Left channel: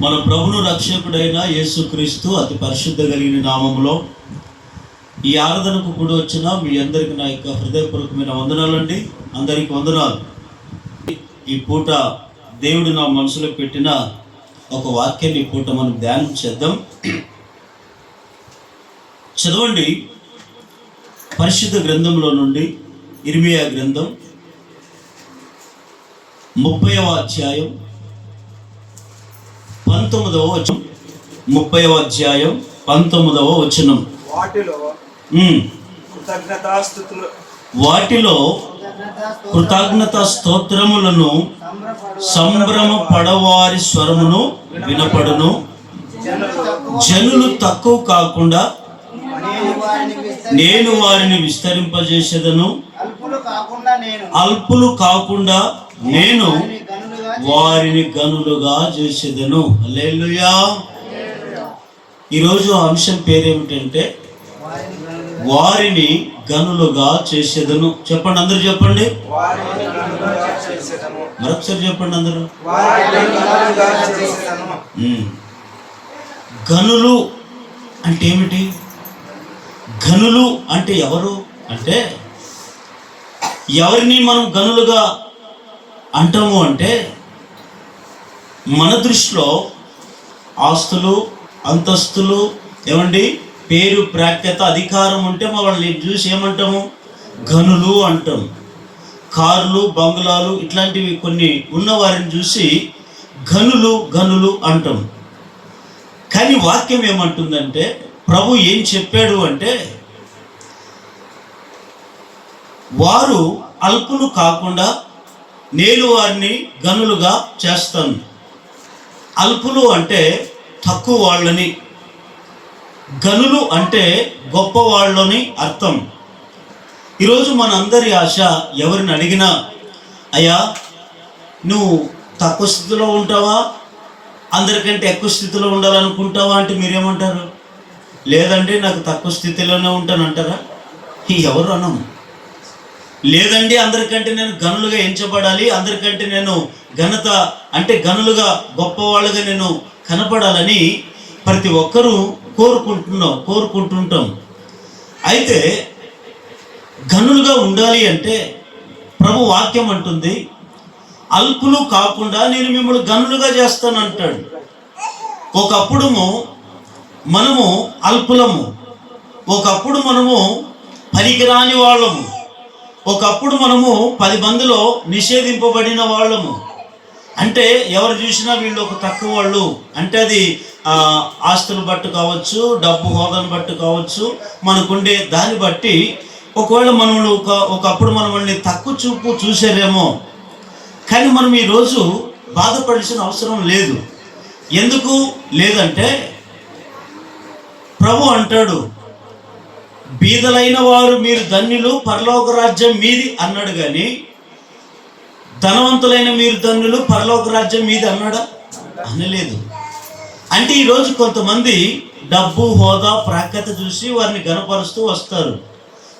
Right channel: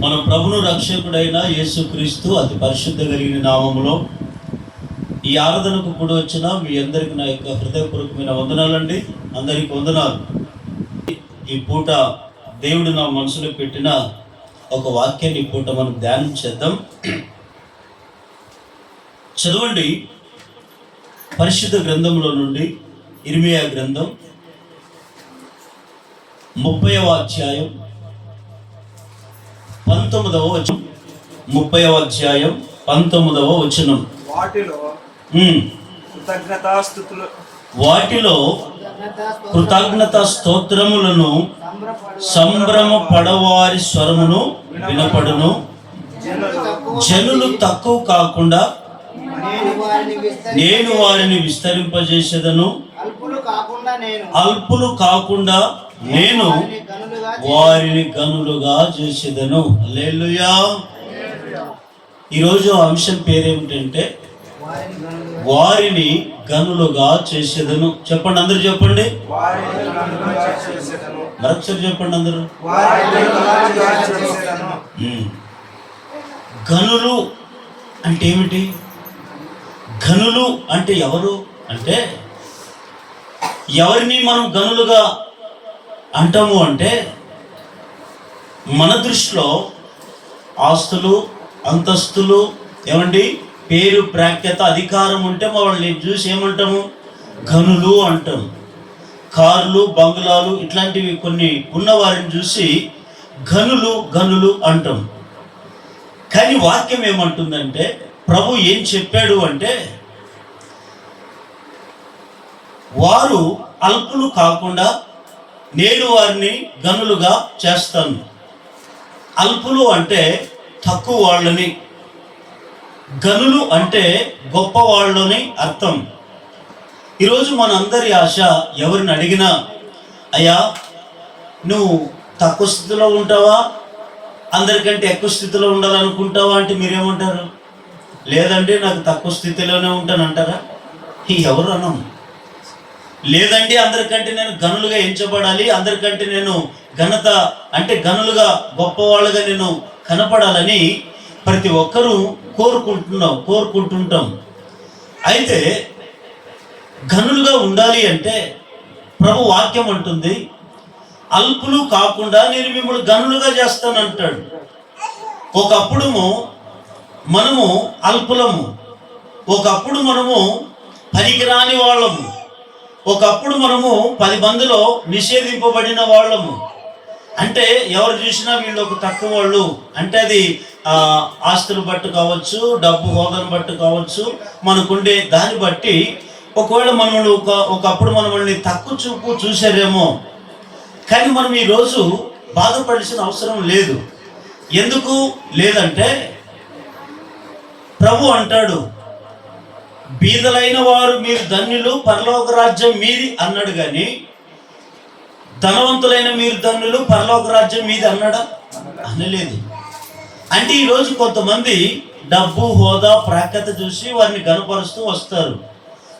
మన ప్రభును రక్షకుడైన యేసుక్రీస్తు అతి పరిశుద్ధ కలిగిన నామములో ఈ ఆరాధనకు కూడా వచ్చిన మీ అందరికీ నా యొక్క హృదయపూర్వకమైన వందనాలండి. అందరికీ వందనాలు. ఈ పూట దేవుడు నా మనసులో పెట్టిన ఒక వాక్యాన్ని ఈ పూట మనం ధ్యానం చేద్దాం. చదవండి, పరిశుద్ధ గ్రంథంలో నుండి ఇర్మియా గ్రంథం 30వ అధ్యాయం 19వ వచనం. 30వ అధ్యాయం 19వ వచనం. వాటిలో కృతజ్ఞత స్తోత్రములను సంభ్రమ పడవారి స్వరమును వినపడును. జనులు తక్కువ కాకుండా నేను వారిని విస్తరింపజేసేదను. అల్పులు కాకుండా నేను వారిని గనులుగా చేసేదను. హల్లెలూయా. ఈరోజు అంశం పేరేమిటంటే వారిని గనులుగా చేసేదను. చెప్పండి, అందరూ చెప్పండి. మరొకసారి చెప్పండి అందరూ. గనులు అంటే ఏమిటి? గనులు అంటే ఎవరు అంటే, ఎవరిని మనం గనులుగా అంటాము అంటే, మన దృష్టిలో ఆస్తులు, అంతస్తులు, ఏమండి, పేరు, ప్రాఖ్యత, అధికారం ఉంటే వాళ్ళని చూసి ఏమంటాము? గనులు అంటాం. కార్లు, బంగ్లాలు ఇట్లాంటివి కొన్ని ఉన్న వారిని చూసి గనులు గనులు అంటాం. కానీ వాక్యం ఏమంటుందంటే, ప్రభు ఏం చెప్పాడు అంటే, వారు అల్పులు కాకుండా నేను వారిని గనులుగా చేస్తాను. అల్పులు అంటే తక్కువ వాళ్ళని, గనులు అంటే గొప్ప వాళ్ళని అర్థం. ఈరోజు మనందరి ఆశ, ఎవరిని అడిగినా, అయ్యా నువ్వు తక్కువ స్థితిలో ఉంటావా, అందరికంటే ఎక్కువ స్థితిలో ఉండాలనుకుంటావా అంటే మీరేమంటారు? లేదండి నాకు తక్కువ స్థితిలోనే ఉంటానంటారా? ఎవరు అనం. లేదండి అందరికంటే నేను గనులుగా ఎంచబడాలి, అందరికంటే నేను ఘనత అంటే గనులుగా గొప్పవాళ్ళుగా నేను కనపడాలని ప్రతి ఒక్కరూ కోరుకుంటుంటాం. అయితే గనులుగా ఉండాలి అంటే ప్రభు వాక్యం అంటుంది, అల్పులు కాకుండా నేను మిమ్మల్ని గనులుగా చేస్తానంటాడు. ఒకప్పుడు మనము అల్పులము, ఒకప్పుడు మనము పనికిరాని వాళ్ళము, ఒకప్పుడు మనము 10 మందిలో నిషేధింపబడిన వాళ్ళము. అంటే ఎవరు చూసినా వీళ్ళు ఒక తక్కువ వాళ్ళు అంటే, అది ఆస్తులు బట్టి కావచ్చు, డబ్బు హోదాను బట్టి కావచ్చు, మనకుండే దాన్ని బట్టి ఒకవేళ మనల్ని ఒకప్పుడు మనల్ని తక్కువ చూపు చూసారేమో. కానీ మనం ఈరోజు బాధపడాల్సిన అవసరం లేదు. ఎందుకు లేదంటే, ప్రభు అంటాడు, బీదలైన వారు మీరు ధన్యులు, పరలోక రాజ్యం మీది అన్నాడు. కానీ ధనవంతులైన మీరు ధన్యులు, పరలోక రాజ్యం మీది అన్నాడా? అనలేదు. అంటే ఈరోజు కొంతమంది డబ్బు, హోదా, ప్రాఖ్యత చూసి వారిని గనపరుస్తూ వస్తారు.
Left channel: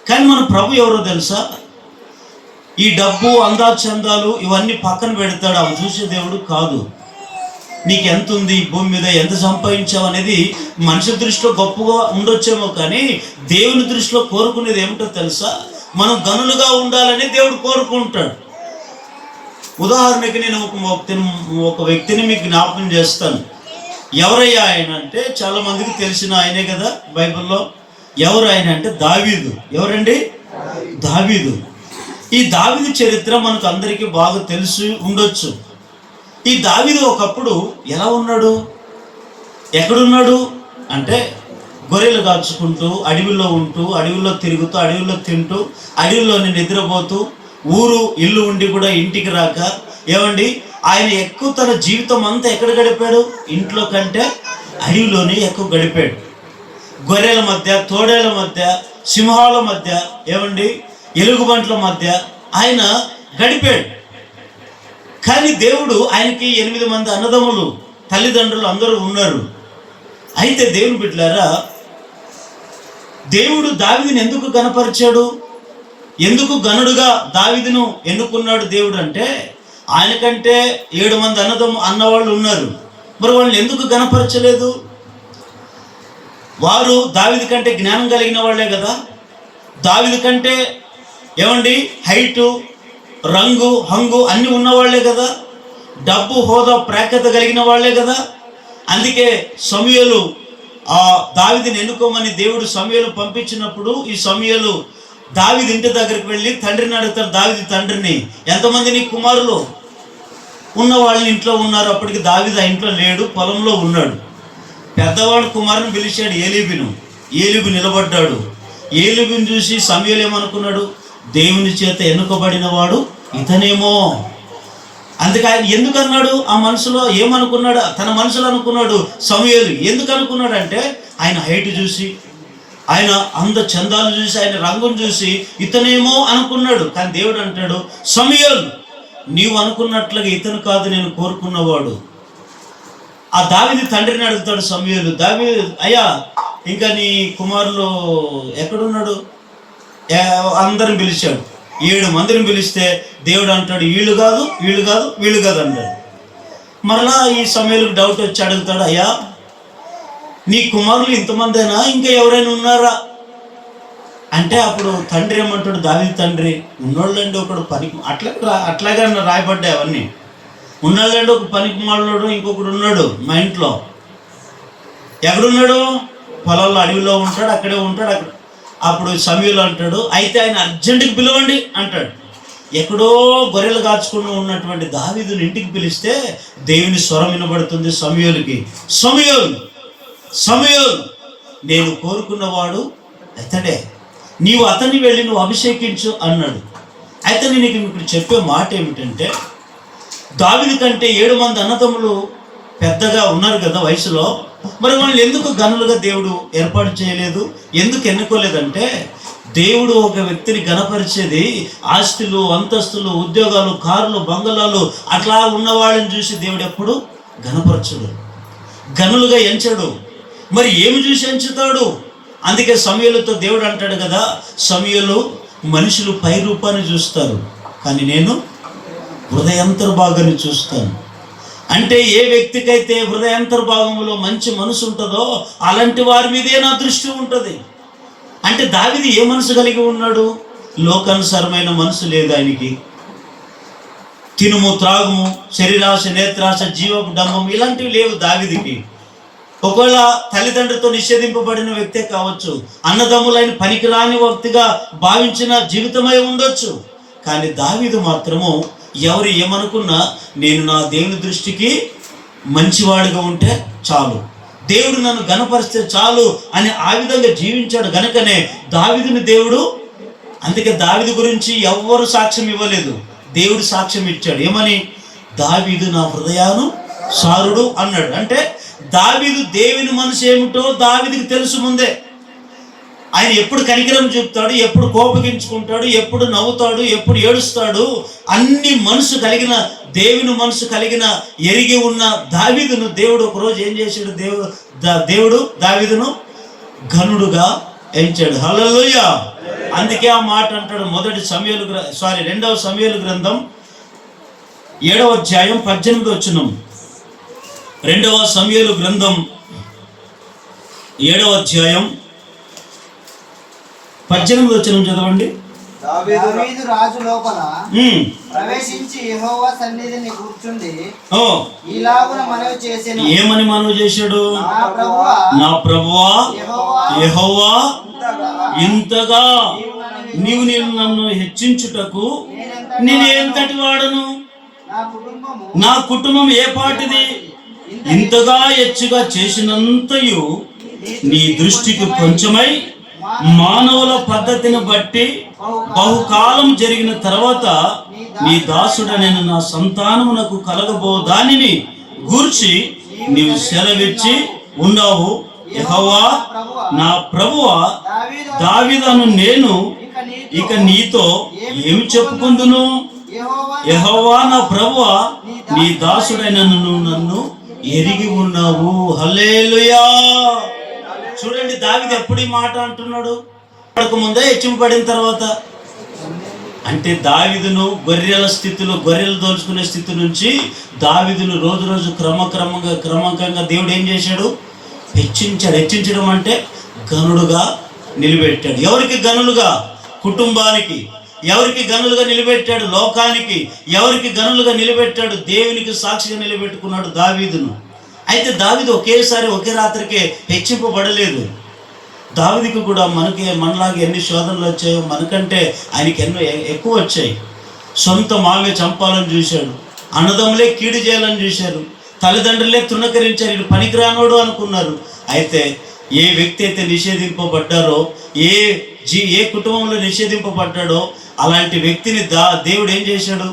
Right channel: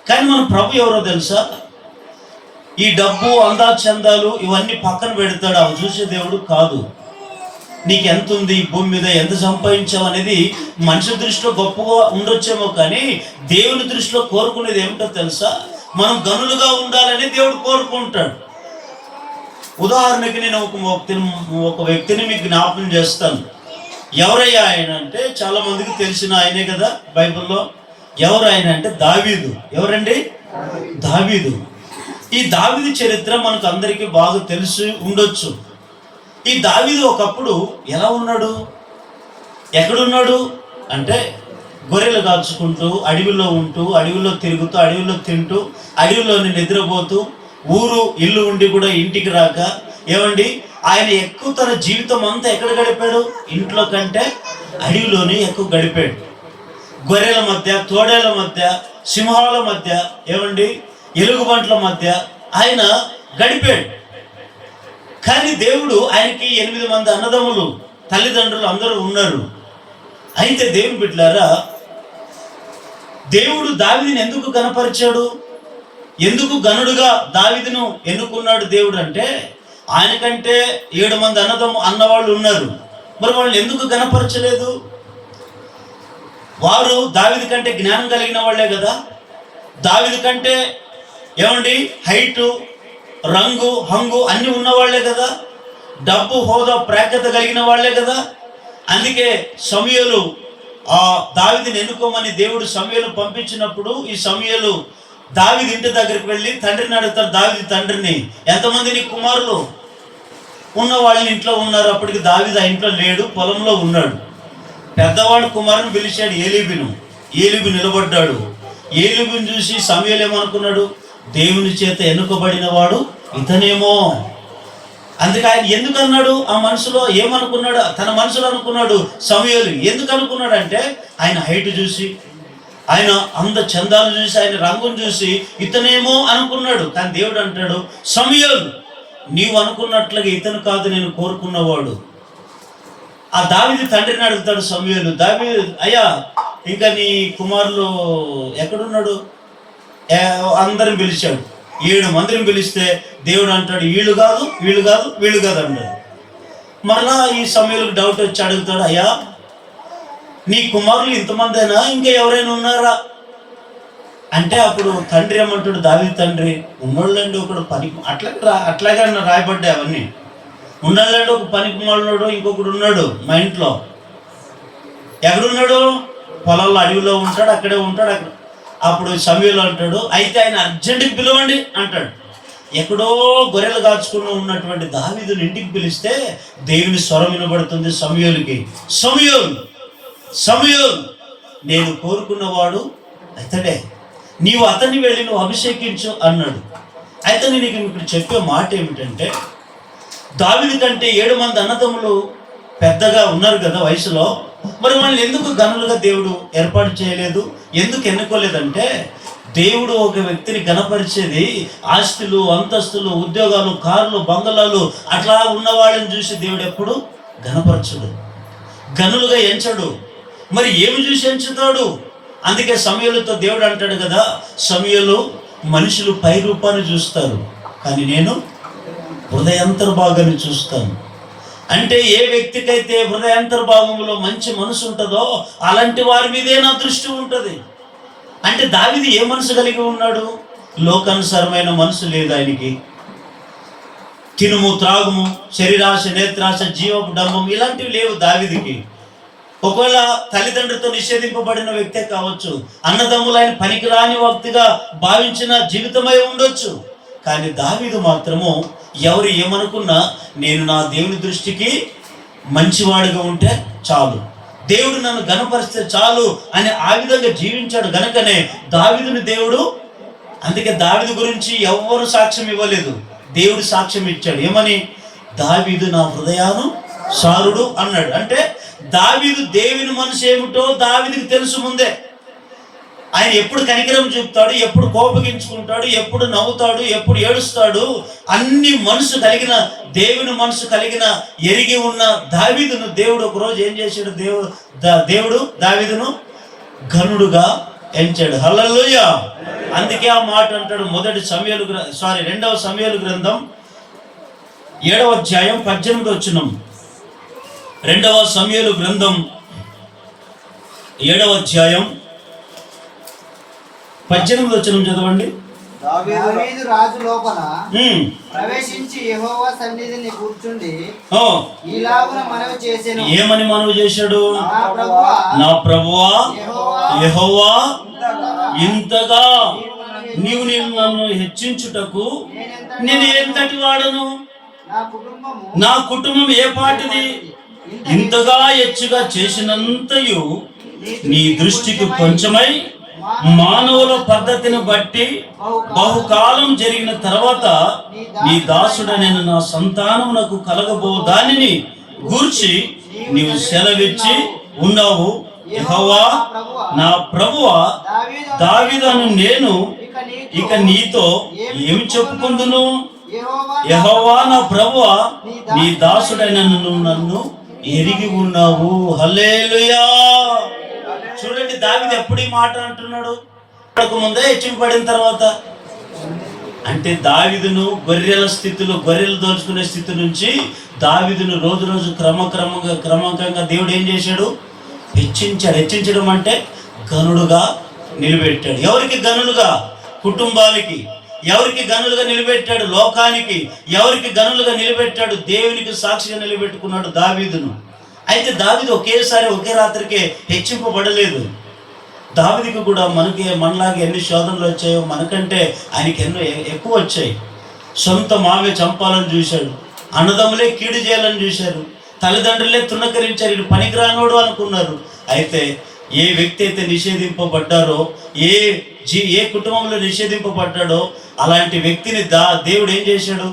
కానీ మన ప్రభు ఎవరో తెలుసా? ఈ డబ్బు, అందాచందాలు ఇవన్నీ పక్కన పెడతాడు. అవి చూసే దేవుడు కాదు. నీకు ఎంత ఉంది, భూమి మీద ఎంత సంపాదించావు అనేది మనిషి దృష్టిలో గొప్పగా ఉండొచ్చేమో, కానీ దేవుని దృష్టిలో కోరుకునేది ఏమిటో తెలుసా? మనం గనులుగా ఉండాలని దేవుడు కోరుకుంటాడు. ఉదాహరణకి నేను ఒక వ్యక్తిని మీకు జ్ఞాపకం చేస్తాను. ఎవరయ్యా ఆయన అంటే, చాలా మందికి తెలిసిన ఆయనే కదా బైబిల్లో. ఎవరు ఆయన అంటే దావీదు. ఎవరండి? దావీదు. ఈ దావీదు చరిత్ర మనకు అందరికీ బాగా తెలిసి ఉండొచ్చు. ఈ దావీదు ఒకప్పుడు ఎలా ఉన్నాడు, ఎక్కడున్నాడు అంటే, గొర్రెలు కాచుకుంటూ, అడవిలో ఉంటూ, అడవిలో తిరుగుతూ, అడవిలో తింటూ, అడవిలోని నిద్రపోతూ, ఊరు ఇల్లు ఉండి కూడా ఇంటికి రాక, ఏమండి, ఆయన ఎక్కువ తన జీవితం అంతా ఎక్కడ గడిపాడు? ఇంట్లో కంటే అడవిలోనే ఎక్కువ గడిపాడు. గొర్రెల మధ్య, తోడేల మధ్య, సింహాల మధ్య, ఏమండి, ఎలుగుబంట్ల మధ్య ఆయన గడిపాడు. కానీ దేవుడు, ఆయనకి 8 మంది అన్నదమ్ములు, తల్లిదండ్రులు అందరూ ఉన్నారు. అయితే దేవుని బిడ్డలారా, దేవుడు దావీదుని ఎందుకు గణపరిచాడు? ఎందుకు గనుడుగా దావీదును ఎన్నుకున్నాడు దేవుడు అంటే, ఆయనకంటే 7 మంది అన్నవాళ్ళు ఉన్నారు. మరి వాళ్ళని ఎందుకు గణపరచలేదు? వారు దావీదు కంటే జ్ఞానం కలిగిన వాళ్ళే కదా, దావీదు కంటే ఏమండి హైటు, రంగు, హంగు అన్నీ ఉన్నవాళ్లే కదా, డబ్బు, హోదా, ప్రాఖ్యత కలిగిన వాళ్లే కదా. అందుకే సమూయేలు దావీదుని ఎన్నుకోమని దేవుడు సమూయేలు పంపించినప్పుడు ఈ సమూయేలు దావీదు ఇంటి దగ్గరికి వెళ్ళి తండ్రిని అడుగుతారు, దావీదు తండ్రిని, ఎంతమంది నీ కుమారులు? ఉన్న వాళ్ళని ఇంట్లో ఉన్నారు. అప్పటికి దావీదు ఆ ఇంట్లో లేడు, పొలంలో ఉన్నాడు. పెద్దవాడు కుమారుని పిలిచాడు, ఏలీబు నిలబడ్డాడు. ఏలీబుని చూసి సమూయేలు ఏమనుకున్నాడు? దేవుని చేత ఎన్నుకోబడిన వాడు ఇతనేమో. అందుకే ఆయన ఎందుకు అన్నాడు? ఆ మనసులో ఏమనుకున్నాడు? తన మనసులో అనుకున్నాడు సమూయేలు. ఎందుకు అనుకున్నాడు అంటే ఆయన హైట్ చూసి, ఆయన చందాలు చూసి, ఆయన రంగును చూసి ఇతనేమో అనుకున్నాడు. కానీ దేవుడు అంటాడు, సమూయేలు నీవు అనుకున్నట్లుగా ఇతను కాదు నేను కోరుకున్నవాడు. ఆ దావీదు తండ్రిని అడుగుతాడు సమూయేలు, దావీదు అయ్యా ఇంకా నీ కుమారులు ఎక్కడున్నాడు? అందరిని పిలిచాడు, 7 మందిని పిలిస్తే దేవుడు అంటాడు వీళ్ళు కాదు వీళ్ళు కాదు వీళ్ళు కాదు అంటాడు. మరలా ఈ సమూయేలుకు డౌట్ వచ్చి అడుగుతాడు, అయ్యా నీ కుమారులు ఇంతమందేనా, ఇంకా ఎవరైనా ఉన్నారా అంటే అప్పుడు తండ్రి ఏమంటాడు, దావీదు తండ్రి ఉన్నోళ్ళండి ఒకడు పనికి అట్లాగే రాయబడ్డాయి అవన్నీ. ఉన్నోళ్ళండి ఒక పనికి మాలోడు ఇంకొకడు ఉన్నాడు మా ఇంట్లో. ఎక్కడున్నాడు? పొలాల్లో అడవిలో ఉంటాడు, అక్కడే ఉంటాడు. అక్కడ అప్పుడు సమూయేలు అంటాడు, అయితే ఆయన అర్జెంటుకి పిలవండి అంటాడు. ఎక్కడో గొర్రెలు కాచుకుని ఉన్నటువంటి దావీదుని ఇంటికి పిలిస్తే దేవుని స్వరం వినబడుతుంది సమూయేలుకి, సమూయేలు నేను కోరుకున్నవాడు అతడే, నీవు అతన్ని వెళ్ళి నువ్వు అభిషేకించు అన్నాడు. అయితే నేను ఇక్కడ చెప్పే మాట ఏమిటంటే, దావీదు కంటే 7 మంది అన్నదమ్ములు పెద్దగా ఉన్నారు కదా వయసులో, మరి వాళ్ళని ఎందుకు గనులుగా దేవుడు ఏర్పాటు చేయలేదు, ఎందుకు ఎన్నుకోలేదంటే, దేవుడు ఒక వ్యక్తిని గణపరిచేది ఆస్తులు, అంతస్తులు, ఉద్యోగాలు, కార్లు, బంగళాలు అట్లా ఉన్నవాళ్ళని చూసి దేవుడు ఎప్పుడు గణపరచడు, గనులుగా ఎంచడు. మరి ఏమి చూసి ఎంచుతాడు? అందుకే సమూయేలుతో దేవుడు అంటాడు కదా, సమూయేలు మనుషులు పై రూపాన్ని చూస్తారు, కానీ నేను హృదయాంతర్భాగాన్ని చూస్తాను. అంటే ఏ వ్యక్తికైతే హృదయాంతర్భాగంలో మంచి మనసు ఉంటుందో అలాంటి వారి మీదే నా దృష్టి ఉంటుంది. అంటే దావీదు ఏ మనసు కలిగి ఉన్నాడు? లోకానుసారమైన మనసు లేదు ఆయనకి. తినుము, త్రాగుము, శరీరాశ, నేత్రాశ, జీవపు డంబం ఇలాంటివి లేవు దావీదుకి. ఒకవేళ తల్లిదండ్రులతో నిషేధింపబడిన వ్యక్తే కావచ్చు, అన్నదమ్ములైన పనికిరాని వ్యక్తిగా భావించిన జీవితమై ఉండొచ్చు. కానీ దావీదు మాత్రము ఎవరు ఏమనుకున్నా నేను నా దేవుని దృష్టికి మంచివాడిగా ఉంటే చాలు, దేవుడు నన్ను గణపరిస్తే చాలు అని ఆ విధంగా జీవించాడు. గనుకనే దావీదుని దేవుడు, అందుకే దావీదు గురించి ఎవ్వరు సాక్ష్యం ఇవ్వలేదు, దేవుడు సాక్ష్యం ఇచ్చాడు. ఏమని? దావీదు నా హృదయానుసారుడు అన్నాడు. అంటే దావీదు దేవుని మనసు ఏమిటో దావీదుకి తెలుసు ముందే. ఆయన ఎప్పుడు కనికరం చూపుతాడు, ఎప్పుడు కోపగించుకుంటాడు, ఎప్పుడు నవ్వుతాడు, ఎప్పుడు ఏడుస్తాడు, అన్ని మనసు కలిగిన దేవుని మనసు కలిగిన ఎరిగి ఉన్న దావీదును దేవుడు ఒకరోజు ఏం చేశాడు? దేవుడు దావీదును ఘనుడుగా ఎంచాడు. హల్లెలూయా. అందుకే ఆ మాట అంటాడు 2వ సమూయేలు గ్రంథం 7వ అధ్యాయం 18వ వచనం. 2వ సమూయేలు గ్రంథం 7వ అధ్యాయం 18వ వచనం చదవండి. దావీదు రాజు లోపల ప్రవేశించి యెహోవా సన్నిధిని కూర్చుండి ఇలాగున మనవి చేసెను. ఏమని మనవి చేశాడు? నా ప్రభువా యెహోవా, ఇంతగా నీవు నన్ను హెచ్చించుటకు నేను ఎంతటి వాడను? నా కుటుంబం ఏ పాటిది? ఇంతగా హెచ్చుగా చేసినంతయు నీ దృష్టికి కొంచెమై మానవుల పద్ధతిని బట్టి బహుకాలం జరిగిన తర్వాత నీ దాసుడనైన నా సంతానమునకు కలగబో దానిని గూర్చి నీవు సెలవిచ్చి ఉన్నావు. యెహోవా నా ప్రభువా, దావీదును నేను ఇక నీతో ఏమి చెప్పుకుందును? యెహోవా నా ప్రభువా, నీ దాసుడైన నన్ను ఎరిగి ఉన్నావు. హల్లెలూయా. చూడండి, దావీదు ఎప్పుడు ఈ మాట అంటున్నాడు? ముందే హెచ్చింపబడిన తర్వాత అంటే దావీదును గొర్రెల స్థితిలో, గొర్రెలు దోచుకునే స్థితి నుంచి దావీదును రోజు రోజు క్రమంగా దేవుడు ఏం చేశాడు? హెచ్చించడం అంటే గనుడుగా నిలబెట్టాడు. ఎవరికి గనులుగా? కుటుంబానికి. ఎవరికి గనులుగా నిలబెట్టాడు? లోకానికి. ఎవరికి గనులుగా నిలబెట్టాడు? దేవునికి సాక్షిగా నిలబెట్టుకున్నాడు దావీదును. అయితే దావీదు ఒకేసారి ఒకే రాత్రికే హెచ్చింపబడలేదు. దావీదుకి కూడా మనలాగా ఎన్ని శోధనలు వచ్చాయో, మనకంటే ఆయనకి ఎన్నో ఎక్కువ వచ్చాయి. సొంత మావే చంపాలని చూశాడు, అన్నదమ్ములే కీడు చేయాలని చూశారు, తల్లిదండ్రులే తృణకరించారు, ఇది పనికిరానోడు అనుకున్నారు. అయితే ఏ వ్యక్తి అయితే నిషేధింపబడ్డారో, ఏ కుటుంబంలో నిషేధింపబడ్డాడో అలాంటి వ్యక్తిని దేవుడు ఏం చేశాడు?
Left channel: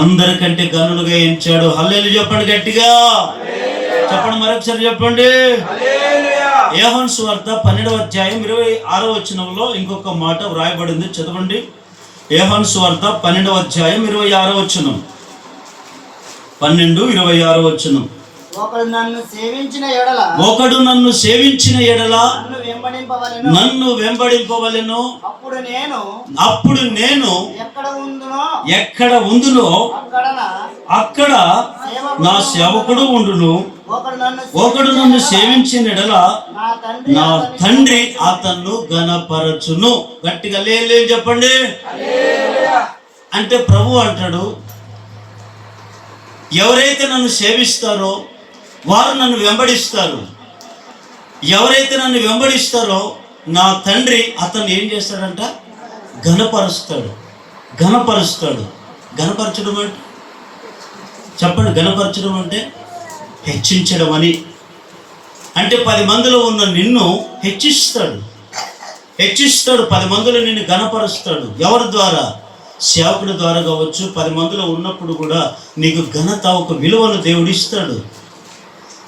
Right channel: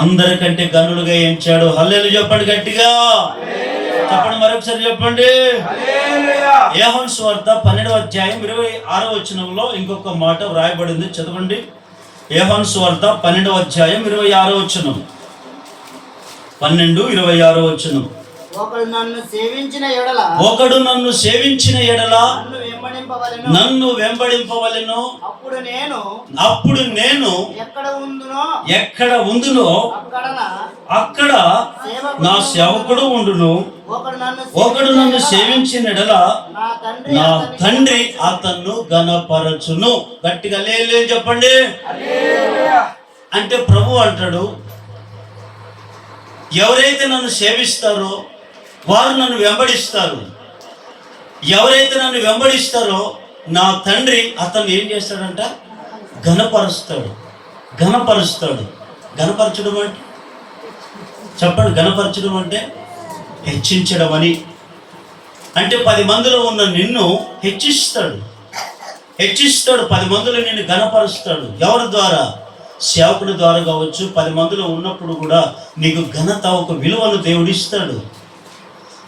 అందరికంటే గనులుగా ఎంచాడు. హల్లెలూయా చెప్పండి గట్టిగా, చెప్పండి, మరొకసారి చెప్పండి. యోహాను సువార్త 12వ అధ్యాయం 26వ వచనంలో ఇంకొక మాట వ్రాయబడింది, చదవండి. యోహాను సువార్త 12వ అధ్యాయం 26వ వచనం. 12:26వ వచనం. ఒకడు నన్ను సేవించిన ఎడల నన్ను వెంబడింపవలెను. అప్పుడు నేను ఎక్కడ ఉందునో అక్కడ నా సేవకుడు ఉండును. ఒకడు నన్ను సేవించిన ఎడల నా తండ్రి అతన్ను ఘనపరచును. గట్టిగా లే చెప్పండి. అంటే ప్రభు అంటాడు, ఎవరైతే నన్ను సేవిస్తారో వారు నన్ను వెంబడిస్తారు. ఎవరైతే నన్ను వెంబడిస్తారో నా తండ్రి అతను ఏం చేస్తాడంట? ఘనపరుస్తాడు. ఘనపరచడం అంటే చెప్పండి. ఘనపరచడం అంటే హెచ్చించడం అని. అంటే 10 మందిలో ఉన్న నిన్ను హెచ్చిస్తాడు. 10 మందిలో నిన్ను ఘనపరుస్తాడు. ఎవరి ద్వారా? సేవకుడి ద్వారా కావచ్చు. 10 మందిలో ఉన్నప్పుడు కూడా నీకు ఘనత, ఒక విలువను దేవుడు ఇస్తాడు.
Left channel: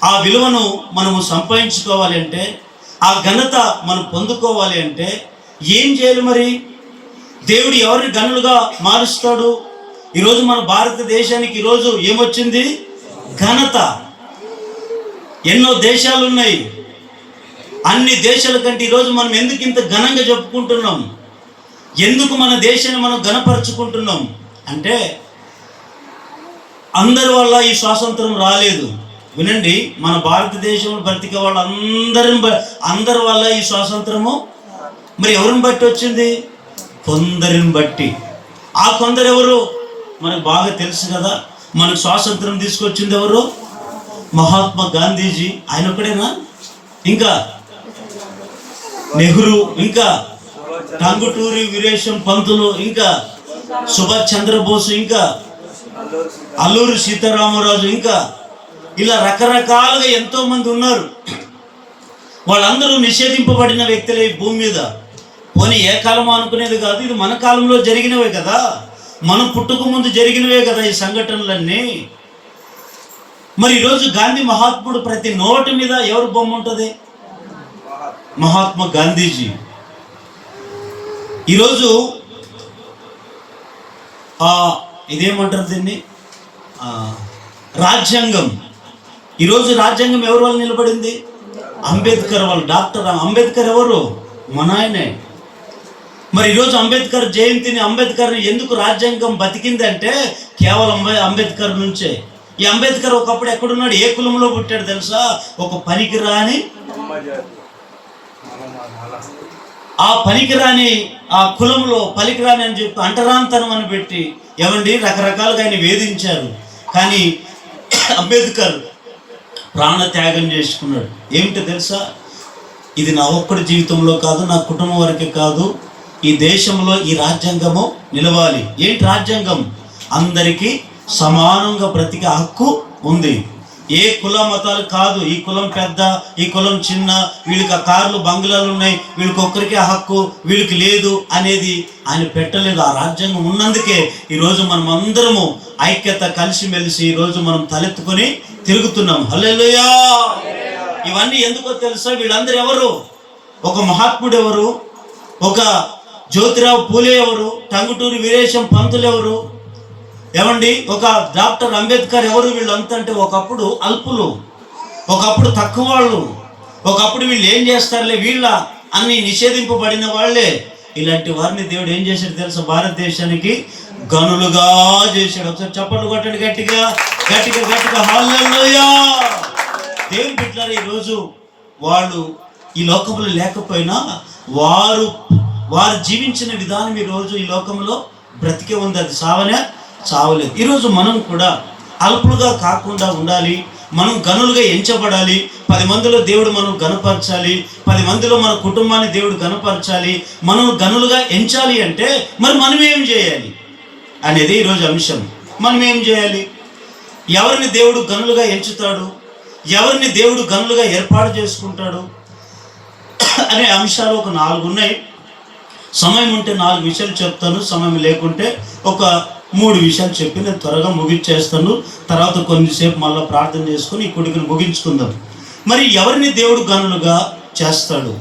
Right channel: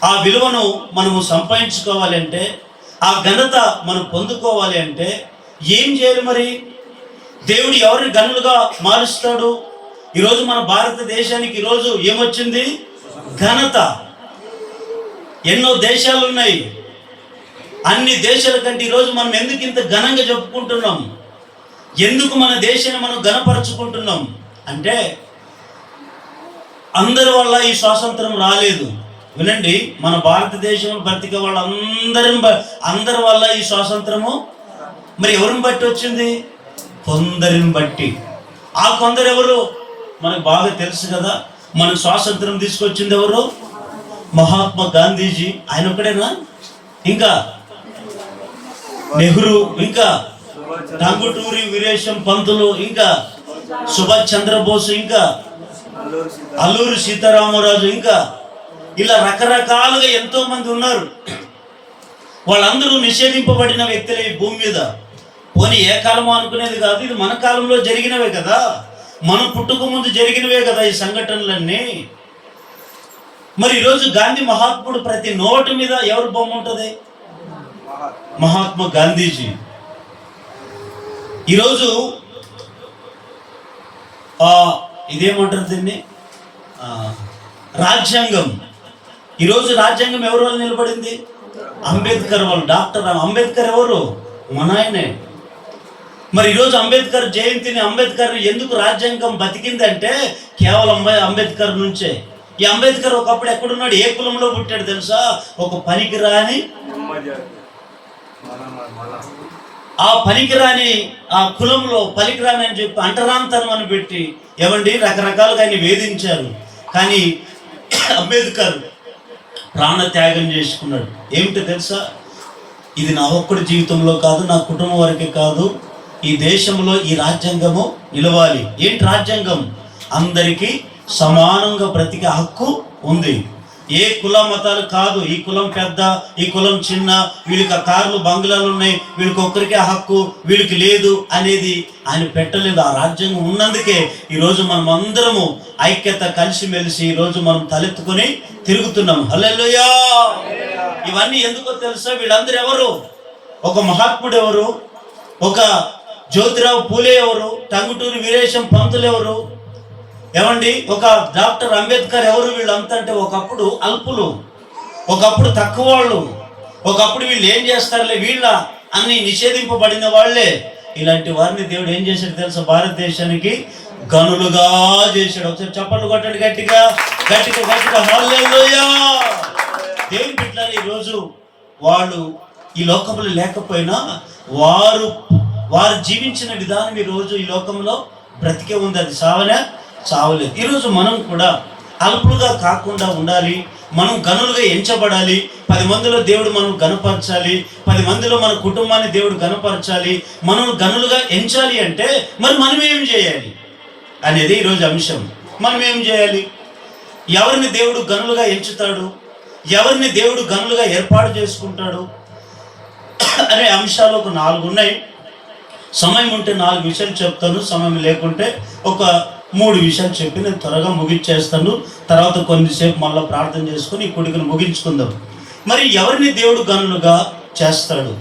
ఆ విలువను మనము సంపాదించుకోవాలి అంటే, ఆ ఘనత మనం పొందుకోవాలి అంటే ఏం చేయాలి మరి? దేవుడు ఎవరిని గనులుగా మారుస్తాడు? ఈరోజు మన భారతదేశానికి ఈరోజు ఏమొచ్చింది? ఘనత. ఎన్నో దేశాలు ఉన్నాయి. అన్ని దేశాల కంటే ఈరోజు మనం ఎందుకు ఇంత ఘనంగా చెప్పుకుంటున్నాం? ఎందుకు మన దేశాన్ని మనం ఘనపరుచుకుంటున్నాం అంటే, అందరి వల్ల ఈ స్వాతంత్రం రాలేదు. వినండి, మన భారతదేశంలో బ్రతికే అందరి వల్ల ఈ స్వాతంత్రము మరి ఎవరిని బట్టి వచ్చింది? కొందరిని బట్టి. ఆ కొందరు ఎవరు? మనకు బాగా తెలుసు కదా. మనకు స్వాతంత్రం తీసుకొచ్చింది ఎవరు? మహాత్మా గాంధీజీ. ఆయన ఒకడేనా? ఇంకా నెహ్రూ, ఇంకా టంగుటూరి వీరేశం పంతులు, ఇంకా సుభాష్ చంద్రబోస్, ఇంకా అల్లూరి సీతారామరాజు, ఇంకా ఇలా రకరకాలుగా ఎంతో మంది ఉన్నారు. వాళ్ళందరూ నిషేధింపబడిన వ్యక్తులే ఈ భూమి మీద. పోనీ ఏ కాలమో అనుకునేది కాదు, ఇది మన కాలంలో జరిగినవే కదా, మనం పుట్టుక ముందు జరిగినవే కదా ఈ సంఘటనలన్నీ. మరి ఈరోజు గాంధీ మహాత్ముడు ప్రతి నోటు మీద ఎవరు బొమ్మ ఉంటుంది? మహాత్మా గాంధీజీ. ఈరోజు ఇదేమంటారు దీన్ని? రాజ్యాంగం. ఈరోజు రాజ్యాంగం ఎవరి వల్ల నిలబడింది? అంబేద్కర్ వాళ్ళు. డాక్టర్ అంబేద్కర్ ఎవరు? మన ఆయనే. మరి ఈరోజు అంబేద్కర్ జయంతిని, అంబేద్కర్ ఎందుకు రాజ్యాంగం బతికిందంటే కేవలం అంబేద్కర్ నుంచే. ఈ అంబేద్కర్ ఒకప్పుడు ఎక్కడున్నాడు? ఏ కులంలో పుట్టాడు తెలుసా? ఒక పనికిరాని, ఆ పనికిరాని ఆ కులంలో పనికిరాని అని చెప్పి అంటరాంతనం అని పెట్టి ఏమండి రకరకాలుగా ఆయన వేధించారు. కానీ అంబేద్కర్ ప్రాణత్యాగం చేసుకున్నాడు. ఏమిటో తెలుసా? ఇది నా ఒక్కడి జీవితంలో కాదు, నా కుటుంబం వరకే కాదు, ఈ దేశంలో ఈ రాజ్యాంగము నిలవాలి. ఏంటి రాజ్యాంగం? అందరికీ సమానంగా బ్రతికే హక్కు ఉంది. ఏ కుల మతాలు కాదు, ఈ కులం పెద్ద, ఈ కులం చిన్న, వీళ్ళకి కార్లు బంగ్లాలు ఉన్నాయి, వీళ్ళకి ఒక్కరికే హక్కు, వీళ్ళకి లేదు అనేది ఆయన పెట్టలేదు. ఆ రాజ్యాంగం ఉన్నందుకే ఈరోజు మనం అందరము ఐక్యత, కలిసిమెలిసి ఈరోజు మనం తలెత్తుకొని తిరుగుతున్నాం. హల్లెలూయా. ఇవన్నీ ఎందుకో తెలుసా? వీళ్ళందరూ ఎవరు? ఒక మహాత్ముడు ఎవరు? ఒక జ్యోతిరావు పూలే ఎవరు? టంగుటూరి వీరేశం పంతులు ఎవరు? ఏమండి ఒక డాక్టర్ అంబేద్కర్ ఎవరు? వీళ్ళంతా అంటే ఒకప్పుడు అల్పులు, ఒకప్పుడు తక్కువ వాళ్ళు, ఒకప్పుడు వీళ్ళు ఏం చేస్తారులే, వీళ్ళ అన్ని నిషేధింపబడిన వాళ్ళే. ఇలాంటి వారిని దేవుడు ఏం చేశాడు తెలుసా? భారతదేశానికి గనులుగా చేశాడు. ఒకసారి చప్పట్లు కొట్టండి గట్టిగా గట్టిగా గట్టిగా. హల్లెలూయా. దేవుని బిడ్డలారా, ఈరోజు వాళ్ళు ఈ లోకంలో లేకపోయినా వారు జీవించిన విధానం ఈరోజు ఈ లోకంలో బ్రతికే ఉంది. అది చావలేదు. ఈరోజు మనం కూడా అల్పులుగా కాకుండా ఉండాలి. మనం గనులుగా ఎంచబడాలి. 10 మందిలో దేవుడు మనం గనపరచాలి. 10 మందిలో మన కుటుంబాన్ని దేవుడు గనపరచాలి. మనం గనులుగా ఎంచాలి అంటే మరి మనం ఏం చేయాలి అనేది ఈరోజు అంశం. మనం ఏం చేయాలి? ఎవరిని దేవుడు గనులుగా ఎంచుతాడు, ఎవరిని దేవుడు గనులుగా ఏర్పాటు చేసుకుంటాడు అనే అంశాలు ఒక 4 ఉన్నాయి. సమయం ఉంటే 4 విషయాలు చెప్తాను, సమయం లేకుంటే ఒక 3 విషయాలు చెప్పి నేను త్వరగా ముగించేస్తాను. తర్వాత కొద్దిసేపు మళ్ళీ ప్రార్థన చేసుకుని ఈ కొడుకుని ముగించుకుందాం. మరి ఎవరిని దేవుడు గనులుగా చేస్తాడు?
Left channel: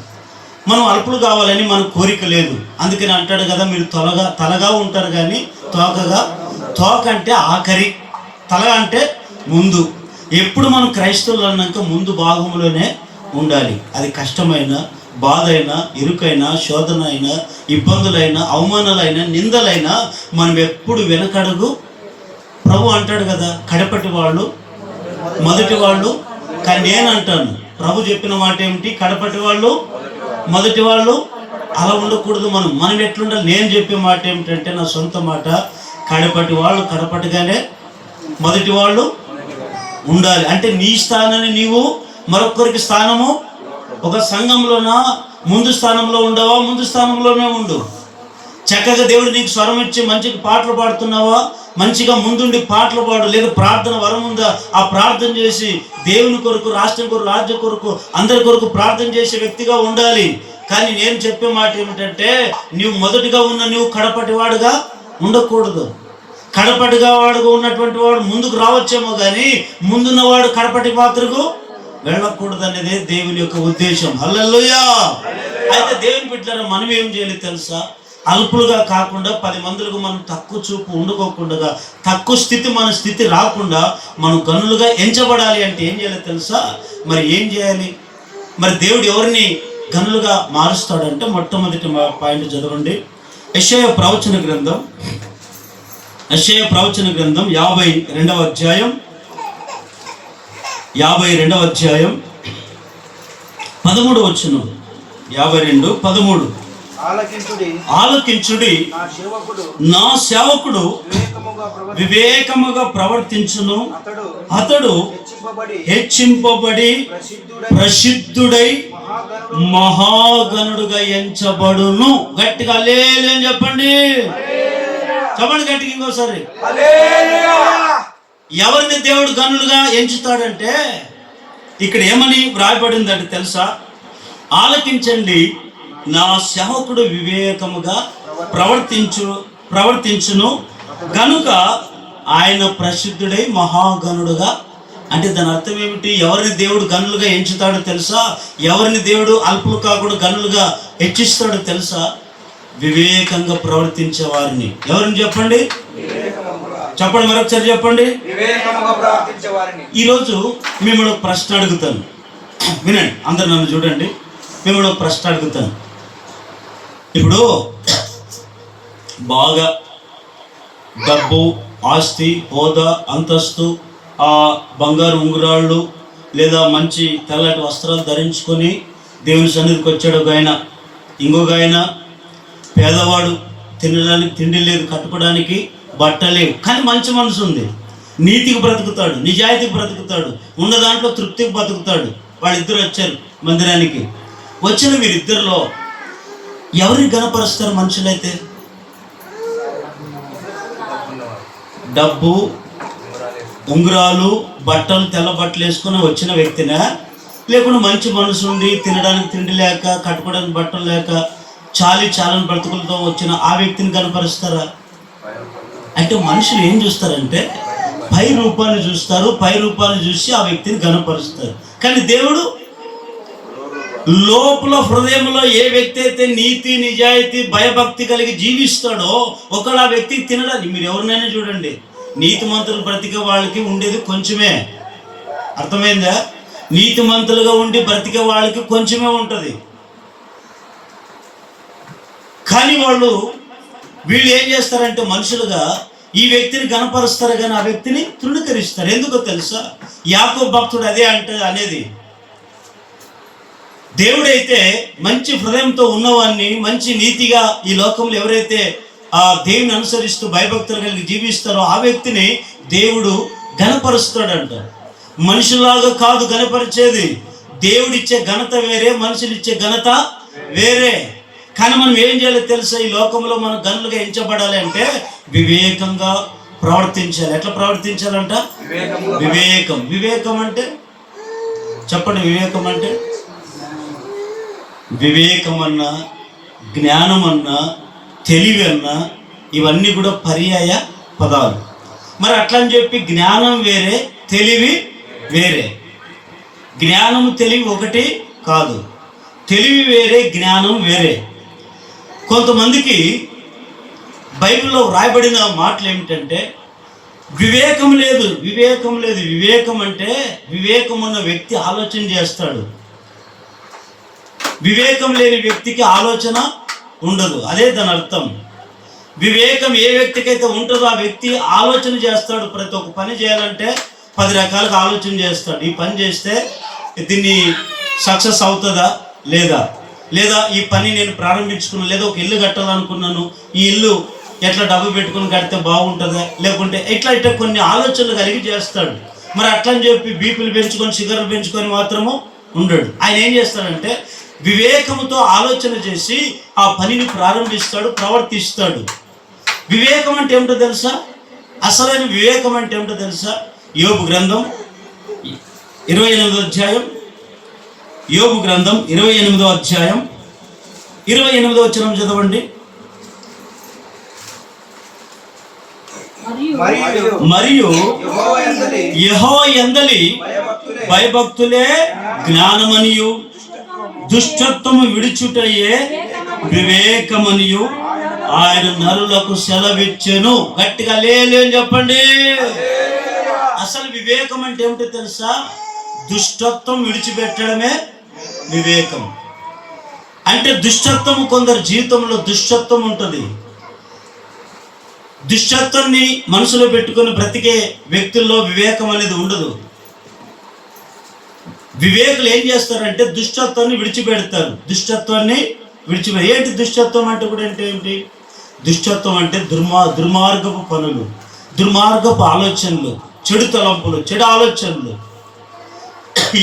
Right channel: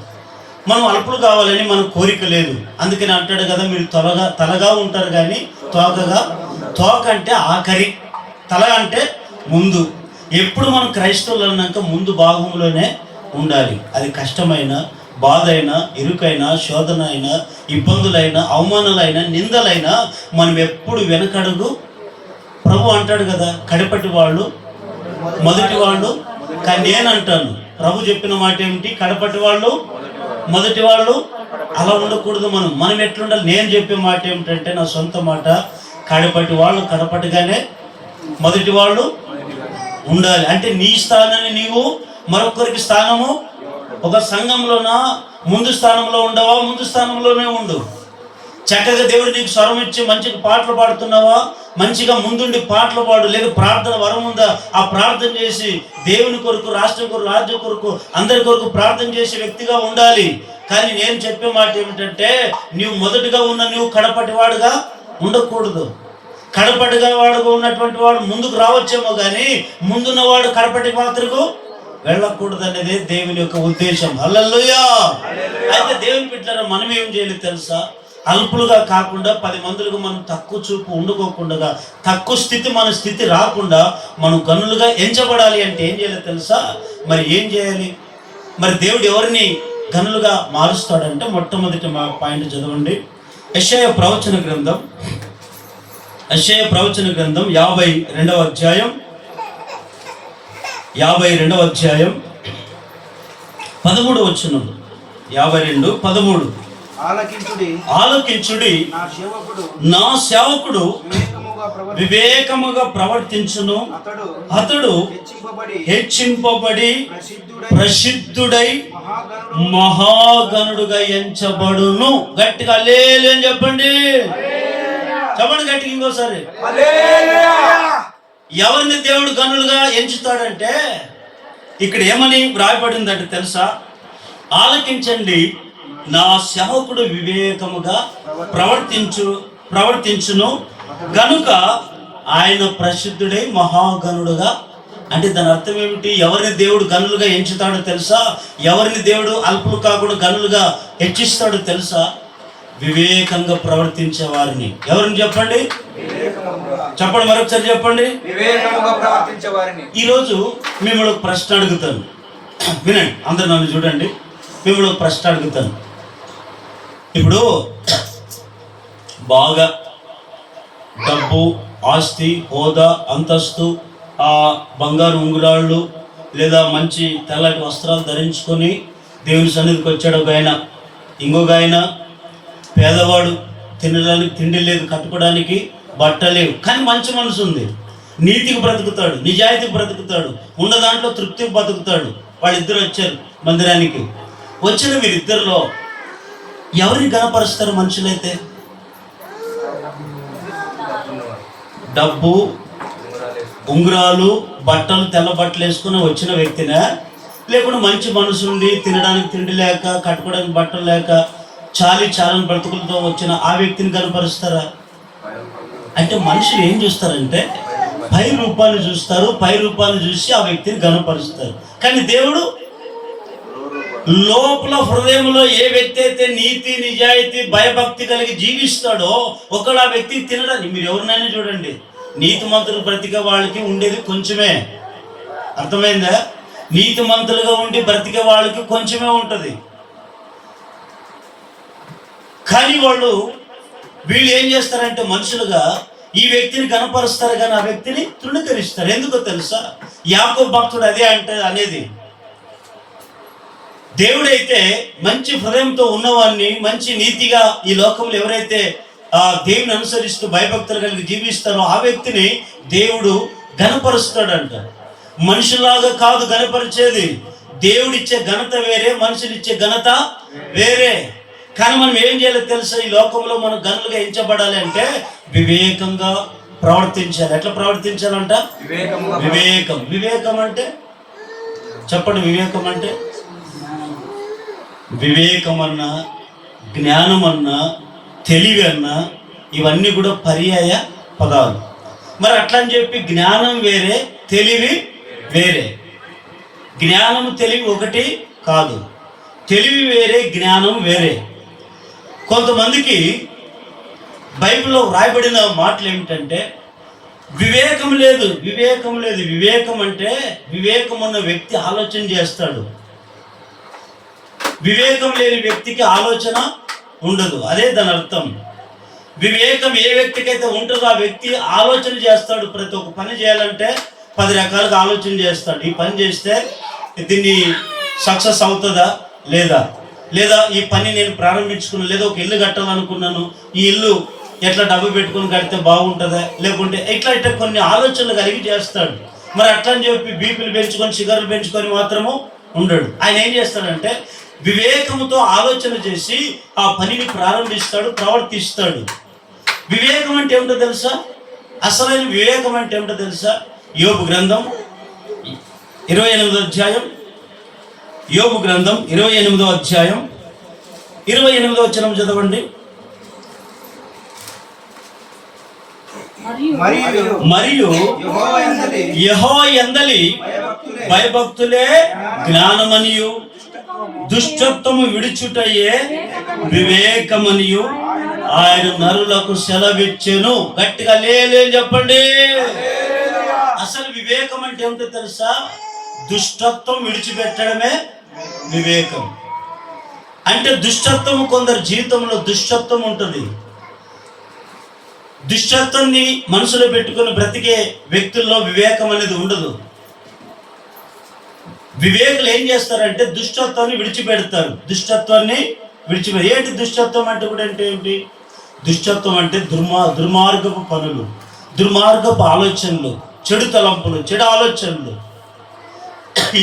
మనం అల్పులు కావాలని మన కోరిక లేదు. అందుకని అంటాడు కదా, మీరు తలగా ఉంటారు కానీ తోక అంటే ఆఖరి, తల అంటే ముందు. ఎప్పుడు మనం క్రైస్తవులు అన్నాక ముందు భాగంలోనే ఉండాలి. అది కష్టమైన, బాధ అయినా, ఇరుకైనా, శోధన అయినా, ఇబ్బందులైనా, అవమానాలైనా, నిందలైనా మనం ఎప్పుడు వెనకడుగు. ప్రభు అంటాడు కదా, కడపటి వాళ్ళు మొదటి వాళ్ళు. కానీ నేను అంటాను, ప్రభు చెప్పిన మాట ఏమిటి? కడపటి వాళ్ళు మొదటి వాళ్ళు. అలా ఉండకూడదు. మనం ఎట్లుండాలి? నేను చెప్పే మాట ఏమిటంటే, నా సొంత మాట, కడపటి వాళ్ళు కడపటిగానే, మొదటి వాళ్ళు ఉండాలి. అంటే నీ స్థానాన్ని నీవు మరొకరికి స్థానము. ఒక సంఘంలోనా ముందు స్థానంలో ఉండవా? ముందు స్థానంలోనే ఉండు. చక్కగా దేవుడు నీకు స్వరం ఇచ్చి మంచిగా పాటలు పాడుతున్నావా? మంచిగా ముందుండి పాటలు పాడు. లేదు ప్రార్థన వరం ఉందా? ఆ ప్రార్థన చేసి దేవుని కొరకు, రాష్ట్రం కొరకు, రాజ్యం కొరకు, అందరి కొరకు ప్రార్థన చేసే వ్యక్తిగా ఉండాలి. కానీ నేను చెప్పే మాట ఏమిటంటే, నీవు మొదటిగా ఉన్న నీవు కడపటివాడుగా ఉండకూడదు. కడపటిగా వాడుగా ఉన్నటువంటి వాడు ముందుకు రావచ్చేమో కానీ ముందున్నవాడు కడపటి పాత్రకు వెళ్ళకూడదు అనేది దేవుని యొక్క ఉద్దేశం. హల్లెలూయా. అయితే దేవుని బిడ్డలారా, మనం ఏం చేయాలి తెలుసా? అల్పులుగా కాకుండా 10 మందులకు మనం తక్కువ చూపు ఉండుకోకుండా, తక్కువ స్థితి మన స్థితి రాకుండా మనం గనులుగా ఎంచబడాలి. అంటే ఏం చేయాలి తెలుసా? మరి ఏం చేయాలి? మరి దేవుడు ఎవరిని గనులుగా మారుస్తాడంటే, మొట్టమొదటి పాయింట్ చదవండి. యెషయా ప్రవచన గ్రంథం 52వ అధ్యాయం 13వ వచనం. 52:13. ఆలకించుడి, నా సేవకుడు వివేకముగా ప్రవర్తించును, అతడు హెచ్చింపబడి ప్రసిద్ధుడై మహాగణుడుగా ఎంచబడును. గట్టిగా హల్లెలూయా అని చెప్పండి. చెప్పండి గట్టిగా ఇంకోసారి. ఎవరిని దేవుడు గనులుగా ఎంచుతాడంటే, ఇక్కడ ఏమని వ్రాయబడిందంటే తెలుసా? ఆలకించండి, నా సేవకుడు వివేకముగా ప్రవర్తించును గనుక ఆయన ప్రసిద్ధుడై మహాగణుడుగా. అంటే దాని అర్థం ఏమిటి? ఎవరిని దేవుడు గనులుగా ఎంచుతాడో తెలుసా? ఎవరిని దేవుడు అల్పులు కాకుండా గనులుగా హెచ్చిస్తాడో తెలుసా? వివేకంగా ప్రవర్తించే వారిని. ఎవరిని చెప్పండి? చెప్పండి, మరొకసారి చెప్పండి. ఈరోజు మిమ్మల్ని ఒక ప్రశ్న అడుగుతాను, వినండి. అందరు నన్ను చూడండి. మిమ్మల్ని ఒక ప్రశ్న అడుగుతాను. ఇప్పుడు బాగా డబ్బు, ఆస్తి, హోదా, అంతస్తు, ఆ బంగారు ఉంగరాళ్ళు, లేదా మంచి తెల్లటి వస్త్రాలు ధరించుకొని దేవుని సన్నిధికి వచ్చాడు ఒక ఆయన. ఇంకొక ఆయన పేదవాడు, తినడానికి తిండి లేదు, కట్టుకోవడానికి బట్టలేవు, కానీ మంచి మనసు ఉంది, నీతికి బ్రతుకుతాడు, నిజాయితీకి బ్రతుకుతాడు, ఉన్న దాంట్లో తృప్తికి బ్రతుకుతాడు. వాళ్ళిద్దరు వచ్చారు మందిరానికి. వచ్చిన వీరిద్దరిలో ఎవరిని గణపరుస్తారు మనుషులైతే? డబ్బు, ఉంగరాలు, బట్టలు, తెల్ల బట్టలు వేసుకుని వచ్చిన వ్యక్తినా, లేకుండా మంచి మనసు ఉండి తినడానికి తిండి లేక, కట్టుకోవడానికి బట్టలు లేక, చాలని బ్రతుకులతో వచ్చిన ఆ వ్యక్తిని కనపరుస్తారా? అంటే మనుషులు ఏం చూస్తారంటే పై రూపాన్ని చూస్తారు, పై రూపాన్ని చూసి ఆ వ్యక్తిని గనపరుస్తారు. కానీ దేవుడు లోపల హృదయంలో ఏ వ్యక్తి అయితే నీతి, నిజాయితీ, భయభక్తి కలిగి జీవిస్తాడో ఒకడు ఆ వ్యక్తికి తినడానికి. మీరు ఎవరినైనా చూడండి, నీతిమంతులు బ్రతికే వాళ్ళకి ఉండేది కొంచెమే. అర్థమైందా? నీతిమంతులుగా ఉండి బ్రతికే వాళ్ళకి కొంచెమే ఉంటుంది. కానీ వీళ్ళు ఏం చేస్తారంటే మనుషులుగా ఈ వ్యక్తిని గణపరుస్తారు కానీ ఆ వ్యక్తిని తృణీకరిస్తారు. ఎందుకో తెలుసా? యాకోబు భక్తుడు అదే అనేది, దేవుడైతే మంచి హృదయంతో ఉన్నవాన్ని, మంచి నీతిగా ఈ లోకంలో ఎవరైతే ఆ దేవుని అనుసరిస్తూ భయభక్తులు కలిగి జీవిస్తారో ఆ వ్యక్తిని దేవుడు ఘనపరుస్తాడంట. మనుషులాగా కాదు ఘనపరిచేది, దేవుడిచ్చే ఘనత వేరే, మనుషులిచ్చే ఘనత వేరే. కానీ మనం ఏం చేయాలో తెలుసా? ఈ లోకంలో మనం గనులుగా ఎంచబడాలి అంటే వివేకంగా ప్రవర్తించాలి. ఎట్లా ప్రవర్తించాలంట? వివేకం. వివేకం అంటే చెప్పండి, వివేకం అంటే వివేకం అన్నా, జ్ఞానం అన్నా, తెలివి అన్నా ఇవన్నీ కూడా పర్యాయ పదాలు. మరి అట్లా అని చెప్పి జ్ఞానం వేరే, తెలివి వేరే. జ్ఞానము తెలివి ఒకటి కాదు, తెలివి వేరే, జ్ఞానం వేరే. కొంతమందికి బైబిల్లో వ్రాయబడిన మాటలు ఏమిటంటే వివేకం లేదు. వివేకం అంటే వివేకం ఉన్న వ్యక్తి ఆలోచన చేస్తాడు, వివేకం లేని వ్యక్తికి ఆలోచన ఉండదు. అదే దాని అర్థం. వివేకం ఏ వ్యక్తికైతే ఉంటుందో ఆ వ్యక్తి ఆలోచన చేస్తాడు. ప్రతి ఒక్క పని చేయాలంటే 10 రకాలుగా ఆలోచన చేస్తాడు. ఈ పని చేస్తే దీన్ని సక్సెస్ అవుతుందా లేదా ఈ పని నేను ప్రారంభించుకున్నాను, లేదా ఒక ఇల్లు కట్టాలనుకున్నాను, ఈ ఇల్లు ఎట్లా డబ్బు పెట్టుకుని కడితే బాగుంటుందా, లేకుంటే ఇట్లా కొన్ని ఆలోచనలు కలిగి చేస్తాడు. మరి అట్లా అని చెప్పి బీపీలు పెంచుకొని షుగర్లు పెంచుకొని మాత్రము ఉండడు. ఆయన ఏం చేస్తాడంటే వివేకముతో ఆలోచన చేసి ఆ పనిని ప్రారంభిస్తాడు, ప్రవర్తిస్తాడు. వివేకం అంటే ఏమిటో తెలుసా? అసలైన వివేకం అంటే ఏమిటో తెలుసా? యోబు గ్రంథం 28వ అధ్యాయం, యోబు గ్రంథం 28వ అధ్యాయం 28వ వచనం చదవండి. మరియు యెహోవా యందలి భయభక్తులే జ్ఞానమనియు దుష్టత్వము విడిచుటయే వివేకమనియు ఆయన నరులకు సెలవిచ్చెను. గట్టిగా లేని చెప్పండి. అసలు వివేకం అంటే ఏమిటో తెలుసా? దుష్టత్వం విడిచిపెట్టడమే వివేకం. అంటే దుష్టత్వం, కొందరు జీవితంలో దుష్టత్వం ఉంటుంది. దుష్టత్వాన్ని మనసులో పెట్టుకొని బ్రతికే వ్యక్తుల్లో వివేకం అనేది ఉండదు. వివేకులు ఏం చేస్తారంటే దుష్టత్వాన్ని విడిచిపెడతారు. ఏంటి దుష్టత్వం అంటే కూడా అంటే ఏంటి? దుష్టత్వం అంటే దుర్మార్గపు పనులు, దుర్మార్గపు ఆలోచనలు, చెడు తలంపులు, చెడు ఆలోచనలు.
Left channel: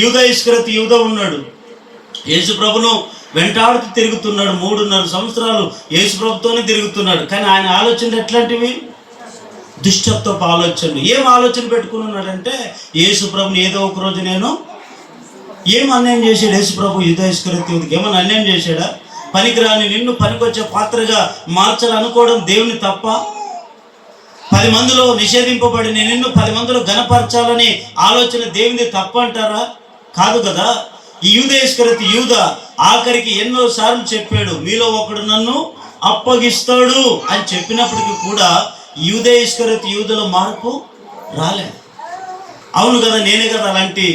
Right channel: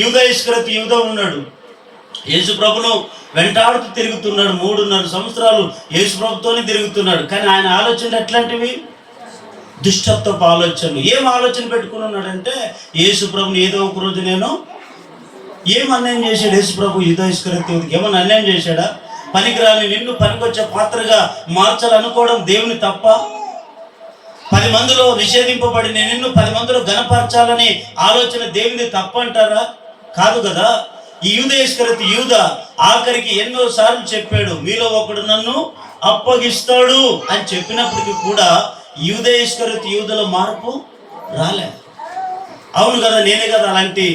యూదా ఉన్నాడు, యేసు ప్రభును వెంటాడుతూ తిరుగుతున్నాడు. 3.5 సంవత్సరాలు యేసు ప్రభుతోనే తిరుగుతున్నాడు. కానీ ఆయన ఆలోచనలు ఎట్లాంటివి? దుష్టత్వపు ఆలోచనలు. ఏం ఆలోచన పెట్టుకుని ఉన్నాడంటే యేసు ప్రభుని ఏదో ఒక రోజు నేను ఏం అన్యాయం చేశాడు యేసు ప్రభు? యూదా ఇస్కరియోతుకి ఏమన్నా అన్యాయం చేశాడా? పనికిరాని నిన్ను పనికొచ్చే పాత్రగా మార్చాలనుకోవడం దేవుని తప్ప? 10 మందిలో నిషేధింపబడిన నిన్ను 10 మందిలో ఘనపరచాలని ఆలోచన దేవుని తప్ప అంటారా? కాదు కదా. ఈ యూదా ఆఖరికి ఎన్నో సార్లు చెప్పాడు, మీలో ఒకడు నన్ను అప్పగిస్తాడు అని చెప్పినప్పటికీ కూడా యూదులో మార్పు రాలే. అవును కదా, నేనే కదా అలాంటి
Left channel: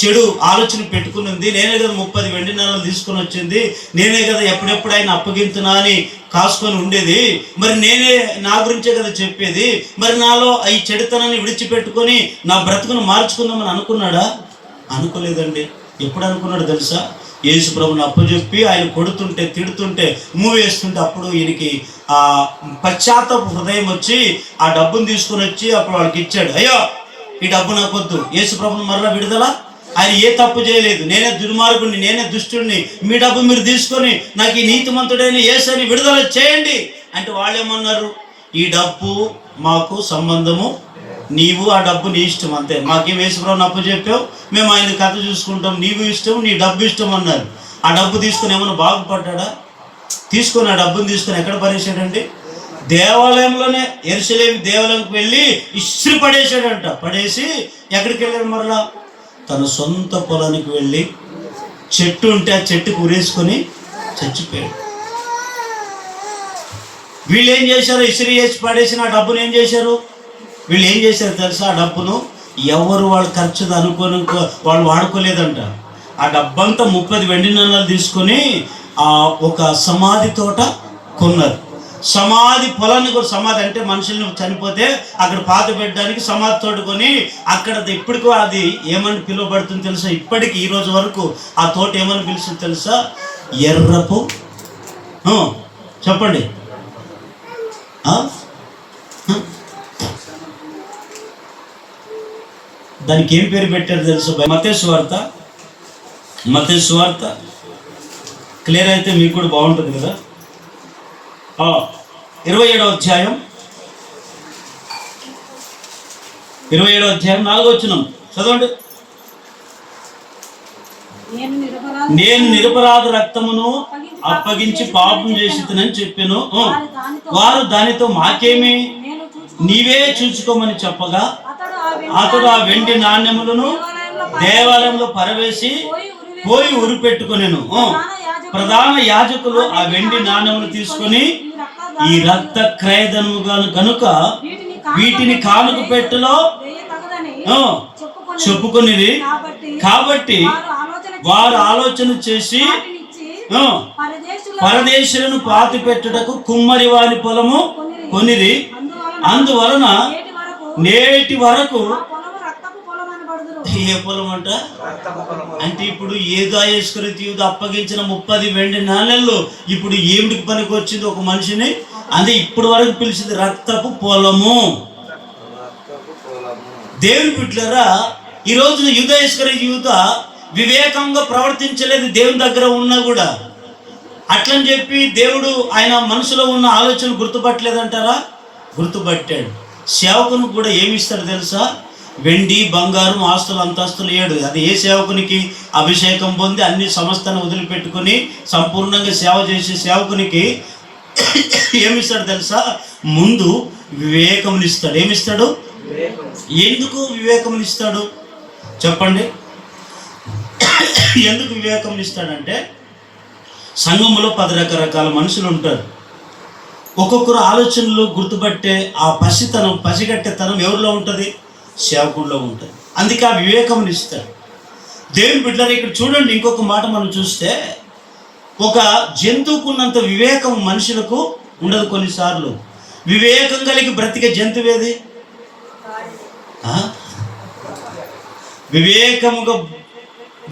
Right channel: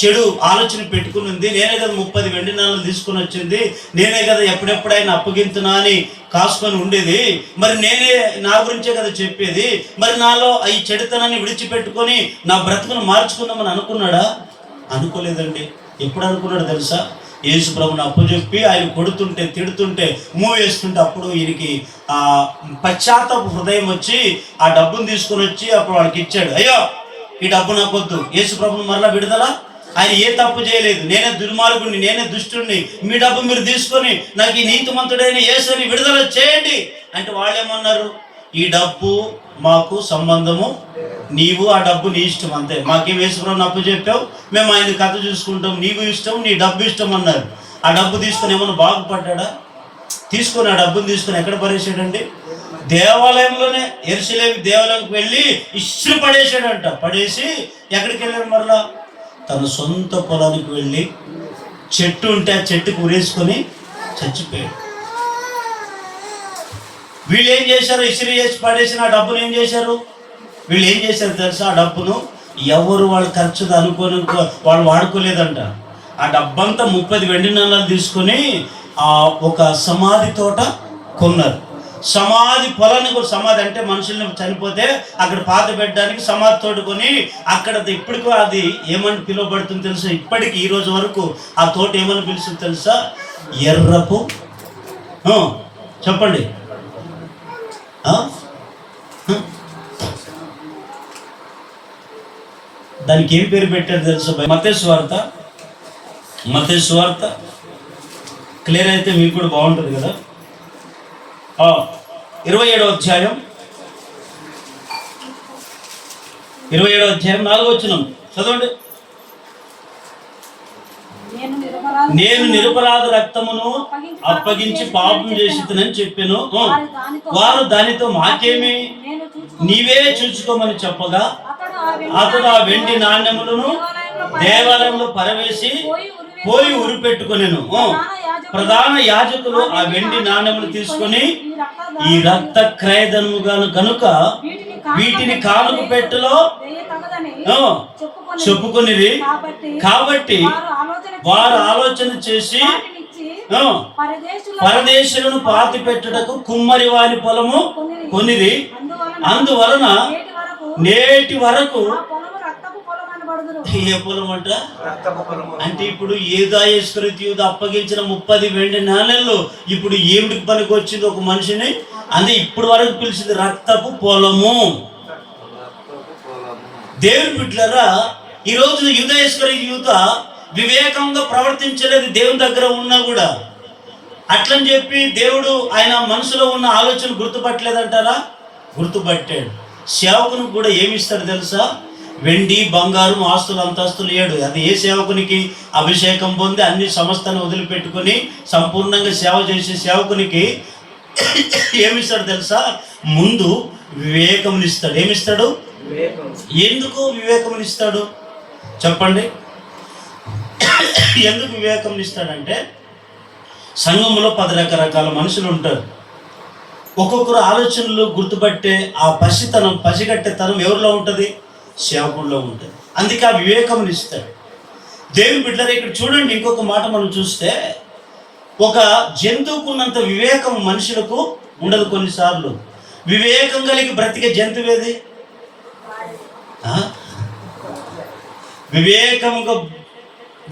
చెడు ఆలోచన పెట్టుకుని, నేనే కదా 30 వెండి నాణాలు తీసుకొని వచ్చింది, నేనే కదా ఎప్పుడెప్పుడు ఆయన అప్పగింతున్నా అని కాసుకొని ఉండేది, మరి నేనే నా గురించే కదా చెప్పేది, మరి నాలో ఈ చెడుతనాన్ని విడిచిపెట్టుకొని నా బ్రతుకును మార్చుకుందామని అనుకున్నాడా? అనుకోలేదండి. ఎప్పుడు అనుకున్నాడు తెలుసా? యేసు ప్రభుని అప్పచెప్పి ఆయన కొడుతుంటే, తిడుతుంటే, వేస్తుంటే అప్పుడు ఈయనకి ఆ పశ్చాత్తాప హృదయం వచ్చి ఆ డబ్బును తీసుకొని వచ్చి అప్పుడు వాళ్ళకి ఇచ్చాడు. అయ్యో ఈ డబ్బు నాకొద్దు. యేసు ప్రభుని మరలా విడుదల. ఆయన ఏ తప్పు చేయలేదు, నేనే దుర్మార్గుడిని, నేనే దుష్టుడిని, మీ డబ్బు మీరు తీసుకొని నాకు ఈ నీతిమంతుడైన యేసుని విడుదల చేయండి అంటే వాళ్ళు ఏమన్నారు? ఈ డబ్బు మాకు సంబంధము, నీవు ఆ డబ్బు నీ ఇష్టం, అంతే. మాకేం యేసుప్రభుని అప్పు చెప్పావు, మేము ఆయన కథ చూసుకుంటాం, నీవు ఇష్టం, నీ డబ్బు ఇష్టం అన్నారు. ఆ డబ్బు తీసుకొని ఏమన్నా బాగుపడ్డా? తీసుకొని ఆ డబ్బుని తీసుకొని ఎక్కడ పడేసాడండి? దేవాలయంలోనే, యెరూషలేము దేవాలయంకి వెళ్ళి ఇస్త్రీ పడేసాడంట. పడేసి ఎక్కడికి వెళ్ళాడు? మరలా తన సొంత పొలానికి వెళ్ళి చెట్టు ఉంటే ఆ చెట్టుకు ఉరేసుకొని చచ్చిపోయాడు. వీళ్ళు ఏం చేశారు? ఇస్త్రీ చేసి పడేసిన ఆ డబ్బును ఏం చేశారు? వీళ్ళు ఏం చేశారు తెలుసా? ఆ డబ్బును ఎవరు వాళ్ళు ఖర్చు అనుకోని వాళ్ళు వాడుకోలేదంట. ఆ డబ్బంతా 30 వెండి నాణాలు తీసుకొని ఒక సమాధి తోట కొన్నారు. సమాధి పొలాన్ని కూడా, సమాధి అంటే మనుషుల్ని చనిపోతే అక్కడ పాత పెట్టడానికి సమాధి తోడుకొని అక్కడ ఇప్పటికీ అది ఏమని పిలువబడుతుంది తెలుసా? ఇప్పటికి ఈ రోజు వరకు ఆ తోట ఏమని పిలుస్తుంది తెలుసా? ఎర్రపు చెప్పండి దానికి ఏం పేరు పెట్టారు తెలుసా? మత్తయి సువార్త క్లియర్ అయితే మీకు కూడా బాగుంటుంది కదా. 27వ అధ్యాయం 4వ వచనం చదవండి. నేను నిరపరాధ రక్తమును అప్పగించి పాపం చేసినని చెప్పాను. వారు దానితో మాకేమి, నీవే చూసుకోమని చెప్పగా అతడు ఆ వెండి నాణ్యములను దేవాలయంలో పరవేసి పోయి ఉరిపెట్టుకొనెను. ప్రధాన యాజకులు ఆ వెండి నాణ్యములు తీసుకొని, ఈ రక్త క్రయధనము కనుక వీటిని కానుక పెట్టెలో చెప్పుకొనిది. కాబట్టి వారు ఆలోచన చేసి పరదేశులను పాతి పెట్టుటకు కుమ్మరి వారి పొలము కొనిరి. అందువలన నేటి వరకు ఏ పొలం అంట అంటే ఇప్పుడు యూదా అప్పగించిన 30 వెండి నాణేళ్ళు ఇప్పుడు ఏమిటికి పనికి వచ్చింది ఒక మనిషిని? అంటే ఇప్పుడు వరకు పిలిచింది రక్తపు పొలము. దేవుని బిడ్డలారా, ఈ రోజున యూదా వివేకంగా ప్రవర్తించలేదు. దేవుని దగ్గర ఉన్నా కూడా అట్లని చెప్పి దేవుడు ఆయన మనసులో ఉన్న ఆలోచన గుర్తుపట్టలేదంటారా? గుర్తుపట్టాడు. సేవకునికి కూడా ఏమి ఇస్తాడు తెలుసా? వెండి బంగారం ఆస్తులు అంతస్తులు 7. అది ఏ సేవకునికి అభిషేకం పొంది అన్ని సమస్తాన్ని వదిలిపెట్టుకొని సంపూర్ణంగా సేవ చేసే సేవకునికి ఏమిస్తాడు తెలుసా? ముందు వివేకమునిస్తాడు. ఏమిస్తాడు? ఎందుకు వివేకమునిస్తాడు చెప్పండి? ఎందుకు వివేకమునిస్తాడంటే సంఘంలో 10 రకరకాల మనుషులు ఉంటారు. ఒక్కొక్కరు ఆలోచనలు గుర్తుపట్టే ఆ పసిగట్టేతనం ఎవరిలో ఉంటుంది? సేవకుల్లో ఉంటుంది. అందుకే ఆ వివేకం ఇస్తాడు దేవుని బిడ్డలారా. ఇక్కడ చూడండి, ఇంకొక మాట మనం చూస్తే ఒక జంతువుకు ఉన్నంత వివేకం మనుషులకు ఉండదు. కొన్నిసార్లు వివేకం కలిగి బ్రతికే జంతువు ఏది?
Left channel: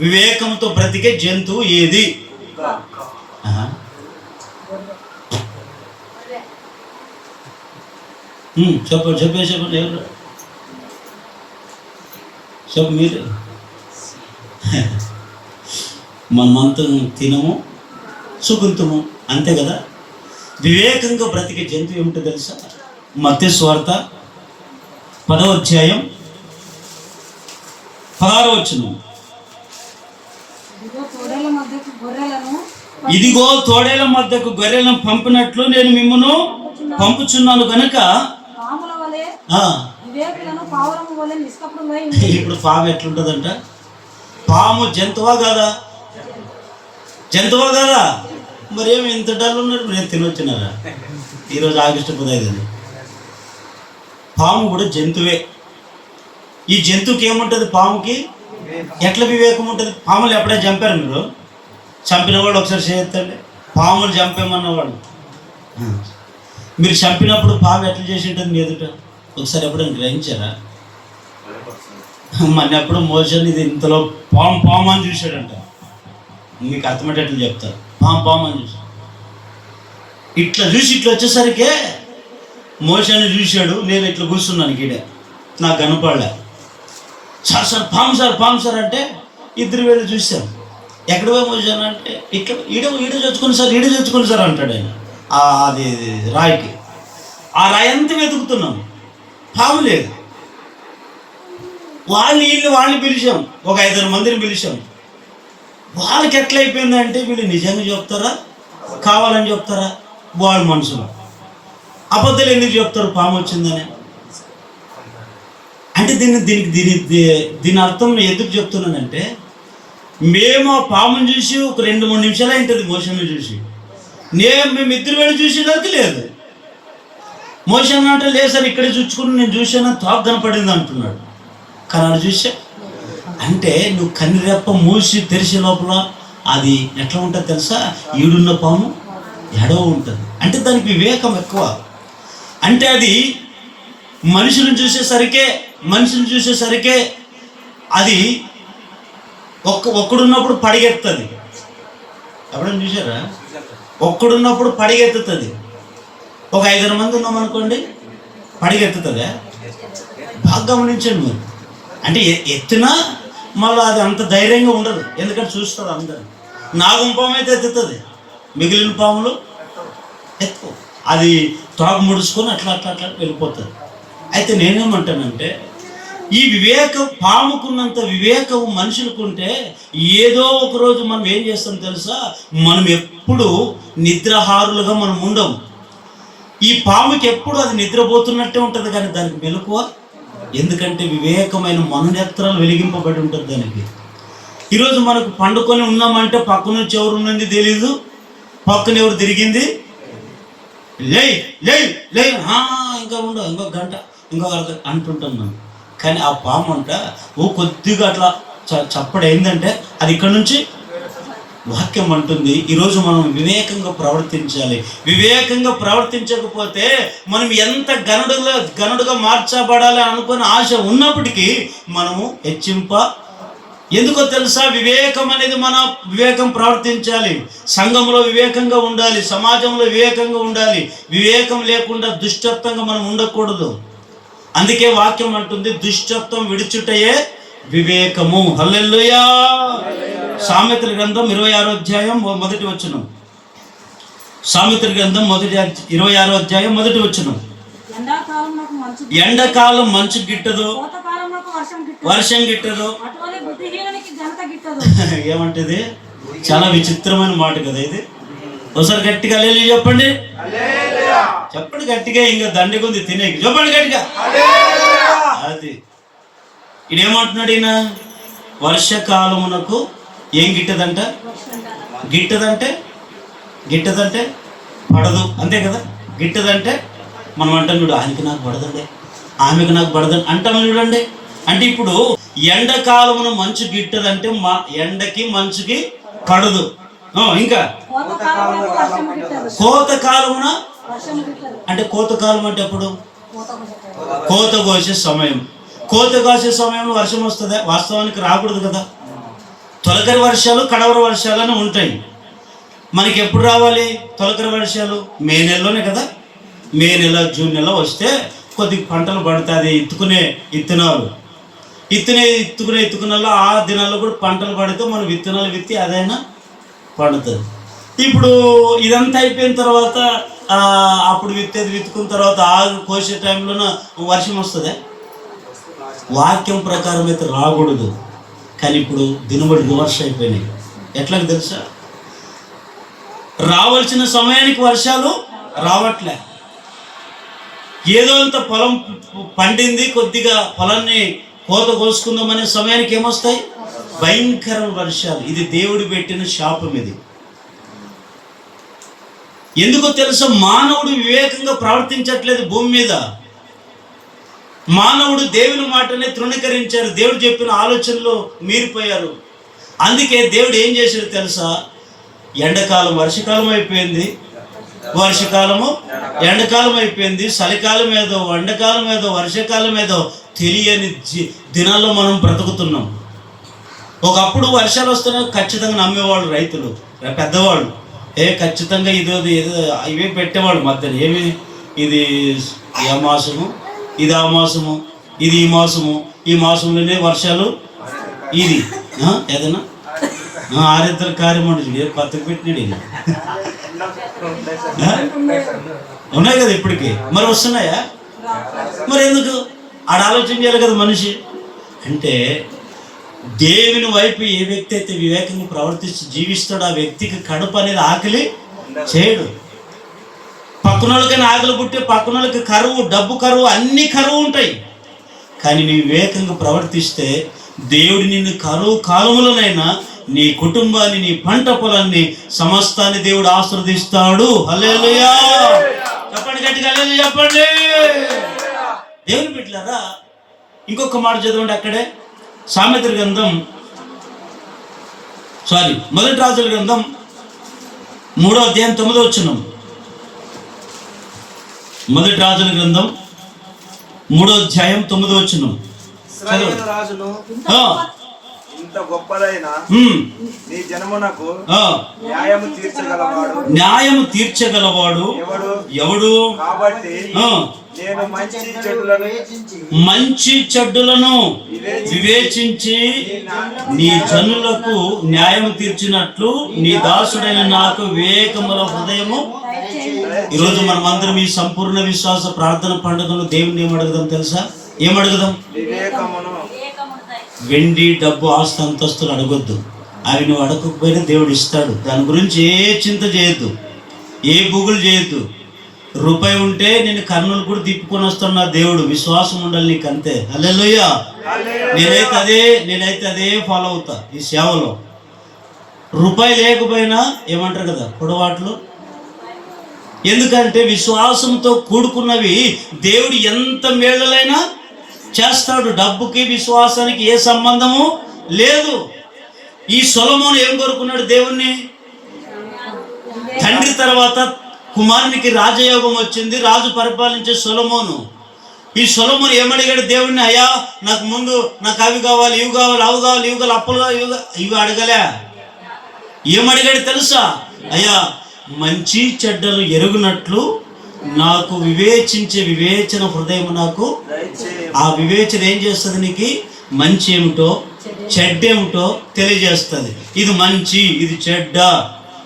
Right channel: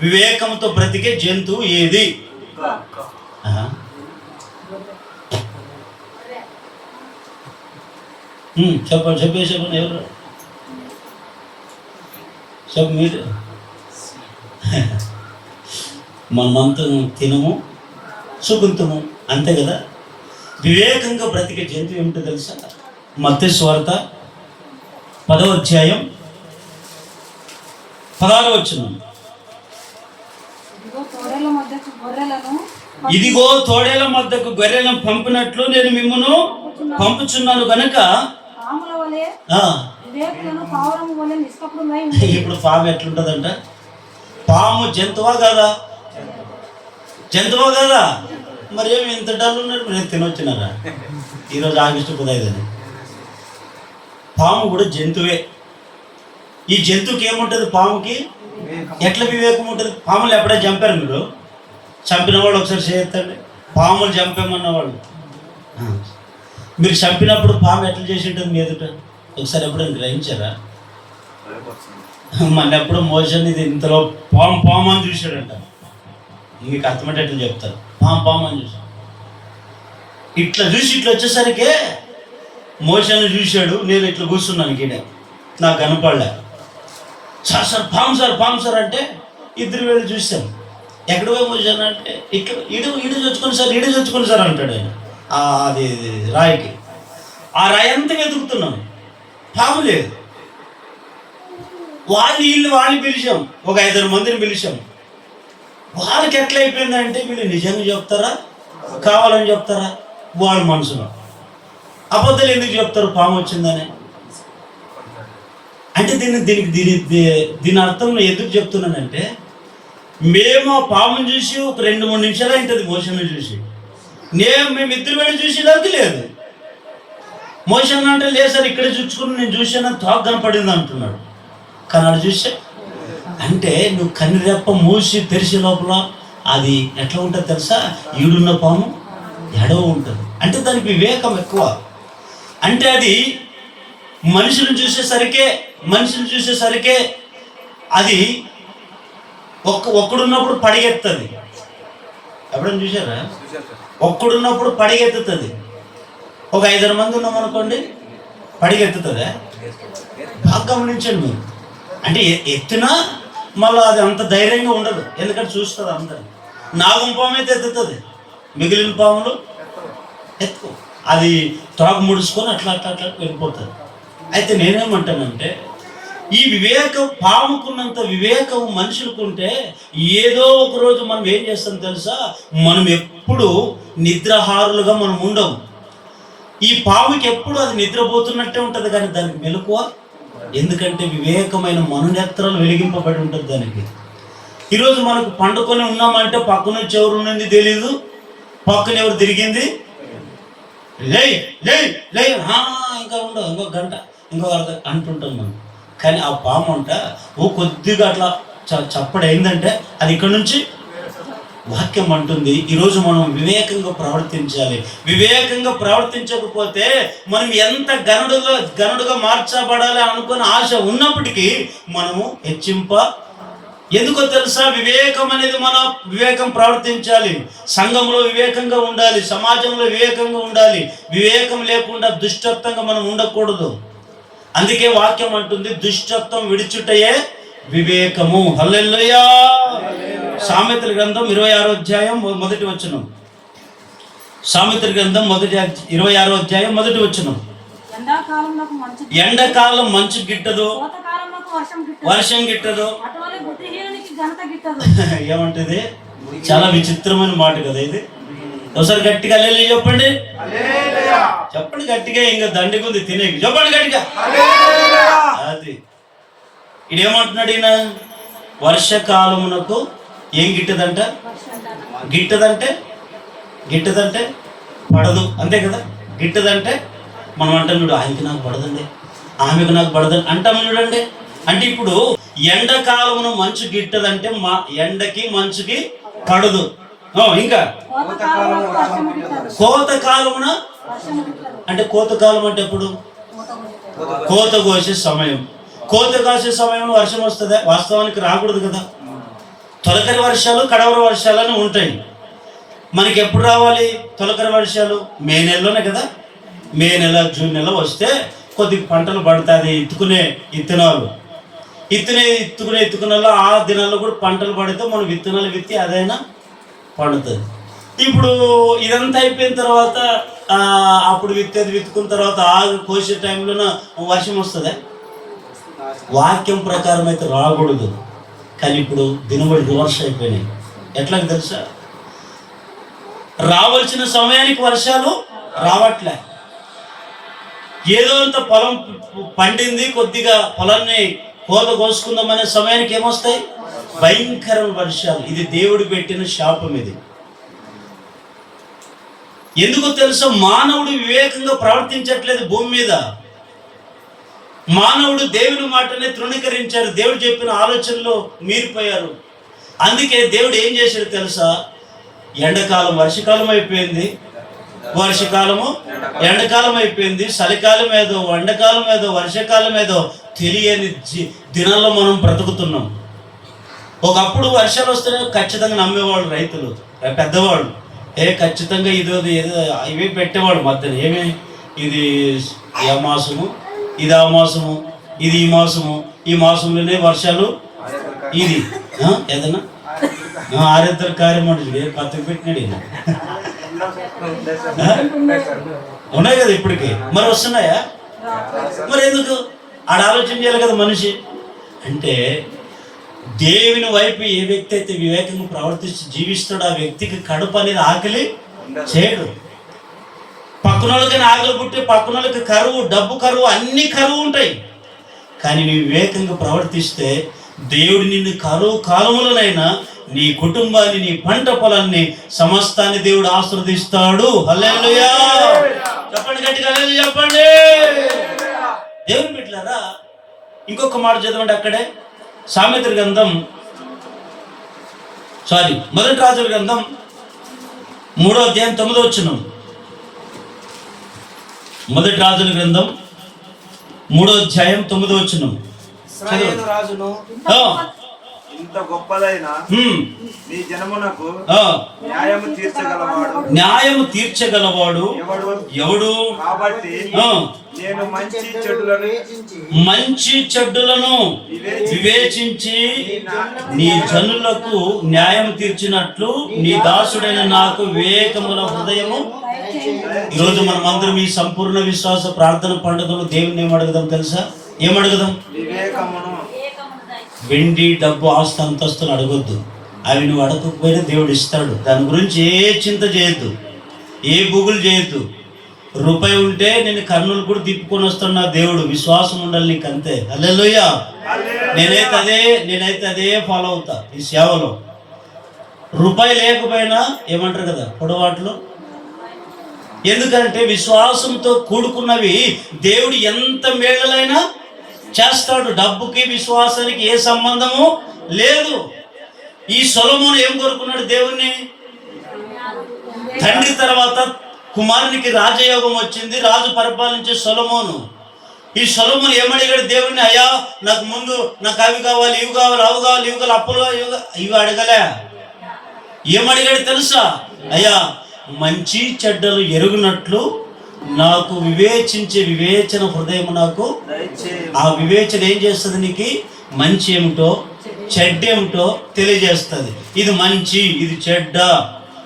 వివేకంతో బ్రతికే జంతువు ఏది? చెప్పండి ఎవరు మీరు? మనమంతా తినము సుకుంతము అంతే కదా. వివేకంగా బ్రతికే జంతువు ఏమిటో తెలుసా? మత్తయి సువార్త 10వ అధ్యాయం 16వ వచనం. ఇదిగో తోడేల మధ్యకు గొర్రెలను పంపినట్లు నేను మిమ్మును పంపుచున్నాను గనుక. ఇప్పుడు పాము ఎట్లుంటుందంట? పాము జంతువా కాదా? జంతువా కాదా? మరి ఏమి ఇంత డల్ ఉన్నారు? నేను తినొచ్చినారా ఈరోజు ఆగస్టు 15. పాము కూడా జంతువే. ఈ జంతువుకి ఏముంటుంది? పాముకి ఎట్లా వివేకం ఉంటుంది? పాములు ఎప్పుడైనా చంపారు మీరు? చంపిన వాళ్ళు ఒకసారి చేయండి. పాములు చంపేమన్నవాళ్ళు మీరు చంపినప్పుడు పాము ఎట్లా చేసి ఉంటుంది మీ ఎదుట? ఒకసారి ఎప్పుడైనా గ్రహించారా? మన ఎప్పుడు మోషన్ ఇది ఇంతలో పాము అని చూశాడంట. మీకు అర్థమయ్యేటట్లు చెప్తారు. పాము అని చూశాడు. ఇట్లా వచ్చేసరికి మోషన్ చూశాడు. నేను ఇట్లా కూర్చున్నాను గీడ, నాకు కనపడలే. సార్ పాము సార్ అంటే 2 వేలు చూశాను. ఎక్కడ పోయి మోషన్ అంటే ఇట్లా ఈడ చొచ్చుకొని సార్ అంటాడు ఆయన. అది రాయికి ఆ రాయి అంతా వెతుకుతున్నాం, పాము లేదు. వాళ్ళని పిలిచాం, ఒక 5 మందిని పిలిచాం. వాళ్ళకి ఎట్లా అయిపోయిందంటే వీళ్ళు నిజంగా చెప్తారా కావాలని చెప్తారా? వాళ్ళ మనసులో అబద్ధాలు ఎందుకు చెప్తారు పాము వచ్చిందని? అంటే దీని అర్థం ఎందుకు చెప్తున్నానంటే, మేము ఆ పాముని చూసి ఒక 2-3 నిమిషాలు అయింటుంది మోషన్ చూసి. మేము 2 వేలు చూసేదానికి లేదు. మోషన్ అంటే లేదు సార్ ఇక్కడే చూసుకుని నేను చూసాను తాకు కనపడింది అంటున్నాడు. కానీ అది చూసా అంటే నువ్వు కన్నిరెప్ప తెరిచే లోపల అది ఎట్లా ఉంటుంది తెలుసా? ఈడున్న పాము ఎడవ ఉంటుంది. అంటే దానికి వివేకం ఎక్కువ. అంటే అది మనుషులను చూసేసరికే అది ఒక్కడున్నప్పుడు పడిగెత్తుంది. ఎప్పుడైనా చూసారా? ఒక్కడున్నప్పుడు పడిగెత్తుతుంది. ఒక 5 మంది ఉన్నామనుకోండి, పడిగెత్తుతుందా? బాగా గమనించండి మీరు. అంటే ఎత్తునా మళ్ళీ అది అంత ధైర్యంగా ఉండదు, ఎందుకంటే చూస్తుంది అందరు. నాగం పాము అయితే ఎత్తుతుంది, మిగిలిన పాములు ఎత్తు, అది త్రాగు ముడుచుకొని అట్లా అట్లా అట్లా వెళ్ళిపోతుంది. అయితే నేనేమంటానంటే, ఈ పాముకున్నంత వివేకం మనుషులకుంటే ఏదో ఒక రోజు మనం ఏం చేస్తాం తెలుసా? మనం ఎప్పుడు నిద్రహారులుగా మనం ఉండము. ఈ పాముకి ఎప్పుడు అది నిద్రపోతున్నట్టే ఉంటుంది, కానీ దానికి మెలకువ. ఎందుకంటే వివేకమైన మనునేత్రాలు వెలిగింపబడి ఉంటుంది దానికి. ఈరోజు మనకు పండుకొని ఉన్నామంటే పక్క నుంచి ఎవరు ఉన్నది తెలీదు, పక్కన ఎవరు తిరిగింది లే లే లే ఇంకా ఉండవు, ఇంకొక గంట, ఇంకొక అంటుంటాం మనం. కానీ ఆ పాము అంట కొద్దిగా అట్లా చప్పడి ఏంటంటే అది ఇక్కడ నుంచి వాక్యం అంటుంది. ఈరోజు మనం వివేకంగా ప్రవర్తించాలి. వివేకంగా ప్రవర్తించకపోతే మనం ఎంత గనుడుగా మార్చబడాలి అనుకునే ఆశ ఉన్నప్పటికీ మనము ఎందుకో తెలుసా? వివేకం అనేది మన వివేకం ప్రవర్తించాలి. సంఘంలో వివేకంగా ఉండాలి, సమాజంలో వివేకంగా ఉండాలి. వివేకం లేకుండా దుష్టత్వంగా మనం ఉండకూడదు. అందుకే వాక్యం అంటుంది, దుష్టత్వం విడిచుటయే వివేకము. హల్లెలూయా. సామెతల గ్రంథం 26వ అధ్యాయం 1వ వచనం. సామెతల గ్రంథం 26వ అధ్యాయం 1వ వచనం. ఎండాకాలం మంచు గిట్టదు, వర్షం గిట్టదు. ఏమంటది? చాలా విచిత్రమైన మాట కదా ఇది. ఒకసారి గట్టిగా హల్లెలూయా చెప్పండి. చెప్పండి గట్టిగా, ఇంకా దండిగుంది తినేకి. చెప్పండి గట్టిగా. అది ఇదేమంటున్నాడు ఈయన? వర్షకాలమునకు ఏం గిట్టదంట? గిట్టదంటే పడదు, అంతే కదా. గిట్టదంటే మనం అంటాం చూడు, ఆయనకి నాకు పడదండి, ఆమెకు నాకు పడదండి అంటాము చూడండి. అంటే ఇప్పుడు ఎండాకాలమున మంచు గిట్టదంటే ఎండకి మంచుకి పడదు. ఇంకా కోతకాలమున అంటే కోతకాలం అంటే ఎప్పుడు? కోత కోసే సమయం. కోత కోసే సమయంలో వర్షం వస్తుందా? వాస్తవానికి రాకూడదు కదా. తొలకరి వర్షాలు, కడవరి వర్షాలు అని ఉంటాయి. మనకి ఎప్పుడు రావాలి తొలకరి వర్షాలు? మే నెలలోనే కదా. మే నెల, జూన్ నెల వస్తే కొద్దిగా పంటలు పడుతుంది. ఇత్తుకునేలో ఆ దినాల్లో కూడా పంటలు పడితే మనం విత్తనాలు విత్తి అదైనా పండుతుంది. ఇప్పుడు ఇదంతా అయిపోయిన తర్వాత అప్పుడు విత్తుకున్న తర్వాత కోసే టైంలోన వర్షం వస్తుందా? వాక్యం ప్రకారం అయితే రాకూడదు. కానీ ఇప్పుడు దినబడి రివర్స్ అయిపోయినాయి. ఎట్లా తెలుసా? రావాల్సిన సమయానికి వర్షాలు రావట్లే. ఏదో అంత పొలం పండింది, కొద్దిగా పొలాన్ని కోత కోసుకుందామనే సమయానికి ఏమొస్తాయి? భయంకర వర్షాలు. ఇది దేవుడు పెట్టిన శాపం. ఇది ఎందుకో తెలుసా? మానవుడు వివేకంగా ప్రవర్తించట్లేదు భూమి మీద. మానవుడు దేవుని మాటనే తృణీకరించారు. దేవుడు చెప్పిన ఆలోచనలో మీరిపోయారు. అందుకే దేవుడు ఏం చేశాడు తెలుసా? ఎండాకాలం వర్షకాలం అయిపోయింది, వర్షకాలము ఎండాకాలం అయిపోయింది, చలికాలం ఏదో, ఎండాకాలం ఏదో, వర్షాకాలం ఏదో తెలియని దినాల్లో మనం బ్రతుకుతున్నాం. ఒకప్పుడు వర్షాలు వస్తేనే ఖచ్చితంగా నమ్మేవాళ్ళు రైతులు, పెద్దవాళ్ళు. ఖచ్చితంగా ఏదో ఇవే పెట్టేవాళ్ళు మధ్యలో. ఏమి ఇది ఆ మాసము, ఇది ఆ మాసము, ఇది ఈ మాసము, ఈ మాసంలోనే వర్షాలు. ఇది ఏదైనా ఆరిద్దరు కార్యం అంటే పక్కకు పెట్టినాడు ఈయన. ఉన్నాయి కదా ఇప్పటికి. మరి వస్తున్నాయా? మరి ఎందుకు ఆడ ఆలోచన చేయాలి కదా మనిషి. అంటే దేవుని వైపు ఏ వ్యక్తి అయితే వివేకంగా ప్రవర్తిస్తూ జీవిస్తాడో ఆ వ్యక్తికి కడుపు అనేది ఆకలి చేయడు. పక్కన వాళ్ళకైనా ఆకలి పుట్టి, పక్కన వాళ్ళకి కరువు, డబ్బు కరువు, అన్ని కరువు ఉంటాయి. కానీ నీ వివేకంగా ప్రవర్తిస్తే దేవుడు నిన్ను కరువు కాలములనైనా, నీ కుటుంబాన్ని, నీ పంట పొలాన్ని, సమస్తాన్ని దేవుడు ఆశీర్వదిస్తాడు. హల్లెలూయా చెప్పండి గట్టిగా, హల్లెలూయా చెప్పండి. దేవుని బిడ్డలారా, ఇంకొక మాట చదవండి అక్కడే. సామెతల గ్రంథం మొదటి రాజుల గ్రంథం 3వ అధ్యాయం 9వ వచనం. మొదటి రాజుల గ్రంథం 3వ అధ్యాయం 9వ వచనం. ఇశ్రాయేలు రాజును ఆ, ఇంత గొప్పదైన ఉమ్, నీ జనమునకు ఆ, న్యాయము తీర్చగలవాడు న్యాయము తీర్చగలవాడు ఎవడు ఎవడు? కాబట్టి ఆ, నేను మంచి చెడులను మంచి చెడ్డులను వివేచించి నీ జనులకు న్యాయం తీర్చినట్లు నీ దాసుడైన నాకు వివేకముల హృదయము. ఈరోజు మనం అందరం ఈ సంపూర్ణ విశ్వాస ప్రార్థన పండుగలు దేవుని ఏమడుగుదాం తెలుసా? ఏమడుగుదాం? వివేకమును. వెండి, డబ్బు, ఆస్తి, అంతస్తులు అడగొద్దు. అవి నువ్వు అడగకపోయినా దేవుడు ఇస్తాడు. దాని గురించి ఏ చింత చేయొద్దు, ఏ బుగులు చేయొద్దు. రూపాయి ఉంటే నేను కర్నూలు కూడా తిప్పుకొని వస్తాను నా దేవుడు. విశ్వాసం ఉండాలి నీకు, అంతే. హల్లెలూయా. నేనైతే అదే ఫాలో అవుతా ఈ సేవలో. రూపాయి లేకపోయినా ఏమంటారు కదా పొడవాట్లు. ఎందుకంటే విశ్వాసంతో కూడుకున్నవి దేవుడు ఎంత మేళలైనా చేస్తాడు. డబ్బుకి విశ్వాసానికి ఏ సంబంధము లేదు. ఈ సొలొమోను ఏం కోరుకున్నాడు దేవుణ్ణి? తండ్రి తర్వాత కుమారునికి రాజయోగం వచ్చింది. రాజు పరిపాలించే సొలొమోను. ఈ సొలొమోను ఏమడిగాడు దేవుణ్ణి? అయ్యా నాకు ముందు నాకు అవి కావాలి, ఇవి కావాలి, అవి కావాలి, ఇవి కావాలి, అప్పులు కావాలి, ఇవి అడగలే. ఏమడిగాడు తెలుసా? అయ్యా మంచి చెడ్డలు ఎరుగునట్లు నాకు వివేచించే వివేచన హృదయం నాకు. ఆ వివేచన ఏం చేస్తుంది? నీకు మంచి ఏమిటో చెడ్డేమిటో తెలియజేస్తుంది. ఇది మంచి, ఇది చెడ్డ,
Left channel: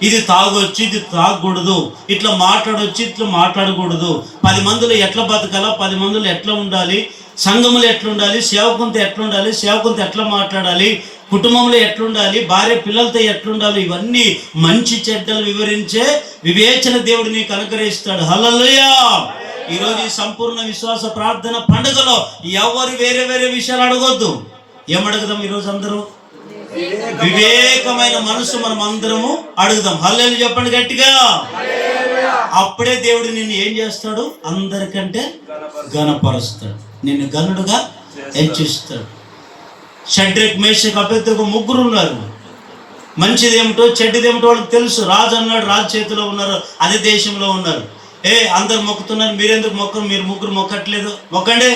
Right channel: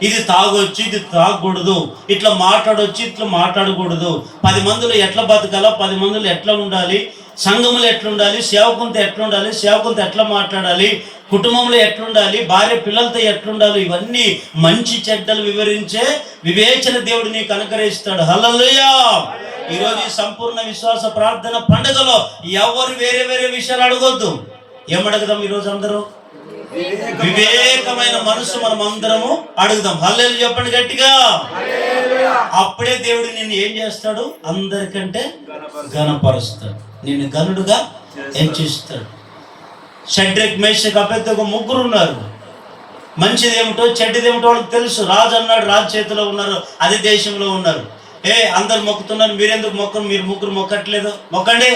ఇది తాగొచ్చు, ఇది తాగకూడదు, ఇట్లా మాట్లాడొచ్చు, ఇట్లా మాట్లాడకూడదు, 10 మందిలో ఎట్లా బతకాలా, 10 మందిలో ఎట్లా ఉండాలి, సంఘములు ఎట్లుండాలి, సేవకునితో ఎట్లుండాలి, సేవకునితో ఎట్లా మాట్లాడాలి, కుటుంబంలో ఎట్లుండాలి, భార్య పిల్లలతో ఎట్లుండాలి, ఇవన్నీ మంచి చెడ్డలు వివరించే వివేచన దేవుడు నీకు అనుగ్రహిస్తాడు. హల్లెలూయా. ఈరోజు ఈ సంపూర్ణ విశ్వాస ప్రార్థన పండుగలో ఎవరు వేరే వేరే విషయాలు అడగొద్దు. ఏమడుగుదాం ఈరోజు అందరూ? వివేకమైన మనసు మనం అందరము అడుగుదాం. హల్లెలూయా చెప్పండి గట్టిగా. అప్పుడే దేవుడు నిన్ను ఏం చేస్తాడు? అందరికంటే ఘనపరుస్తాడు, నిన్ను గనుడుగా హెచ్చిస్తాడు. షడ్రక్, మేషక్, అబేద్నెగో ముగ్గురు ఉన్నారు. మంచిదేమిటో చెడ్డదేమిటో వాళ్ళకి తెలుసు. రాజు అన్నాడు, రాజు చేతిలో ఉన్నారు, అదే దేశంలో ఉన్నారు. అందరు మొక్కుతున్నారు, మీరెందుకు మొక్కరు? మీరు ముగ్గురు మొక్కట్లేదు, మొక్కండి.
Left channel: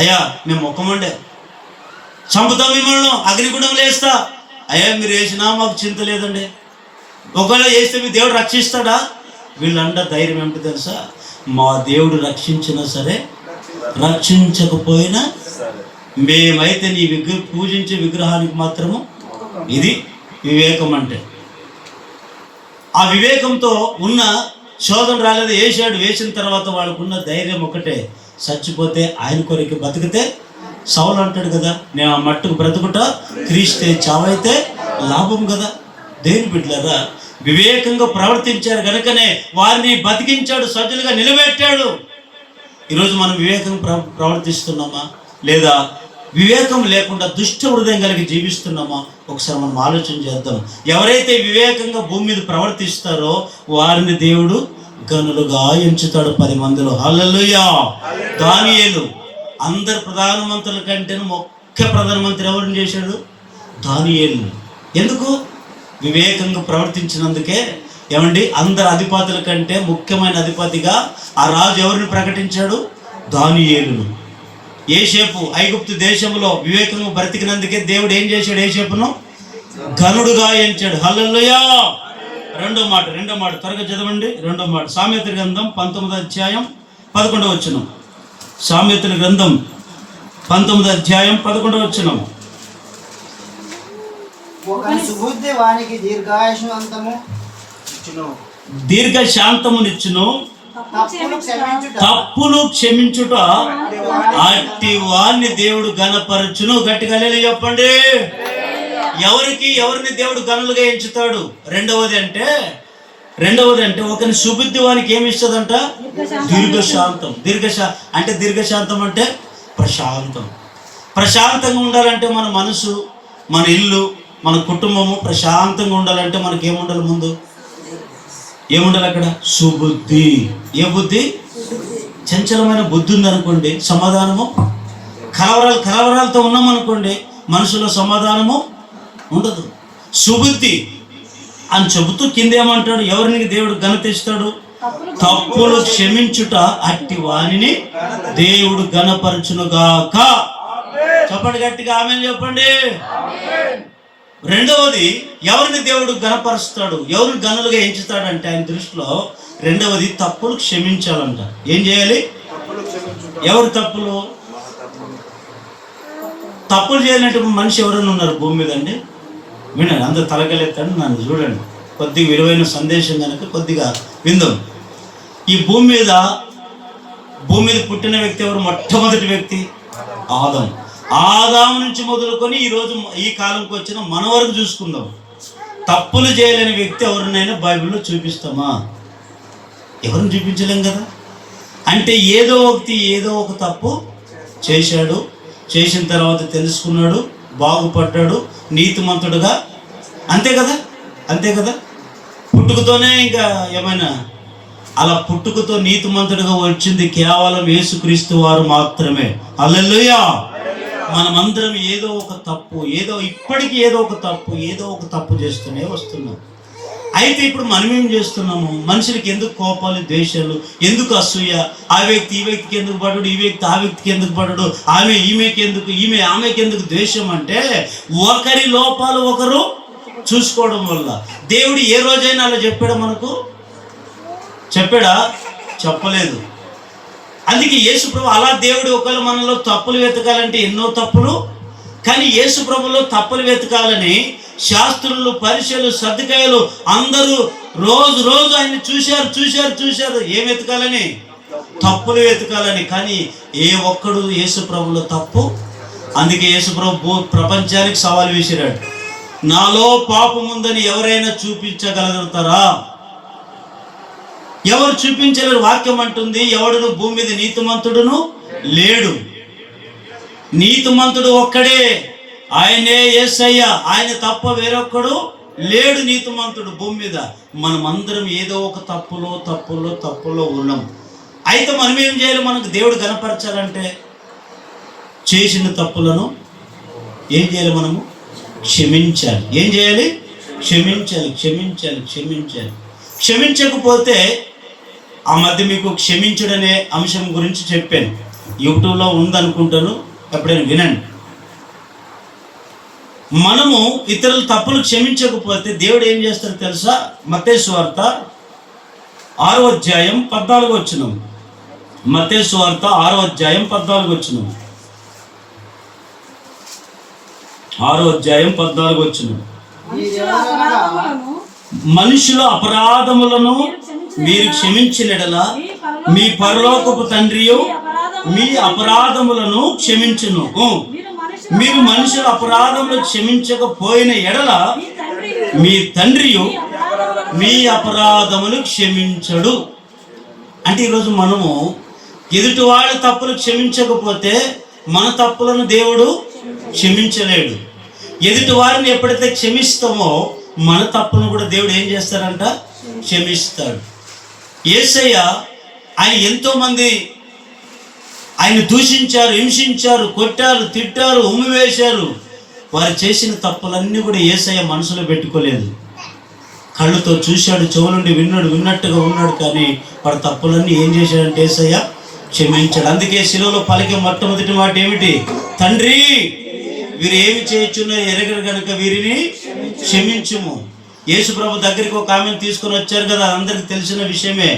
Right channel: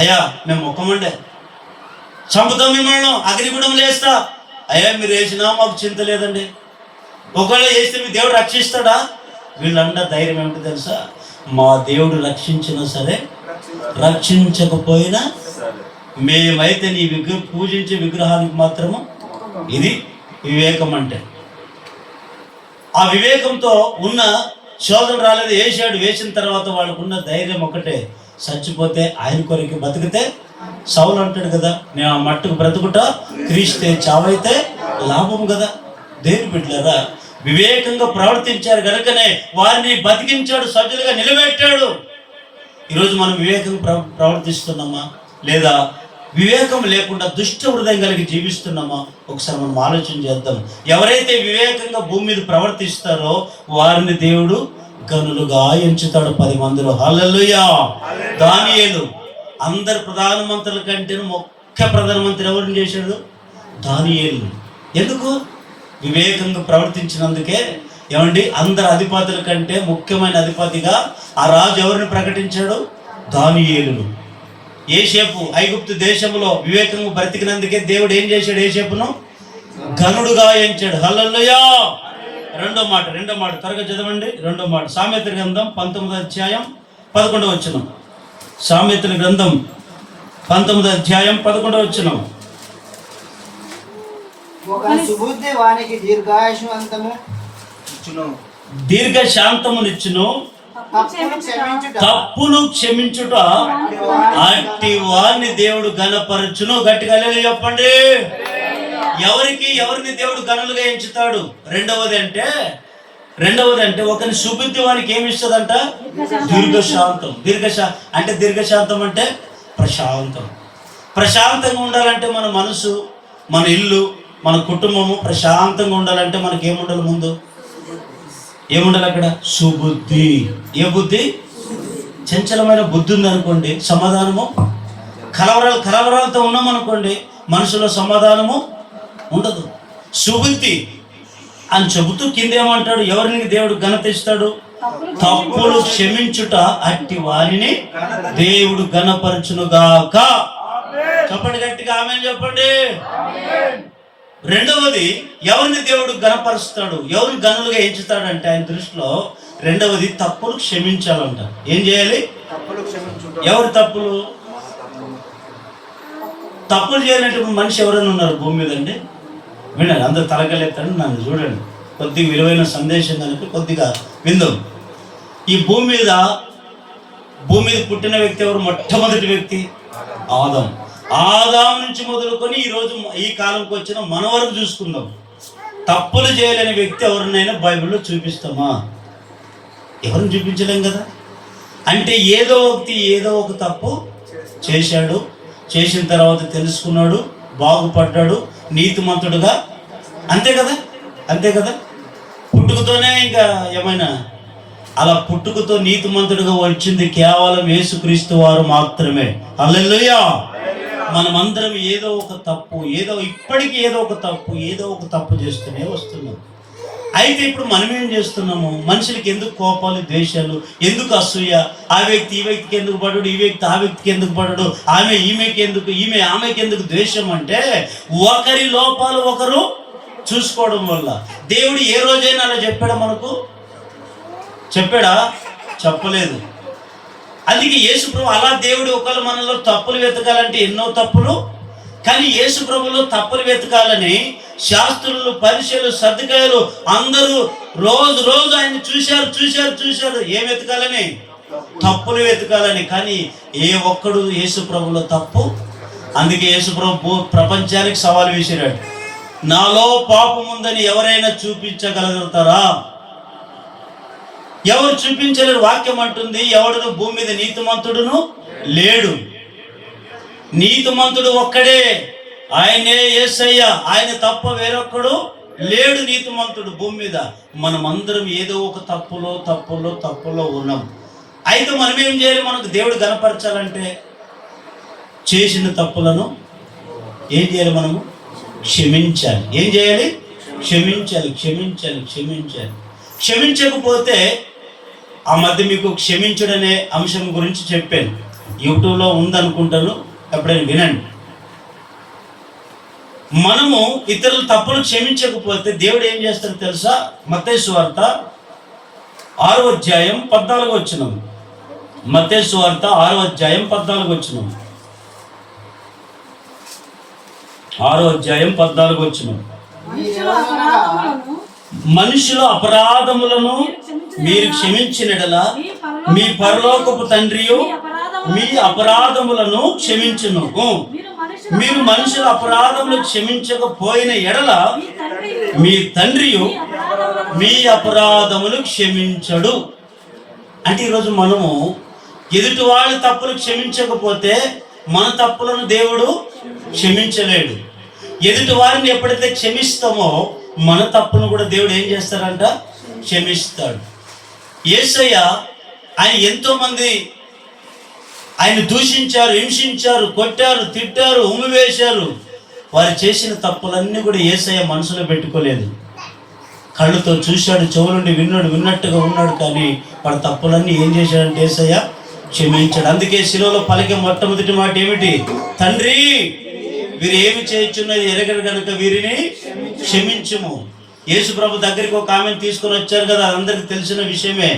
అయ్యా మేము మొక్కమండే, చంపుతాం మిమ్మల్ని, అగ్నిగుండంలో వేస్తా. అయ్యా మీరు వేసినా మాకు చింత లేదండి. ఒకవేళ వేస్తే మీ దేవుడు రక్షిస్తాడా? వీళ్ళంట ధైర్యం ఏమిటి తెలుసా? మా దేవుడు రక్షించినా సరే రక్షించకపోయినా మేమైతే నీ పూజించే విగ్రహానికి మాత్రము. ఇది వివేకం అంటే. ఆ వివేకంతో ఉన్న శోధన రాలేదు, వేసాడు. వేసిన తర్వాత వాళ్ళకున్న ధైర్యం ఒకటే, చచ్చిపోతే ఆయన కొరకు, బతికితే సౌలు అంటాడు కదా, నేను ఆ మట్టుకు బ్రతుకుట క్రీస్తే, చావైతే లాభం కదా. దేవుని బిడ్డలారా, వివేకంగా ప్రవర్తించారు కనుకనే వారిని బతికించాడు, సజ్జలుగా నిలబెట్టాడు. ఈరోజు మనం వివేకంగా ప్రవర్తిస్తున్నామా లేదా వివేకం లేకుండా దుష్ట హృదయం కలిగి జీవిస్తున్నామా? ఒకసారి మనం ఆలోచన చేద్దాం. ఎవరైతే వివేకంగా భూమి మీద ప్రవర్తిస్తారో వారిని దేవుడు గనులుగా ఎంచుతాడు 10 మందిలో. హల్లెలూయా. దానియేలు అందరు ప్రధానమంత్రుల కంటే ముఖ్య ప్రధానమంత్రి ఎవరిని చేశాడు? దానియేలు. ఎందుకు? వివేకంగా ప్రవర్తించినందుకే. ఏమండి, అందరు అధిపతుల కంటే ముఖ్యమైన అధిపతిగా ఆ రాజు ఎవరిని ప్రకటించాడు? దానియేలును. యోసేపు ఐగుప్తు దేశంలో వివేకంగా బ్రతికినందుకే దేవుడు ఏం చేశాడు? యోసేపును ఘనుడుగా ఎంచాడు. హల్లెలూయా. రెండో మాట త్వరగా చదవండి. రెండో మాట సామెతల గ్రంథం 19వ అధ్యాయం 11వ వచనం. సామెతల గ్రంథం 19వ అధ్యాయం 11వ వచనం. దీర్ఘశాంతమునిచ్చును, తప్పులు క్షమించుట అట్టి వారిని దేవుడు ఘనపరచును. గట్టిగా హల్లెలూయా చెప్పండి. ఎవరిని దేవుడు గనులుగా ఎంచుతాడు? రెండవది అంటే ఒకరిని సుబుద్ధి వానికి ఏమి ఇస్తుందంట? దీర్ఘశాంతం. దీర్ఘశాంతం అంటే ప్రశాంతంగా ఉండాలంటే మన మనసు, మన ఇల్లు, మన కుటుంబము ప్రశాంతంగా ఉండాలంటే మనకి ఏముండాలి? ముందు ఏముండాలి అక్కడ? సుబుద్ధి. ఏ బుద్ధి? చంచలమైన బుద్ధి ఉందనుకోండి, సమాధానము. కలవరాలతో ఉన్నామనుకోండి, మనసులో సమాధానము ఉండదు. సుబుద్ధి అని చెబుతూ కింద ఏమంటాడు? ఎవరిని దేవుడు ఘనత ఇస్తాడు? తప్పులు క్షమించుట అట్టి వారిని దేవుడు ఘనపరచునుగాక. చెప్పండి గట్టిగా ఆమేన్ చెప్పండి. రెండవది, ఎవరిని దేవుడు ఘనపరుస్తాడు, ఎవరిని గనులుగా ఎంచుతాడంటే ఆయన దృష్టిలో రెండవది తప్పులు క్షమించాలంట. ఏం చేయాలి? ఎవరి తప్పులు? తప్పులు చేయనటువంటి మనిషి ఎవరైనా ఉన్నారు భూమి మీద అండి? వినండి, అందరు తలగలెత్తండి, నన్ను చూడండి. కొద్దిగా విలువైన సందేశం కనుక కొద్దిగా విందాం. ఈ భూమి మీద పుట్టిన వ్యక్తి ఎవరు? మొట్టమొదటి వ్యక్తి ఆదాము. ఆదాము నుంచి మొదలుకొని ఈరోజు ఈ కాలంకి వచ్చిన మన వరకు చూసుకుందాం. తప్పులు చేయలేని వ్యక్తి ఎవరినైనా బైబిల్లో చూపిస్తామా? ఎవరిని చూపించలేం కదా. అంటే ఏదో ఒక తప్పు చేశాడు, చేసిన తర్వాత తెలుసుకున్నాడు, బాగుపడ్డాడు, నీతిమంతుడుగా, అంతే కదా. పుట్టుకతోనే ఇంకా ఏమైనా అలా పుట్టుకతో నీతిమంతుడిగా వచ్చింది కేవలం యేసుక్రీస్తు వారు మాత్రమే. హల్లెలూయా. మనమందరం ఏదో ఒక తప్పు చేస్తూనే వస్తున్నాం. అయితే ఇప్పుడు మనం ఏం చేస్తున్నాము? మనుషులకి ఎందుకు కోపాలు, ద్వేషాలు, ఎందుకు అసూయ? ఆ వ్యక్తి ఈ వ్యక్తికి ఎందుకు పడడు, ఈ వ్యక్తి ఆ వ్యక్తికి ఎందుకు పడడు, ఆమె ఆమెకి ఎందుకు ద్వేషం అంటే ఒకరి లోపాలు ఒకరు చూసుకోవడం వల్ల. దేవుడు ఏ రోజైనా అలా చెప్పాడా? మనకు చెప్పాడా? చెప్పలేదు. అందుకే యేసుప్రభు అలా దేవుడు ఒకవేళ మనలో తప్పులు వెతకాలంటే ఎన్నో తప్పులు, కానీ యేసుప్రభులో తప్పులు వెతకాలని శాస్త్రులు, పరిసయ్యులు, సద్దుకాయలు అందరూ రోజు ఆయన చూశారు. ఏం వెతకాలని? తప్పులు వెతకాలని. కానీ ఏ ఒక్కడు యేసుప్రభులో తప్పు. అందుకే యేసుప్రభు ప్రపంచానికి సవాల్ విసిరాడు. నాలో పాపం ఉందని ఎవరైనా చూపించగలుగుతారా? ఎవరు చూపించలేరు. వాక్యం అంటుంది, ఎవడును భూమి మీద నీతిమంతుడును లేడు. నీతిమంతుడు ఒక్కడే, ఆయనే యేసయ్య. ఆయన తప్ప వేరొక్కడు లేడు నీతిమంతుడు భూమి మీద. మనమందరం ఏదో ఒక తప్పులో ఉన్నాం. అయితే మనం ఏం చేయాలి? మనకు దేవుడు కనపరచాలంటే చేసిన తప్పులను ఏం చేయాలి? మనము క్షమించాలి. ఏం చేయాలి? క్షమించాలి. క్షమించకపోతే ఆ మధ్య మీకు క్షమించుడనే అంశం గురించి చెప్పాను, యూట్యూబ్లో ఉందనుకుంటాను, ఎప్పుడైనా వినండి. మనము ఇతరుల తప్పులు క్షమించకపోతే దేవుడు ఏం చేస్తాడో తెలుసా? మత్తయి సువార్త 6వ అధ్యాయం 14వ వచనం. మత్తయి సువార్త 6వ అధ్యాయం 14వ వచనం. 6వ అధ్యాయం 14వ వచనం. మనుషుల అపరాధములను మీరు క్షమించినడలా మీ పరలోకపు తండ్రియు మీ అపరాధములను క్షమించును. మీరు మనుషుల అపరాధములు క్షమించకపోయిన ఎడల మీ తండ్రియు మీ అపరాధములు క్షమించడు. అంటే ఈరోజు మనము ఎదుటి వాళ్ళ తప్పులు క్షమించకపోతే మన తప్పులను దేవుడు క్షమించలేడు. ఎదుటి వారిని ఎప్పుడైతే క్షమిస్తామో మన తప్పును కూడా దేవుడు ఏం చేస్తారంట? క్షమిస్తాడు. యేసయ్య ఆయన ఎంతోమంది ఆయన దూషించారు, హింసించారు, కొట్టారు, తిట్టారు, ఉమ్మివేశారు. వారు చేసిన తప్పులన్నీ కూడా యేసయ్య మనసులో పెట్టుకోలేదు. కళ్ళుతో చూశాడు, చెవులుండి విన్నట్టుగా ఉన్నాడు. కానీ వాడు తప్పులన్నీ ఏం చేశాడంటే యేసయ్య క్షమించాడు. అందుకే శిలువలో పలికే మొట్టమొదటి మాట ఏమిటి? తండ్రి, వీరు ఏమి చేయొచ్చున్నది ఎరగరు కనుక వీరిని క్షమించుము. యేసుప్రభు దగ్గరికి ఒక ఆమెను తీసుకొని వచ్చారు కదా, అందరికి తెలిసిన విషయమే.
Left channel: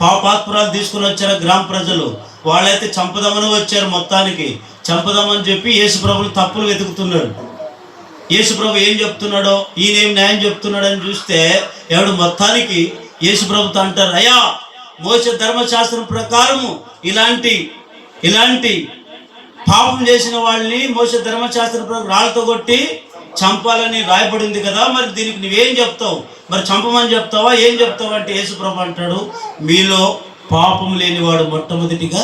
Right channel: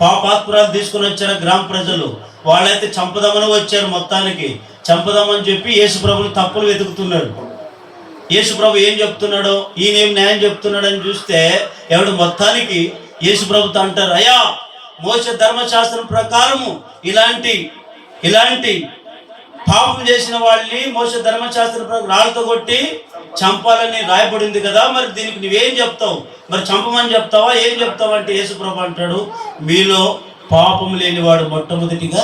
పాపాత్పురాలు తీసుకొని వచ్చారు గ్రామ ప్రజలు. వాళ్ళైతే చంపదామని వచ్చారు, మొత్తానికి చంపదామని చెప్పి యేసుప్రభుని తప్పులు వెతుకుతున్నారు. యేసుప్రభు ఏం చెప్తున్నాడో, ఈయన ఏం న్యాయం చెప్తున్నాడు అని చూస్తే ఎవడు మొత్తానికి యేసుప్రభుతో అంటారు, అయ్యా మోసే ధర్మశాస్త్రం ప్రకారము ఇలాంటి పాపం చేసిన వాళ్ళని మోసే ధర్మశాస్త్రం ప్రకారం రాళ్ళతో కొట్టి చంపాలని రాయబడింది కదా, మరి దీనికి నువ్వేం చెప్తావు? మరి చంపమని చెప్తావా, ఏం చెప్తావు అంటే యేసుప్రభు అంటాడు, మీలో పాపం లేనివాడు మొట్టమొదటిగా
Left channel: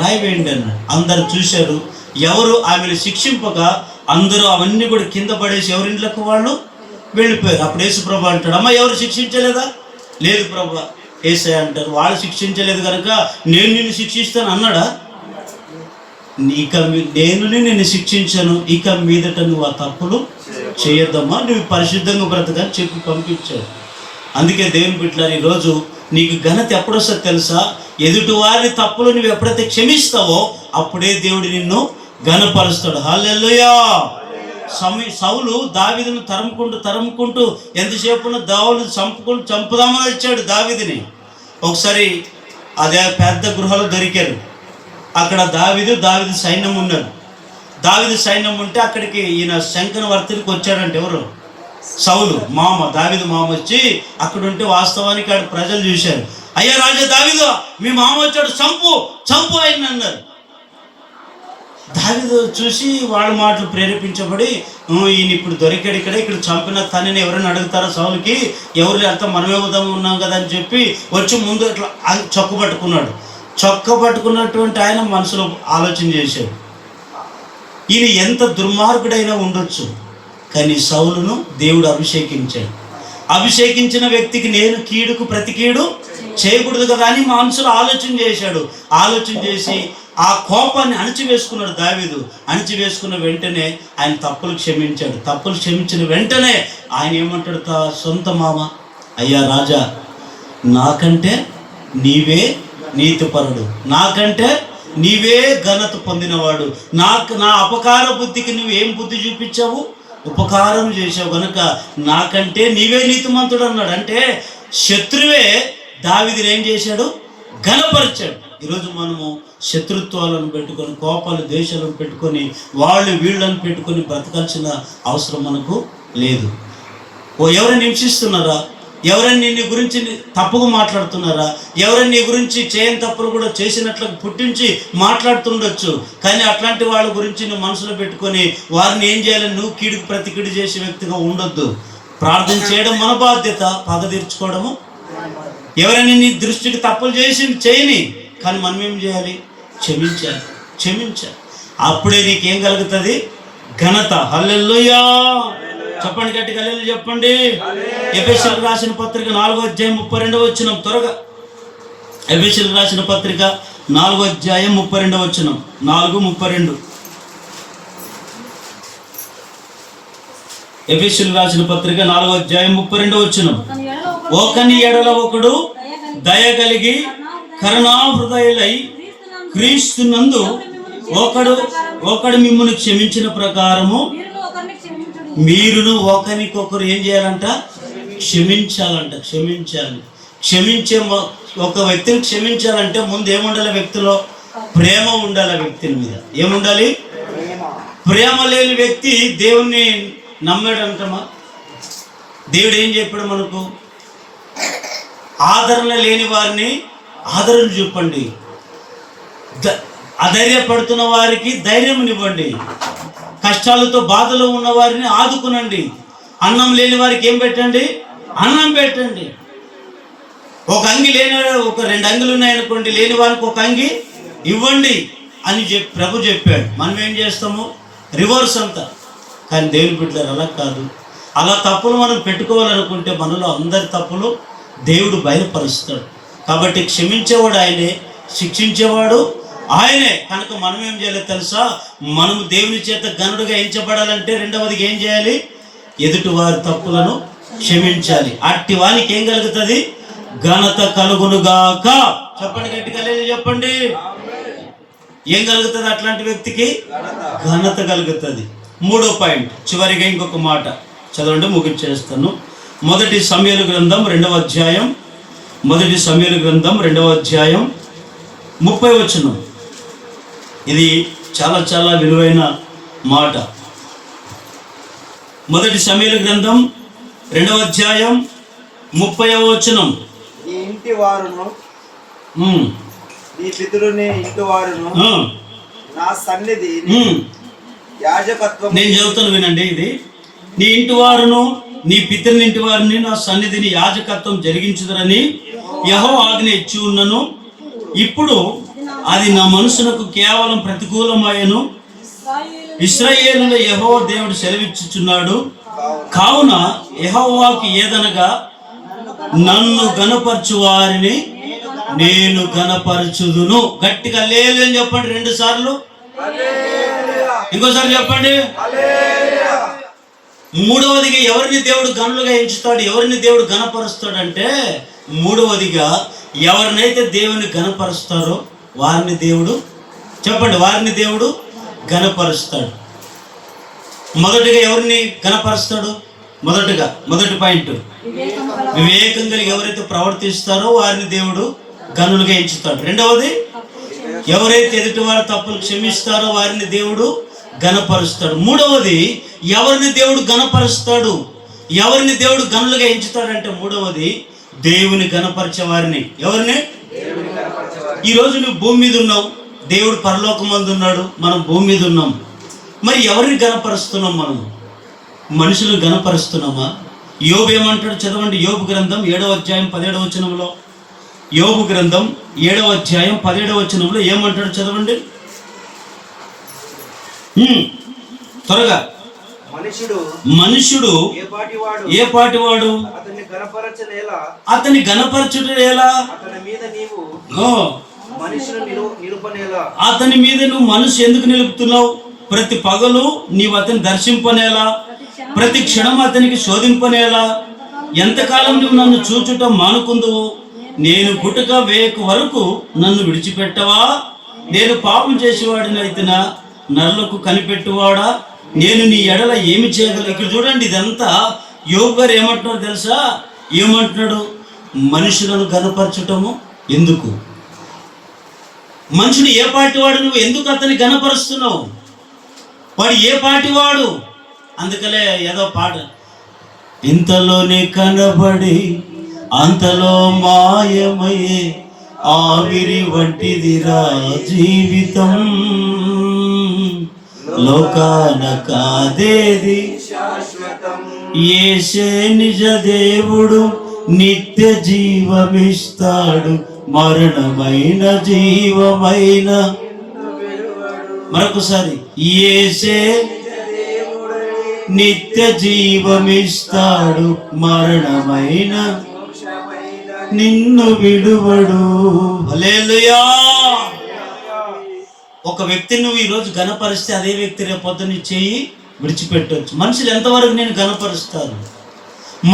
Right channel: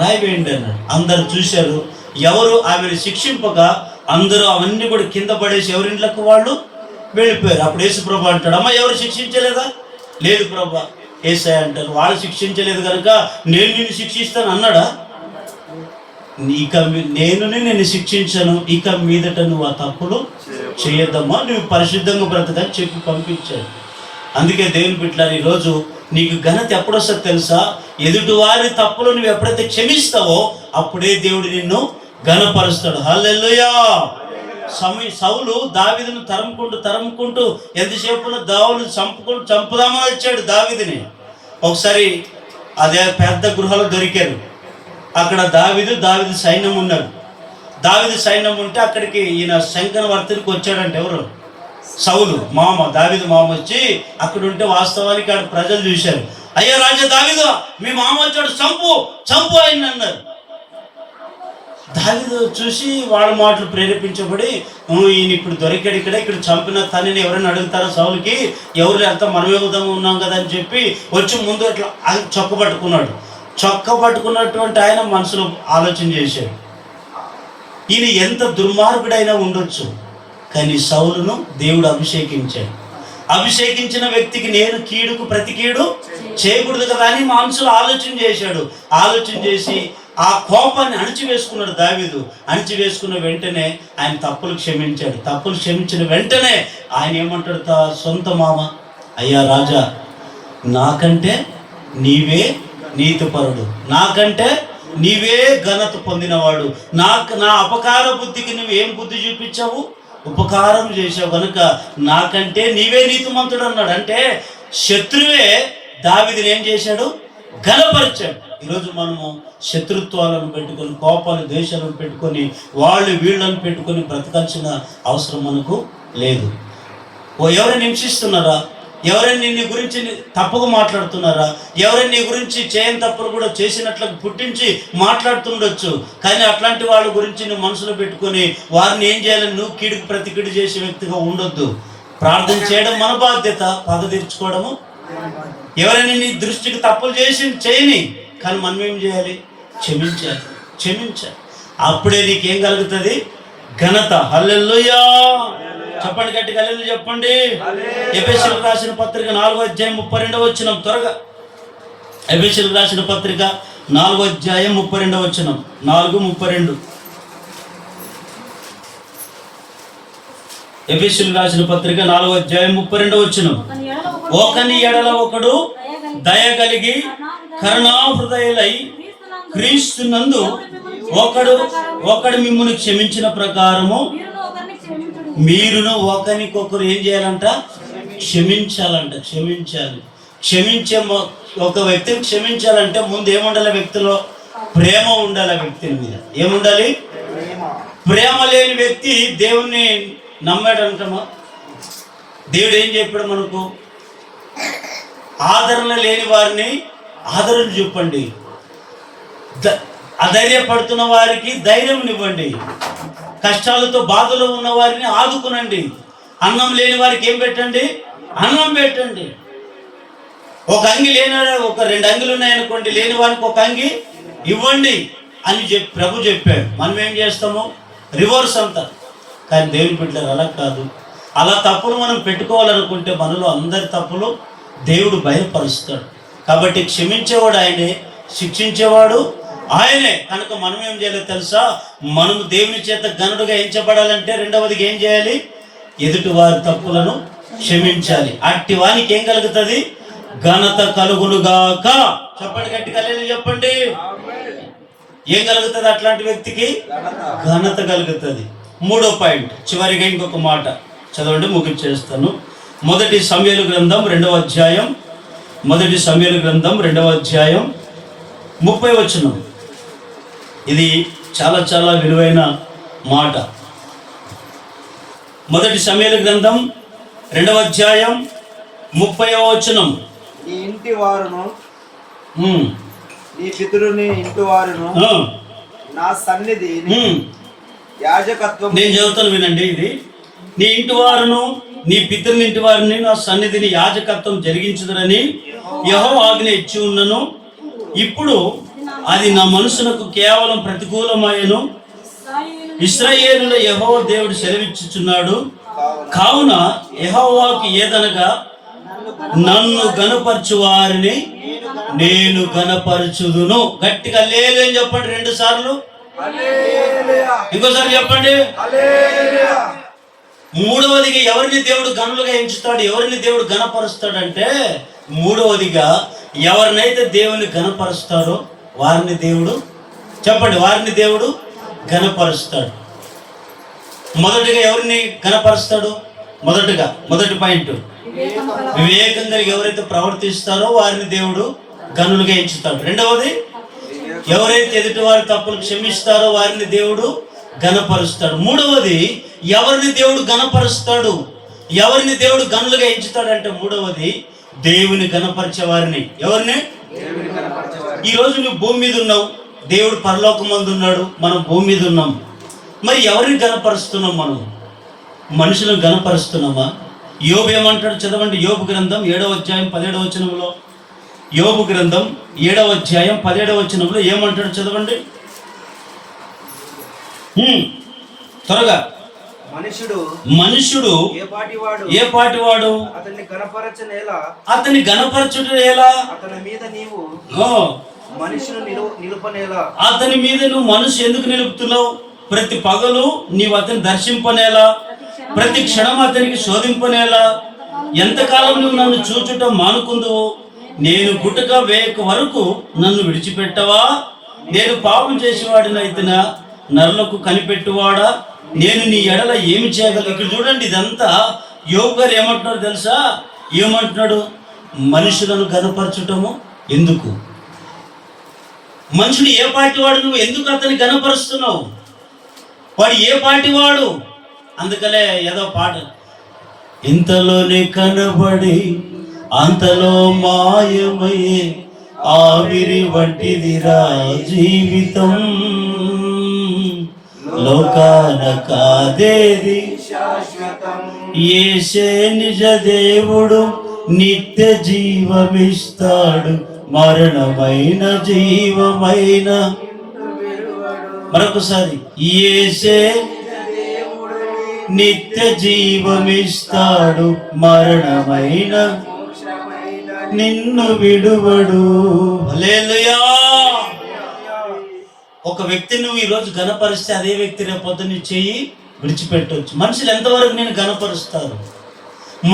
రాయివేయండి అన్నాడు. అందరు చూశారు. ఎవరు ఆమెను శిక్షింపగా అందరూ అవన్నీ కూడా కింద పడేసి ఎవరింట్లకు వాళ్ళు వెళ్ళిపోయారు. అప్పుడు యేసుప్రభు అంటాడు, అమ్మ ఎవరు శిక్షించలేదా? లేదు ప్రభు. యేసయ్య అంటారు, వాళ్ళు శిక్షించలేదు కనుక నేను నిన్ను శిక్షిస్తాను అన్నాడా? నేను నిన్ను శిక్షించను, ఇక మీదట నువ్వు ఆ తప్పులు చేయొద్దమ్మా, నువ్వు పరిశుద్ధంగా బ్రతకని చెప్పి పంపించాడు. అందుకే దేవుని బిడ్డలారా, ఈరోజు నీకు ఘనత ఎప్పుడొస్తుందో తెలుసా? ఎదుటివారి తప్పులు నువ్వు ఎప్పుడైతే క్షమిస్తావో అప్పుడే దేవుడు నిన్ను ఘనపరుస్తాడు. హల్లెలూయా. సౌలు దావీదును తరుముకుంటూ ఎంతసేపు దావులు చంపుదామని వచ్చాడు దావీదుని. ఒకసారి అదే పెద్ద గృహలో దొరికారు. అక్కడ దావీదు సైన్యం ఉన్నారు. దావీదు సైన్యం ఉంటే అక్కడికి ఈయన శంకరవర్తునికి వచ్చాడంటే ఎవరు? సౌలు దావీదు మామ వచ్చి అక్కడ ఉంటే వాస్తవానికి ఆడ ప్రజలు చూశారు. అయ్యా రాజా దావీదు, మీ మామ వచ్చాడు, చంపు ఆయన అన్నారు. దావీదు చూసి వాళ్ళ మాటలు ప్రేరేపించబడి ఈయన ఇప్పుడు దొరికాడు, ఇక్కడ చంపిన తనని ఎవరైనా అడుగుతారో సౌలుకి, ఎవరు అంతా మనమే ఉన్నాం కదా అని చెప్పి వచ్చి ముందు అట్లా చొక్క పట్టుకున్నటువంటి ఆయన మనసులో ఆలోచన చేశాడు, ఈయన ఎంత దుర్మార్గుడైనా ఉండొచ్చు, కానీ సౌలును దేవుడు అభిషేకించిన వ్యక్తికి నేను కీడుకు ప్రతి కీడు చేయకూడదు కదా అని మనసులో ఆలోచన చేశాడు. ఆలోచన చేసి ఆ కోపాన్ని అణిచివేసుకున్నాడు దావీదు. అణిచివేసుకున్న వెంటనే ఆయన తప్పులు క్షమించిన వెంటనే ఆయన ఏమంటాడు సొంత మామ, అయ్యా రాజా, నాకంటే నీవే నీతిపరుడు, నాకంటే నీవే ఘనత పొందినవాడు, నా అపకార బుద్ధికి నువ్వేం బుద్ధి చూపించావు? ఉపకారం చేసావు కనుక నాకంటే నీవే నీతిమంతుడు అన్నాడు. అంటే శత్రువే దావీదుని ఏం చేశాడు? ఘనపరిచాడు. ఈరోజు మనము శత్రుత్వాలను పెట్టుకొని, కోపాలు ద్వేషాలను పెట్టుకొని, వీళ్ళని పెట్టుకొని బ్రతకాల్సిన అవసరం మనకు లేదు. ఎవరైనా హింసిస్తున్నారా? ఎవరైనా నీ గురించి తప్పుగా మాట్లాడుతున్నారా? ఎవరైనా నీ గురించి చేయని తప్పులు కూడా చేసినట్లు పుట్టించి మాట్లాడుతుండొచ్చు, కానీ అట్లాంటి వాళ్ళ గురించి నువ్వు మనసులో పెట్టుకొని వారిని ఏం చేయాలని నువ్వు కీడుకు ప్రతి కీడు చేసే వ్యక్తిగా ఉండొద్దు. ప్రార్థన చేయడం మన బాధ్యత, పగ తీర్చుకోవడము. ఎవరైనా నీ దృష్టికి తప్పులు చేయని, కానీ మనం ఏం చేయాలి? క్షమించాలి. అప్పుడే నీకేం కలుగుతుంది? ఘనత. హల్లెలూయా. చెప్పండి, గట్టిగా హల్లెలూయా చెప్పండి. ఎఫెసీయులకు రాసిన పత్రిక 4వ అధ్యాయం 32వ వచనం. త్వరగా ఎఫెసీయులకు రాసిన పత్రిక 4వ అధ్యాయం 32వ వచనం. 4:32. ఎఫెసీయులకు రాసిన పత్రిక 4వ అధ్యాయం 32వ వచనం. ఒకని ఎడల ఒకడు దయ కలిగి కరుణాహృదయులై క్రీస్తునందు ఒకడు మిమ్మల్ని క్షమించిన ప్రకారము మీరును ఒకరికొకరు ఏం చేయాలంట? క్షమించాలి. ఒక వ్యక్తిని క్షమించాలంటే ముందు ఏముండాలి? వ్యక్తిలో ప్రేమ ఉండాలి. వ్యక్తి మీద ఏముండాలి? ప్రేమ లేని వ్యక్తి దేవుణ్ణి నమ్మాడంటమా? దేవుడు ఏం చెప్పాడు మనకు? ఆదరణ లేని వారిని ఆదరణ చూపండి, అధైర్యపడుతున్న వారికి ధైర్యంనివ్వండి, కష్టాలతో బాధలో ఉన్న వారిని ఆదుకునండి, అన్నం లేని వారికి ఏం పెట్టండి? అన్నం పెట్టండి. ఒక అంగి లేని, ఒక 2 అంగిలు ఉన్నాయనుకోండి, లేని వారికి ఒక అంగి ఇవ్వండి అని ప్రభు చెప్పాడు. మనం ఏం చేస్తాము? రివర్స్ అంతా. కానీ దేవుని బిడ్డలారా అలా కాదు. అలా తప్పులు మనం పెట్టుకోవాలనుకుంటే మనలో అందరి తప్పులు దేవుడు బయలుపరుస్తాడు. కాబట్టి క్షమించేవాడు ఆయనే, శిక్షించేవాడు ఆయనే. కనుక మనం ఏం చేయాలి తెలుసా? మనము దేవుని చేత ఘనుడుగా ఎంచబడాలంటే రెండవదిగా ఏం చేయాలి? ఎదుటి వారి తప్పులను క్షమించాలి. అట్టి వానికి ఏం కలుగుతుంది? ఘనత కలుగునుగాక. చెప్పండి, గట్టిగా చెప్పండి. ఏం కలుగుతుంది అట్లాంటి వ్యక్తికి? ఘనత కలుగుతుంది. 3వ పాయింట్, చివరిగా ఇంకొక మాట చదవండి, ముగించేస్తాను. 1 సమూయేలు గ్రంథం 2వ అధ్యాయం 30వ వచనం. ఇది చాలా చాలా విలువైన మాట. 1 సమూయేలు గ్రంథం 2వ అధ్యాయం 30వ వచనం. నీ ఇంటి వారును నీ పితరుని ఇంటి వారును నా సన్నిధి యాజకత్వం. నేను చెబుతాను వినండి. ఇది నీ ఇంటి వారును నీ పితరుని ఇంటి వారిని నా సన్నిధిని యాజకత్వం జరిగించుదరని యెహోవా ఆజ్ఞ ఇచ్చి ఉన్నను. ఇప్పుడు అది నా మనసునకు కేవలం ప్రతికూలమయ్యను. ఇశ్రాయేలులో యెహోవా దేవుడు సెలవిచ్చుచున్నాడు. కావున యెహోవాకు ఏదనగా నన్ను గణపరచు వారిని నేను గణపరచుదును. గట్టిగా హల్లెలూయా అని చెప్పండి 2 సార్లు. ఇంకోసారి చెప్పండి. 3వదిగా ఎవరిని దేవుడు గనులుగా ఎంచుతాడు, ఎవరిని దేవుడు గణపరుస్తాడంటే మూడవదిగా ఎవరినైతే దేవుని ఘనపరుస్తారో వారిని దేవుడు, చెప్పండి, వారిని దేవుడు ఘనపరుస్తాడు. మొదటిగా ఎవరిని ఘనపరుస్తాడు? మొదటి పాయింట్, వివేకం కలిగి ఎవరైతే ప్రవర్తిస్తారో వారిని దేవుడు ఘనులుగా ఎంచుతాడు. రెండవది, ఎవరైతే ఎదుటి వారి తప్పులు క్షమిస్తారో వారిని దేవుడు ఘనపరుస్తాడు. మూడవది, ఎవరిని దేవుడు ఘనపరుస్తాడు, ఎవరిని దేవుడు ఘనులుగా ఎంచుతాడంటే మూడవది, దేవుని ఘనపరిచే వారిని. ఎవరిని? ఈరోజు నువ్వు భూమి మీద ఉన్నావు, దేవుడు పరలోకమందు ఉన్నాడు, మనం భూమి మీద ఉన్నాం. మరి ఎవరిని ఘనపరుస్తున్నాం? మనం మనుషులను ఘనపరుస్తున్నామా? యోబు ఏమంటాడు? చదవండి, యోబు గ్రంథం 7వ అధ్యాయం 17వ వచనంలో. యోబు గ్రంథం 7వ అధ్యాయం 17వ వచనంలో ఏమంటాడు? చదవండి త్వరగా. మనుషుడు ఏ పాటివాడు? అతని ఘనపరచుట ఎలా? అతని మీద నువ్వు మనసు ఎందుకు నిలుపుతున్నావు? ప్రతి పగలు నీవు అతన్ని దర్శింపనేలా, ప్రతి క్షణం అతనికి శోధింపనేలా? ఎంతకాలం నువ్వు నన్ను చూచుట మానుకుందువు? నేను గుటక వేయక వరకు నన్ను విడిచిపెట్టవా? నేను పాపం చేసేవాడినైతేనా? నరులకు కనిపెట్టువాడా? నేను నీ ఎడల ఏమి చేయగలను? ఇక్కడ చూడండి, ఇదంతా యోబు గారు ఏమంటున్నారు తెలుసా? ఏమంటున్నాడు? మనుషులను ఘనపరచటము ఎందుకు? మనుషుడు ఏ పార్టీ వాడు? నువ్వు ఎందుకు అతన్ని ఘనపరుస్తున్నావు? వాడు ఏ పార్టీ వాడు? అందుకలే ఏదో పాట, ఇంతలోనే కనబడి అంతలో మాయమయ్యే ఆవిరి వంటిదిరా జీవితం, లోకాన కాదేది శాశ్వతం, యేసే నిజ దేవుడు, నిత్య జీవమిస్తాడు, మరణమైన జీవమైన. మరొకసారి, యేసే నిత్య జీవమిస్తాడు, మరణమైన నిన్ను విడువడు. హల్లెలూయా. ఒక వ్యక్తిని నువ్వు ఈరోజు ఘనపరిస్తే అదే వ్యక్తి రేపు పొద్దున్న చెయ్యి విడిచిపెట్టవచ్చు. మనుషులు ఎంతవరకు నేను ఘనపరుస్తారు?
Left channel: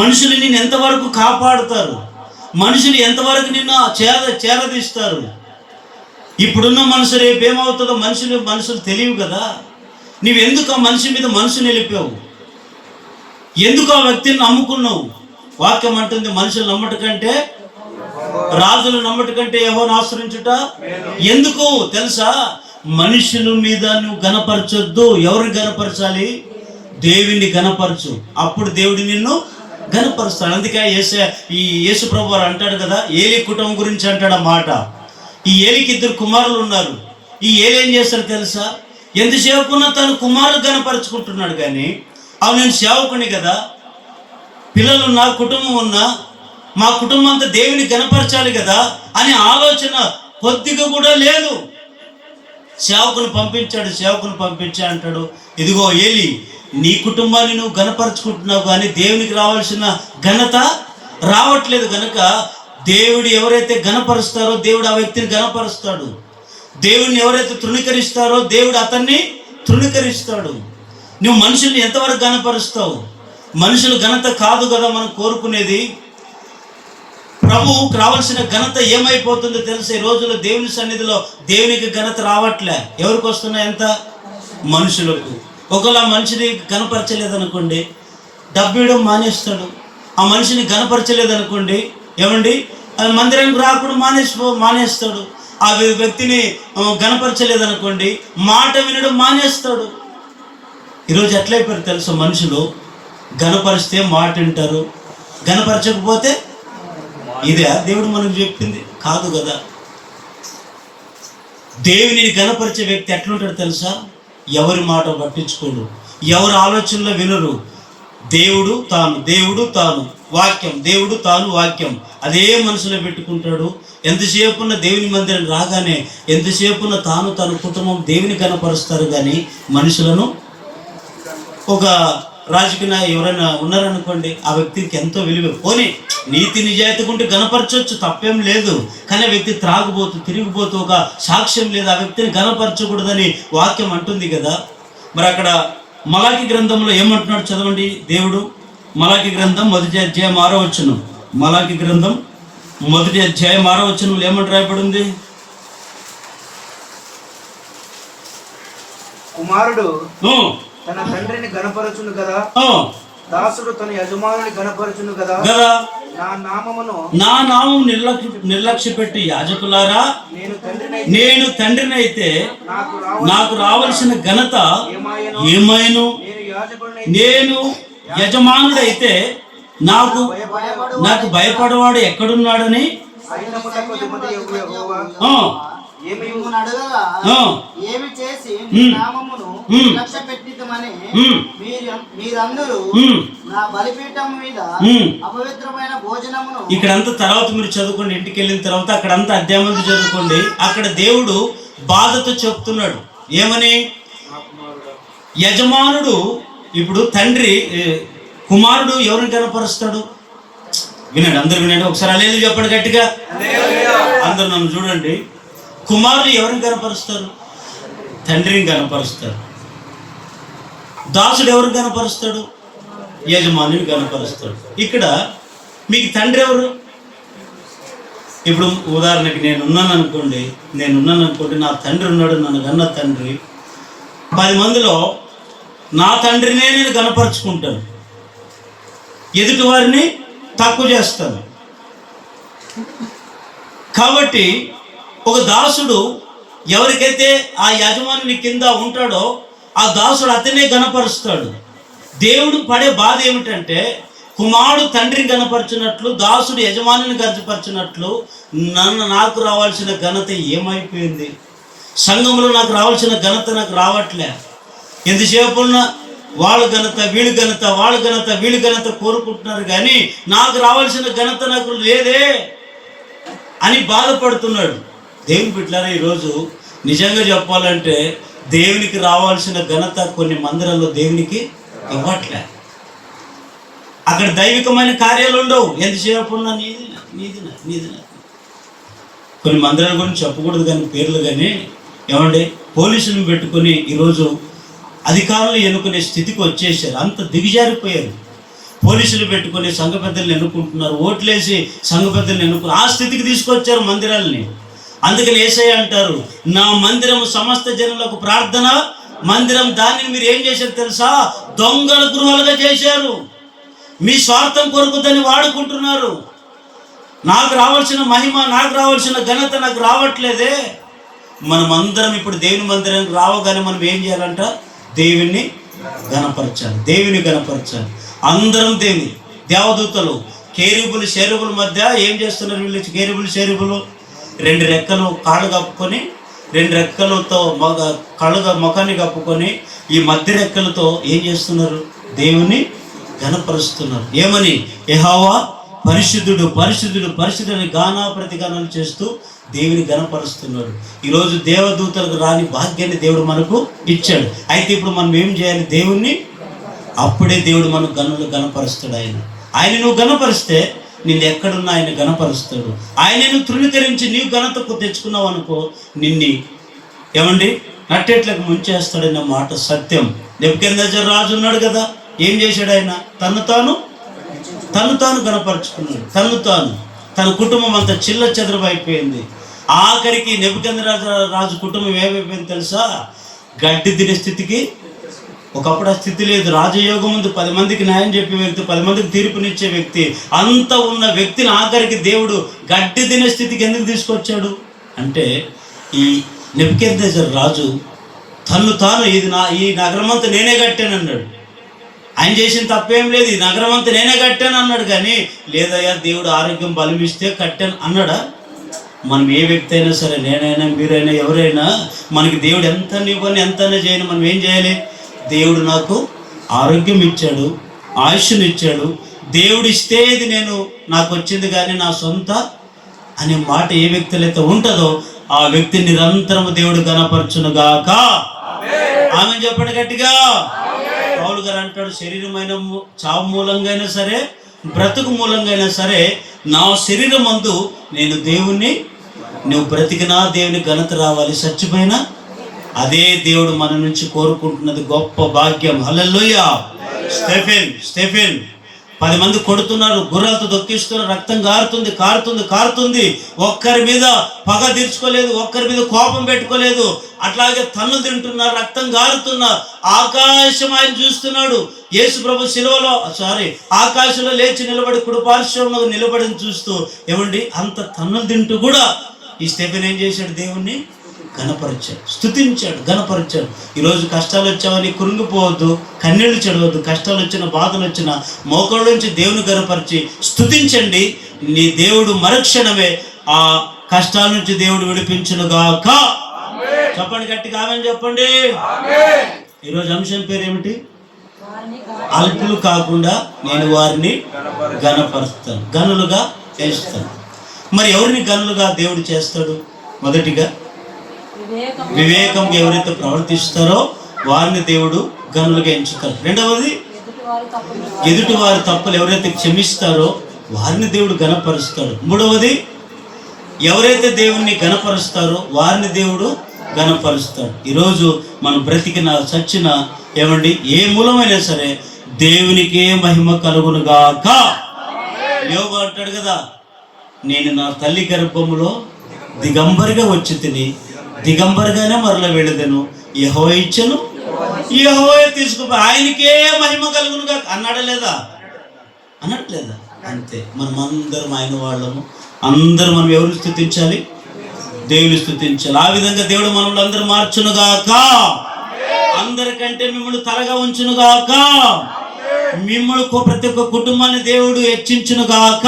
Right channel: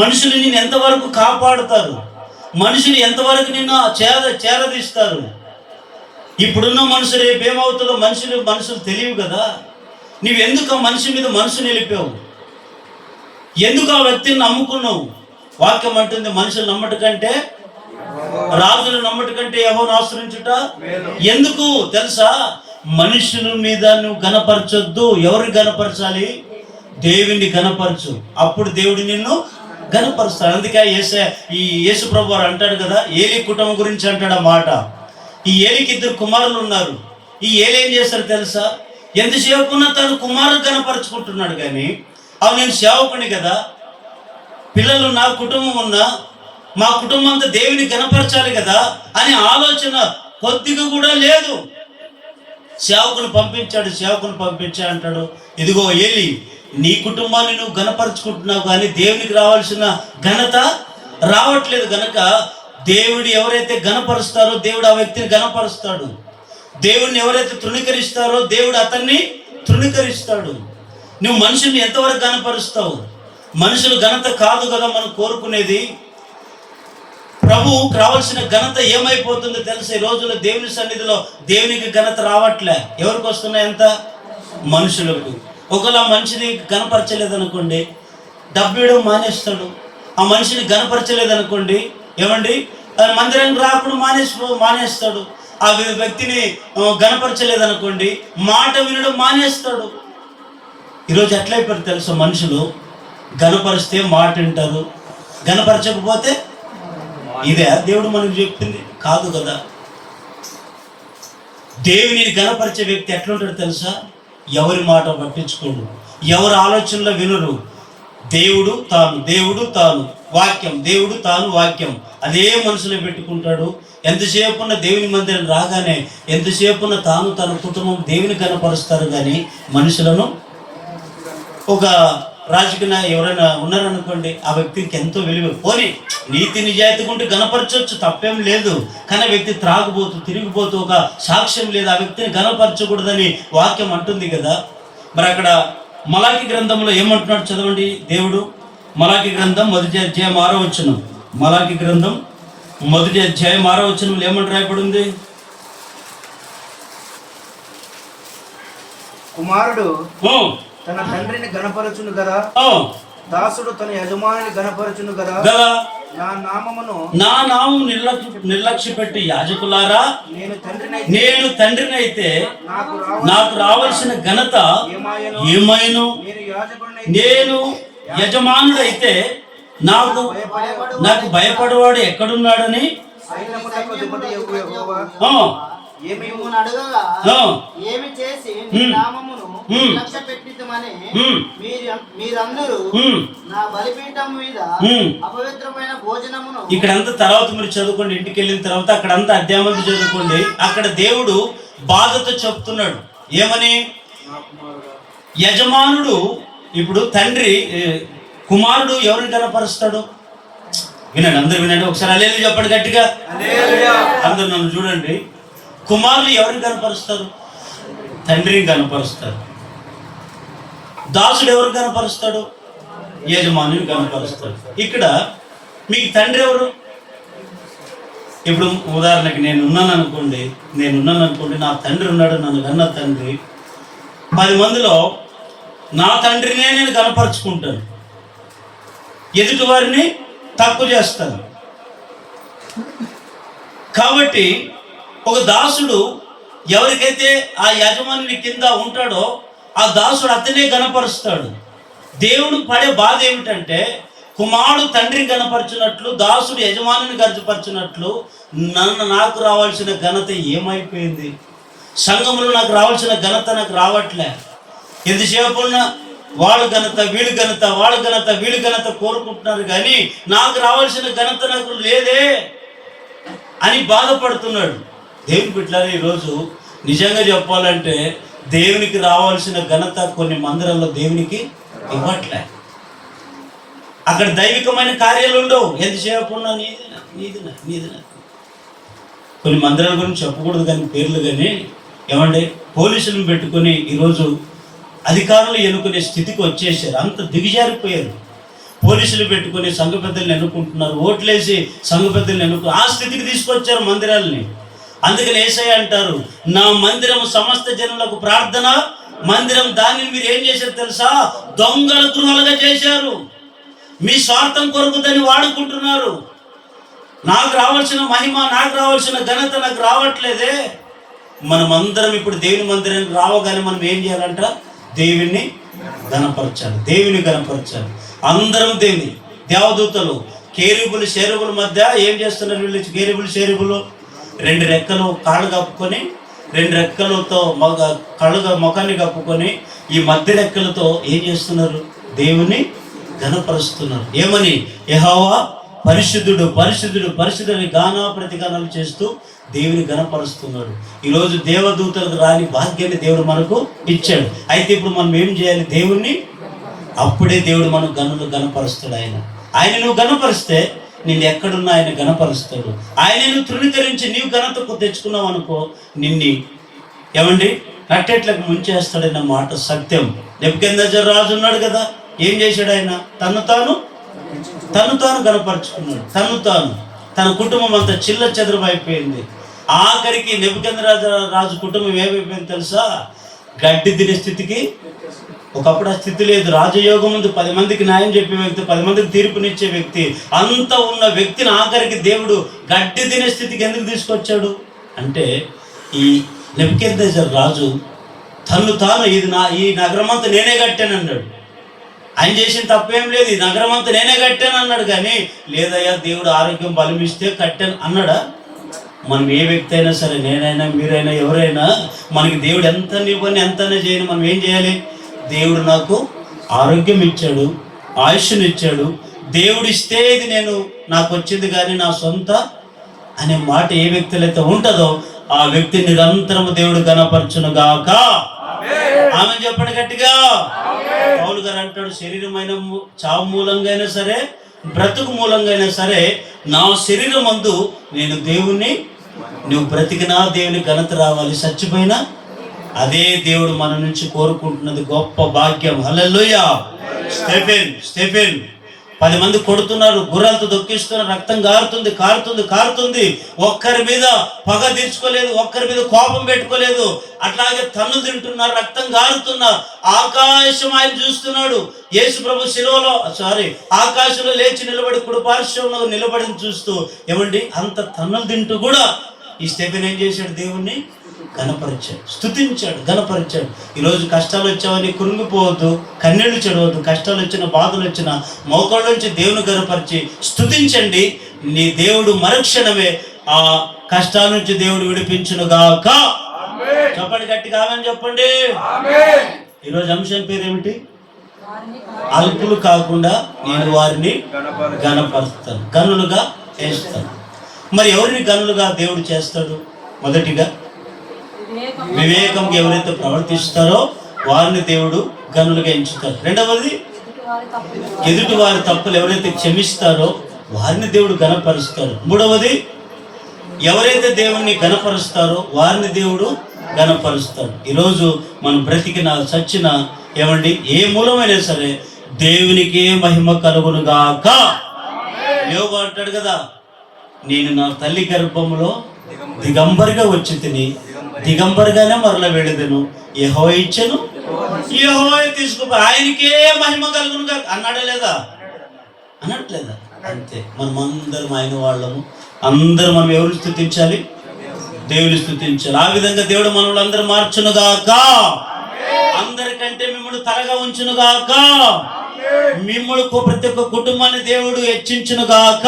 మనుషులు నేను ఎంతవరకు కాపాడుతారు? మనుషులు ఎంతవరకు నిన్ను చేరదీస్తారు? ఇప్పుడున్న మనుషులు రేపు ఏమవుతుందో మనుషులు తెలియవు కదా. నువ్వెందుకు ఆ మనిషి మీద మనసు నిలిపావు? ఎందుకు ఆ వ్యక్తిని నమ్ముకున్నావు? వాక్యం అంటుంది, మనుషులు నమ్మట కంటే రాజులు నమ్మట కంటే యెహోవాను ఆశ్రయించుట. ఎందుకు తెలుసా? మనుషుల మీద నువ్వు ఘనపరచొద్దు. ఎవరిని ఘనపరచాలి? దేవుని ఘనపరచు, అప్పుడు దేవుడు నిన్ను ఘనపరుస్తాడు. అందుకే ఈ యేసు ప్రభు వారు అంటాడు కదా, ఏలి కుటుంబం గురించి అంటాడు ఆ మాట. ఈ ఏలికి 2 కుమారులు ఉన్నారు. ఈ ఏలి ఏం చేస్తాడు తెలుసా? ఎంతసేపున్నా తను కుమారులు ఘనపరుచుకుంటున్నాడు, కానీ అవి నేను సేవకుని కదా, పిల్లలు నా కుటుంబం ఉన్నా, మా కుటుంబం అంతా దేవుని ఘనపరచాలి కదా అనే ఆలోచన కొద్దిగా కూడా లేదు. సేవకుని పంపించా అంటాడు, ఇదిగో ఏలి, నీ కుటుంబాన్ని నువ్వు ఘనపరుచుకుంటున్నావు, కానీ దేవునికి రావాల్సిన ఘనత రావట్లేదు. కనుక దేవుడు ఎవరైతే ఘనపరుస్తారో దేవుడు ఆ వ్యక్తిని ఘనపరుస్తాడు. దేవుడిని ఎవరైతే తృణీకరిస్తారో దేవుడు అతన్ని తృణీకరిస్తాడు. నువ్వు మనుషుల్ని ఎంతవరకు ఘనపరుస్తావు? మనుషులు ఘనత కాదు కదా మనం కోరుకునేది. ప్రభువుకు రావాల్సిన ఘనత ఏమైపోతుందో తెలుసా? ఈ రోజుల్లో దేవుని సన్నిధిలో దేవునికి ఘనత రావట్లే. ఎవరికి వస్తున్నాయి? ఎంత? మనుషులకు. ఒకవేళ ఆ మనిషిని ఘనపరచలేదనుకోండి, డబ్బియడం మానేస్తాడు. ఆ మనిషిని ఘనపరచలేదనుకోండి, ఏమండి, మందిరానికి రాకుండా మానేస్తాడు. ఆ వ్యక్తిని ఘనపరచలేదనుకోండి, మాట వినడం మానేస్తాడు. ఈరోజు ఎట్లయిపోయారు తెలుసు? మనుషులు ఘనపరిస్తే మాట వింటారు, ఘనపరచకపోతే ఇదే దేవుడు మనకు చెప్పింది కాదు కదా. దేవుని ఘనపరిచే వ్యక్తి ఎట్లుంటాడు తెలుసా? ఎవరి మాట పట్టించుకోడు, ఎవరి ఆలోచనలో వినరు. దేవుడు తాను వాక్యం, దేవుడు తాను వాక్యం, అదే మనసులో పెట్టుకుంటాడు. ఎంతసేపున్న దేవుని మందిరం రాగానే ఎంతసేపున్న తాను తన కుటుంబం దేవుని ఘనపరుస్తారు, కానీ మనుషులను. ఒక రాజకీయ ఎవరైనా ఉన్నారనుకోండి, ఆ వ్యక్తికి ఎంతో విలువ, పోనీ నీతి నిజాయితీ ఉంటే ఘనపరచవచ్చు, తప్పేం లేదు. కానీ ఆ వ్యక్తి త్రాగుబోతూ తిరిగిపోతూ ఒక సాక్ష్యం లేదు, ఆ వ్యక్తిని ఘనపరచకూడదని వాక్యం అంటుంది కదా. మరి అక్కడ మలాకి గ్రంథంలో ఏమంటున్నాడు చదవండి దేవుడు. మలాకి గ్రంథం 1వ అధ్యాయం 6వ వచనం. మలాకి గ్రంథం మొదటి అధ్యాయం 6వ వచనంలో ఏమని రాయబడి ఉంది? కుమారుడు ఆ, తన తండ్రిని గణపరచును కదా, ఆ, దాసుడు తన యజమానుని గణపరచును కదా. కదా నా నామమును నా నామం నిర్లక్ష్య పెట్టి యాజకులారా, నేను తండ్రిని అయితే నాకు రావాల్సిన ఘనత ఏమైను? నేను యజమానుడైతే నాకు భయపడేవాడు ఎక్కడున్నాడని మిమ్మును అడగగా ఏమి చేసి నీ నామమును లక్ష్య పెట్టితమని మీరందరూ నా బలిపీఠం మీద అపవిత్రమైన భోజనమును. ఇక్కడంతా తర్వాత మీరు చదువుకోండి, ఇంటికి వెళ్ళిన తర్వాత అక్కడంతా అధ్యాయం చదువుకోండి. అక్కడ దేవుడు బాధతో చెప్తున్నాడు ఏమని? యజమానుడు ఇప్పుడు తండ్రి కుమారుడు ఎవరిని కనపరుస్తాడు? వినండి, అందరు వినండి ఒకసారి. అలేలు చెప్పండి గట్టిగా, అందరు నన్ను చూడండి. కుమారుడు ఎవరిని కనపరుస్తారు? తండ్రిని కనపరుస్తారు. దాసుడు ఎవరిని కనపరుస్తాడు? యజమానిని కనపరుస్తాడు. ఇక్కడ మీకు తండ్రి ఎవరు? ఇప్పుడు ఉదాహరణకి నేనున్నాను అనుకోండి, నా తండ్రి ఉన్నాడు, నన్ను కన్న తండ్రి. 10 మందిలో నా తండ్రినే నేను కనపరుచుకుంటాను, ఎదుటి వారిని తక్కువ చేస్తాను. కాబట్టి ఒక దాసుడు ఎవరికైతే ఆ యజమాని కింద ఉంటాడో ఆ దాసుడు అతనే గణపరుస్తాడు. దేవుడు పడే బాధ ఏమిటంటే, కుమారుడు తండ్రిని గణపరిచినట్లు దాసుడు యజమానిని గణపరిచినట్లు నాకు రావాల్సిన ఘనత ఏమైపోయింది? సంఘంలో నాకు రావాల్సిన ఘనత నాకు రావట్లే. ఎంతసేపు ఉన్న వాళ్ళు ఘనత, వీళ్ళు ఘనత, వాళ్ళ ఘనత, వీళ్ళు ఘనత కోరుకుంటున్నారు, కానీ నాకు రావాల్సిన ఘనత నాకు లేదే అని బాధపడుతున్నాడు. దేవుని బిడ్డలారా, ఈరోజు నిజంగా చెప్పాలంటే దేవునికి రావాల్సిన ఘనత కొన్ని మందిరాల్లో దేవునికి ఇవ్వట్లే. అక్కడ దైవికమైన కార్యాలు ఉండవు, ఎంతసేపు ఉన్నా నీది. కొన్ని మందిరాల గురించి చెప్పకూడదు కానీ పేర్లు, కానీ ఏమండి పోలీసులను పెట్టుకొని ఈరోజు అధికారులు ఎన్నుకునే స్థితికి వచ్చేసారు. అంత దిగజారిపోయారు. పోలీసులు పెట్టుకొని సంఘ పెద్దలను ఎన్నుకుంటున్నారు, ఓట్లేసి సంఘ పెద్దలను ఆ స్థితికి తీసుకొచ్చారు మందిరాలని. అందుకని యేసయ్య అంటారు, నా మందిరం సమస్త జనులకు ప్రార్థన మందిరం. దాన్ని మీరు ఏం చేశారు తెలుసా? దొంగల గృహాలుగా చేశారు. మీ స్వార్థం కొరకు దాన్ని వాడుకుంటున్నారు. నాకు రావాల్సిన మహిమ, నాకు రావాల్సిన ఘనత నాకు రావట్లేదే. మనమందరం ఇప్పుడు దేవుని మందిరానికి రావగానే మనం ఏం చేయాలంట? దేవుని గణపరచాలి, దేవుని గణపరచాలి. అందరం దేవుని దేవదూతలు కేరుబులు షేరుబుల మధ్య ఏం చేస్తున్నారు వీళ్ళు? కేరుబులు షేరుబులు 2 రెక్కలు కాళ్ళు కప్పుకొని, 2 రెక్కలతో ముఖాన్ని కప్పుకొని ఈ మధ్య రెక్కలతో ఏం చేస్తున్నారు? దేవుని గణపరుస్తున్నారు. ఏమని? యెహోవా పరిశుద్ధుడు, పరిశుద్ధుడు, పరిశుద్ధుని గానా ప్రతిగానాలు చేస్తూ దేవుని గణపరుస్తున్నాడు. ఈరోజు దేవదూతలకు రాని భాగ్యాన్ని దేవుడు మనకు ఇచ్చాడు. అయితే ఇప్పుడు మనం ఏం చేయాలి? దేవుణ్ణి, అప్పుడే దేవుడు మన గణపరుస్తాడు. ఆయన నువ్వు గణపరిస్తే నిన్ను ఎక్కడున్నా ఆయన గణపరుస్తాడు. ఆయన నువ్వు తృణీకరించి నీవు ఘనతకు తెచ్చుకున్నావు అనుకో, నిన్ని ఏమండి నట్టేట్లకు ముంచేస్తాడన్న మాట సత్యం. నెబుకద్నెజర్ రాజు ఉన్నాడు కదా, ఏం చేశాడు? ఆయన తను తాను గణపరుచుకున్నాడు. తన కుటుంబం అంతా చిల్ల చెదరమైపోయింది. ఆఖరికి నెబుకద్నెజర్ రాజు కుటుంబం ఏమైపోయింది తెలుసా? గడ్డి తినే స్థితికి. ఒకప్పుడు ఆ స్థితి లేదు. రాజయోగం ముందు 10 మందికి న్యాయం చెప్పే వ్యక్తి, 10 మందికి తీర్పునిచ్చే వ్యక్తి, అంత ఉన్న వ్యక్తిని ఆఖరికి దేవుడు గడ్డి తినే స్థితికి ఎందుకు తీసుకొచ్చాడు అంటే, ఈ నెబుకద్నెజర్ రాజు తాను ఈ నగరం అంతా నేనే కట్టాను అన్నాడు. ఆయన చేసిన తప్పేం లేదు, ఈ నగరం అంతా నేనే కట్టాను అన్నాడు. కానీ లేదయ్యా దేవుడు ఆరోగ్యం బలమిస్తే కట్టాను అన్నాడా? మనం ఏ వ్యక్తి అయినా సరే, నేనైనా మీరైనా ఎవరైనా, మనకి దేవుడు ఎంత ఇవ్వని ఎంతైనా చేయని మనం ఏం చేయాలి? దేవుడు నాకు ఆరోగ్యం ఇచ్చాడు, ఆయుష్ను ఇచ్చాడు, దేవుడు ఇస్తే ఇది నాకు వచ్చింది కానీ నా సొంత అనే మాట ఏ వ్యక్తిలో అయితే ఉంటుందో ఆ వ్యక్తి నిరంతరం దేవుడు గణపరచునుగాక. ఆమె చెప్పండి గట్టిగా. పౌలు గారు అంటాడు, శరీరమైన చావు మూలంగా అయినా సరే, బ్రతుకు మూలంగా అయినా సరే, నా శరీరం మందు నేను దేవుణ్ణి, నువ్వు బ్రతికినా దేవుని ఘనత రావాలి, చచ్చిపోయినా అదే దేవుడు మన నుంచి కోరుకుంటున్నది గొప్ప భాగ్యం. హల్లెలూయా. స్టెఫెన్ 10 మంది కొడుతున్నారు, గుర్రాలతో దొక్కిస్తున్నారు, రక్తం కారుతుంది. ఒక్కరి మీద పగ తీర్చుకోలేదు, ఒక్కరి మీద కోపం పెట్టుకోలేదు. అట్లాగే తన్నులు తింటున్నారు, రక్తం కారుతున్నారు. ఆకాశం ఆయన చూస్తున్నాడు. యేసు ప్రభు శిలువలో ఆకాశంలో లేచి నిలబడి కుడిపార్శ్వంలో నిలబడిని చూస్తూ ఏమండి అంత తన్నులు తింటూ కూడా ఈ స్టెఫెన్ ఏం చేశాడు? దేవుణ్ణి గణపరిచాడు, స్తుతించాడు, గణపరిచాడు. ఈరోజు కష్టాలు వచ్చావని కృంగిపోవద్దు, కన్నీళ్లు చెడవద్దు. కష్టాలు వచ్చిన, బాధలు వచ్చిన మోకాళ్ళ నుంచి దేవుని గణపరిచి స్తుతించండి. నీ దేవుడు మరుక్షణమే ఆ కష్టాల నుంచి దేవుడు విడిపించునుగాక. చెప్పండి, గట్టిగా ఆమేన్ చెప్పండి. ఈరోజు అంశం పేరు ఏమిటి? అల్పులు కాకుండా నేను వారిని గణపరుస్తాను, గనులుగా చేస్తాను. మరి ఎవరిని గనులుగా దేవుడు చేస్తాడు? మొదటిగా వివేకం ఎవరైతే ప్రవర్తిస్తారో వారిని దేవుడు గనులుగా ఎంచుతారు. రెండవది ఎదుటి వారి తప్పులు ఎవరైతే క్షమిస్తారో వారిని దేవుడు గణపరుస్తాడు. మూడవది ఎవరైతే దేవుణ్ణి గణపరుస్తారో వారిని దేవుడు గణపరుస్తాడు. ఈరోజు మనం బ్రతికిన చచ్చిన ఏమండి ఏ మూలమైనా సరే దేవునికే మహిమ కలుగునుగాక. యోగు అంటాడు కదా, నేను నా తల్లి గర్భంలో దిగంబరిగా వచ్చి తిని దిగంబరిగానే మరల వెళ్ళదను. యెహోవా ఇచ్చెను, యెహోవా తీసుకుపో, ఆయనకే మహిమ కలుగునుగా అన్నాడా లేదా? అనట్లేదా? అంతే. మనం అందరం ఆయన వాళ్ళము. అందరం మనం ఎవరు స్తుతించాలి? దేవుని స్తుతించాలి. ఆ విధంగా దేవుడు మనల్ని అందరూ మార్చునుగాక. అందరికంటే మిమ్మల్ని తలగా ఉంచునుగాక. మిమ్మల్ని ప్రతి ఒక్క కుటుంబాన్ని దేవుడు హెచ్చించునుగాక,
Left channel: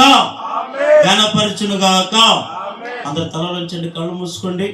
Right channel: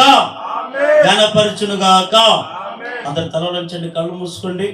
ఘనపరచునుగాక. అందరు తలలోంచండి, కళ్ళు మూసుకోండి.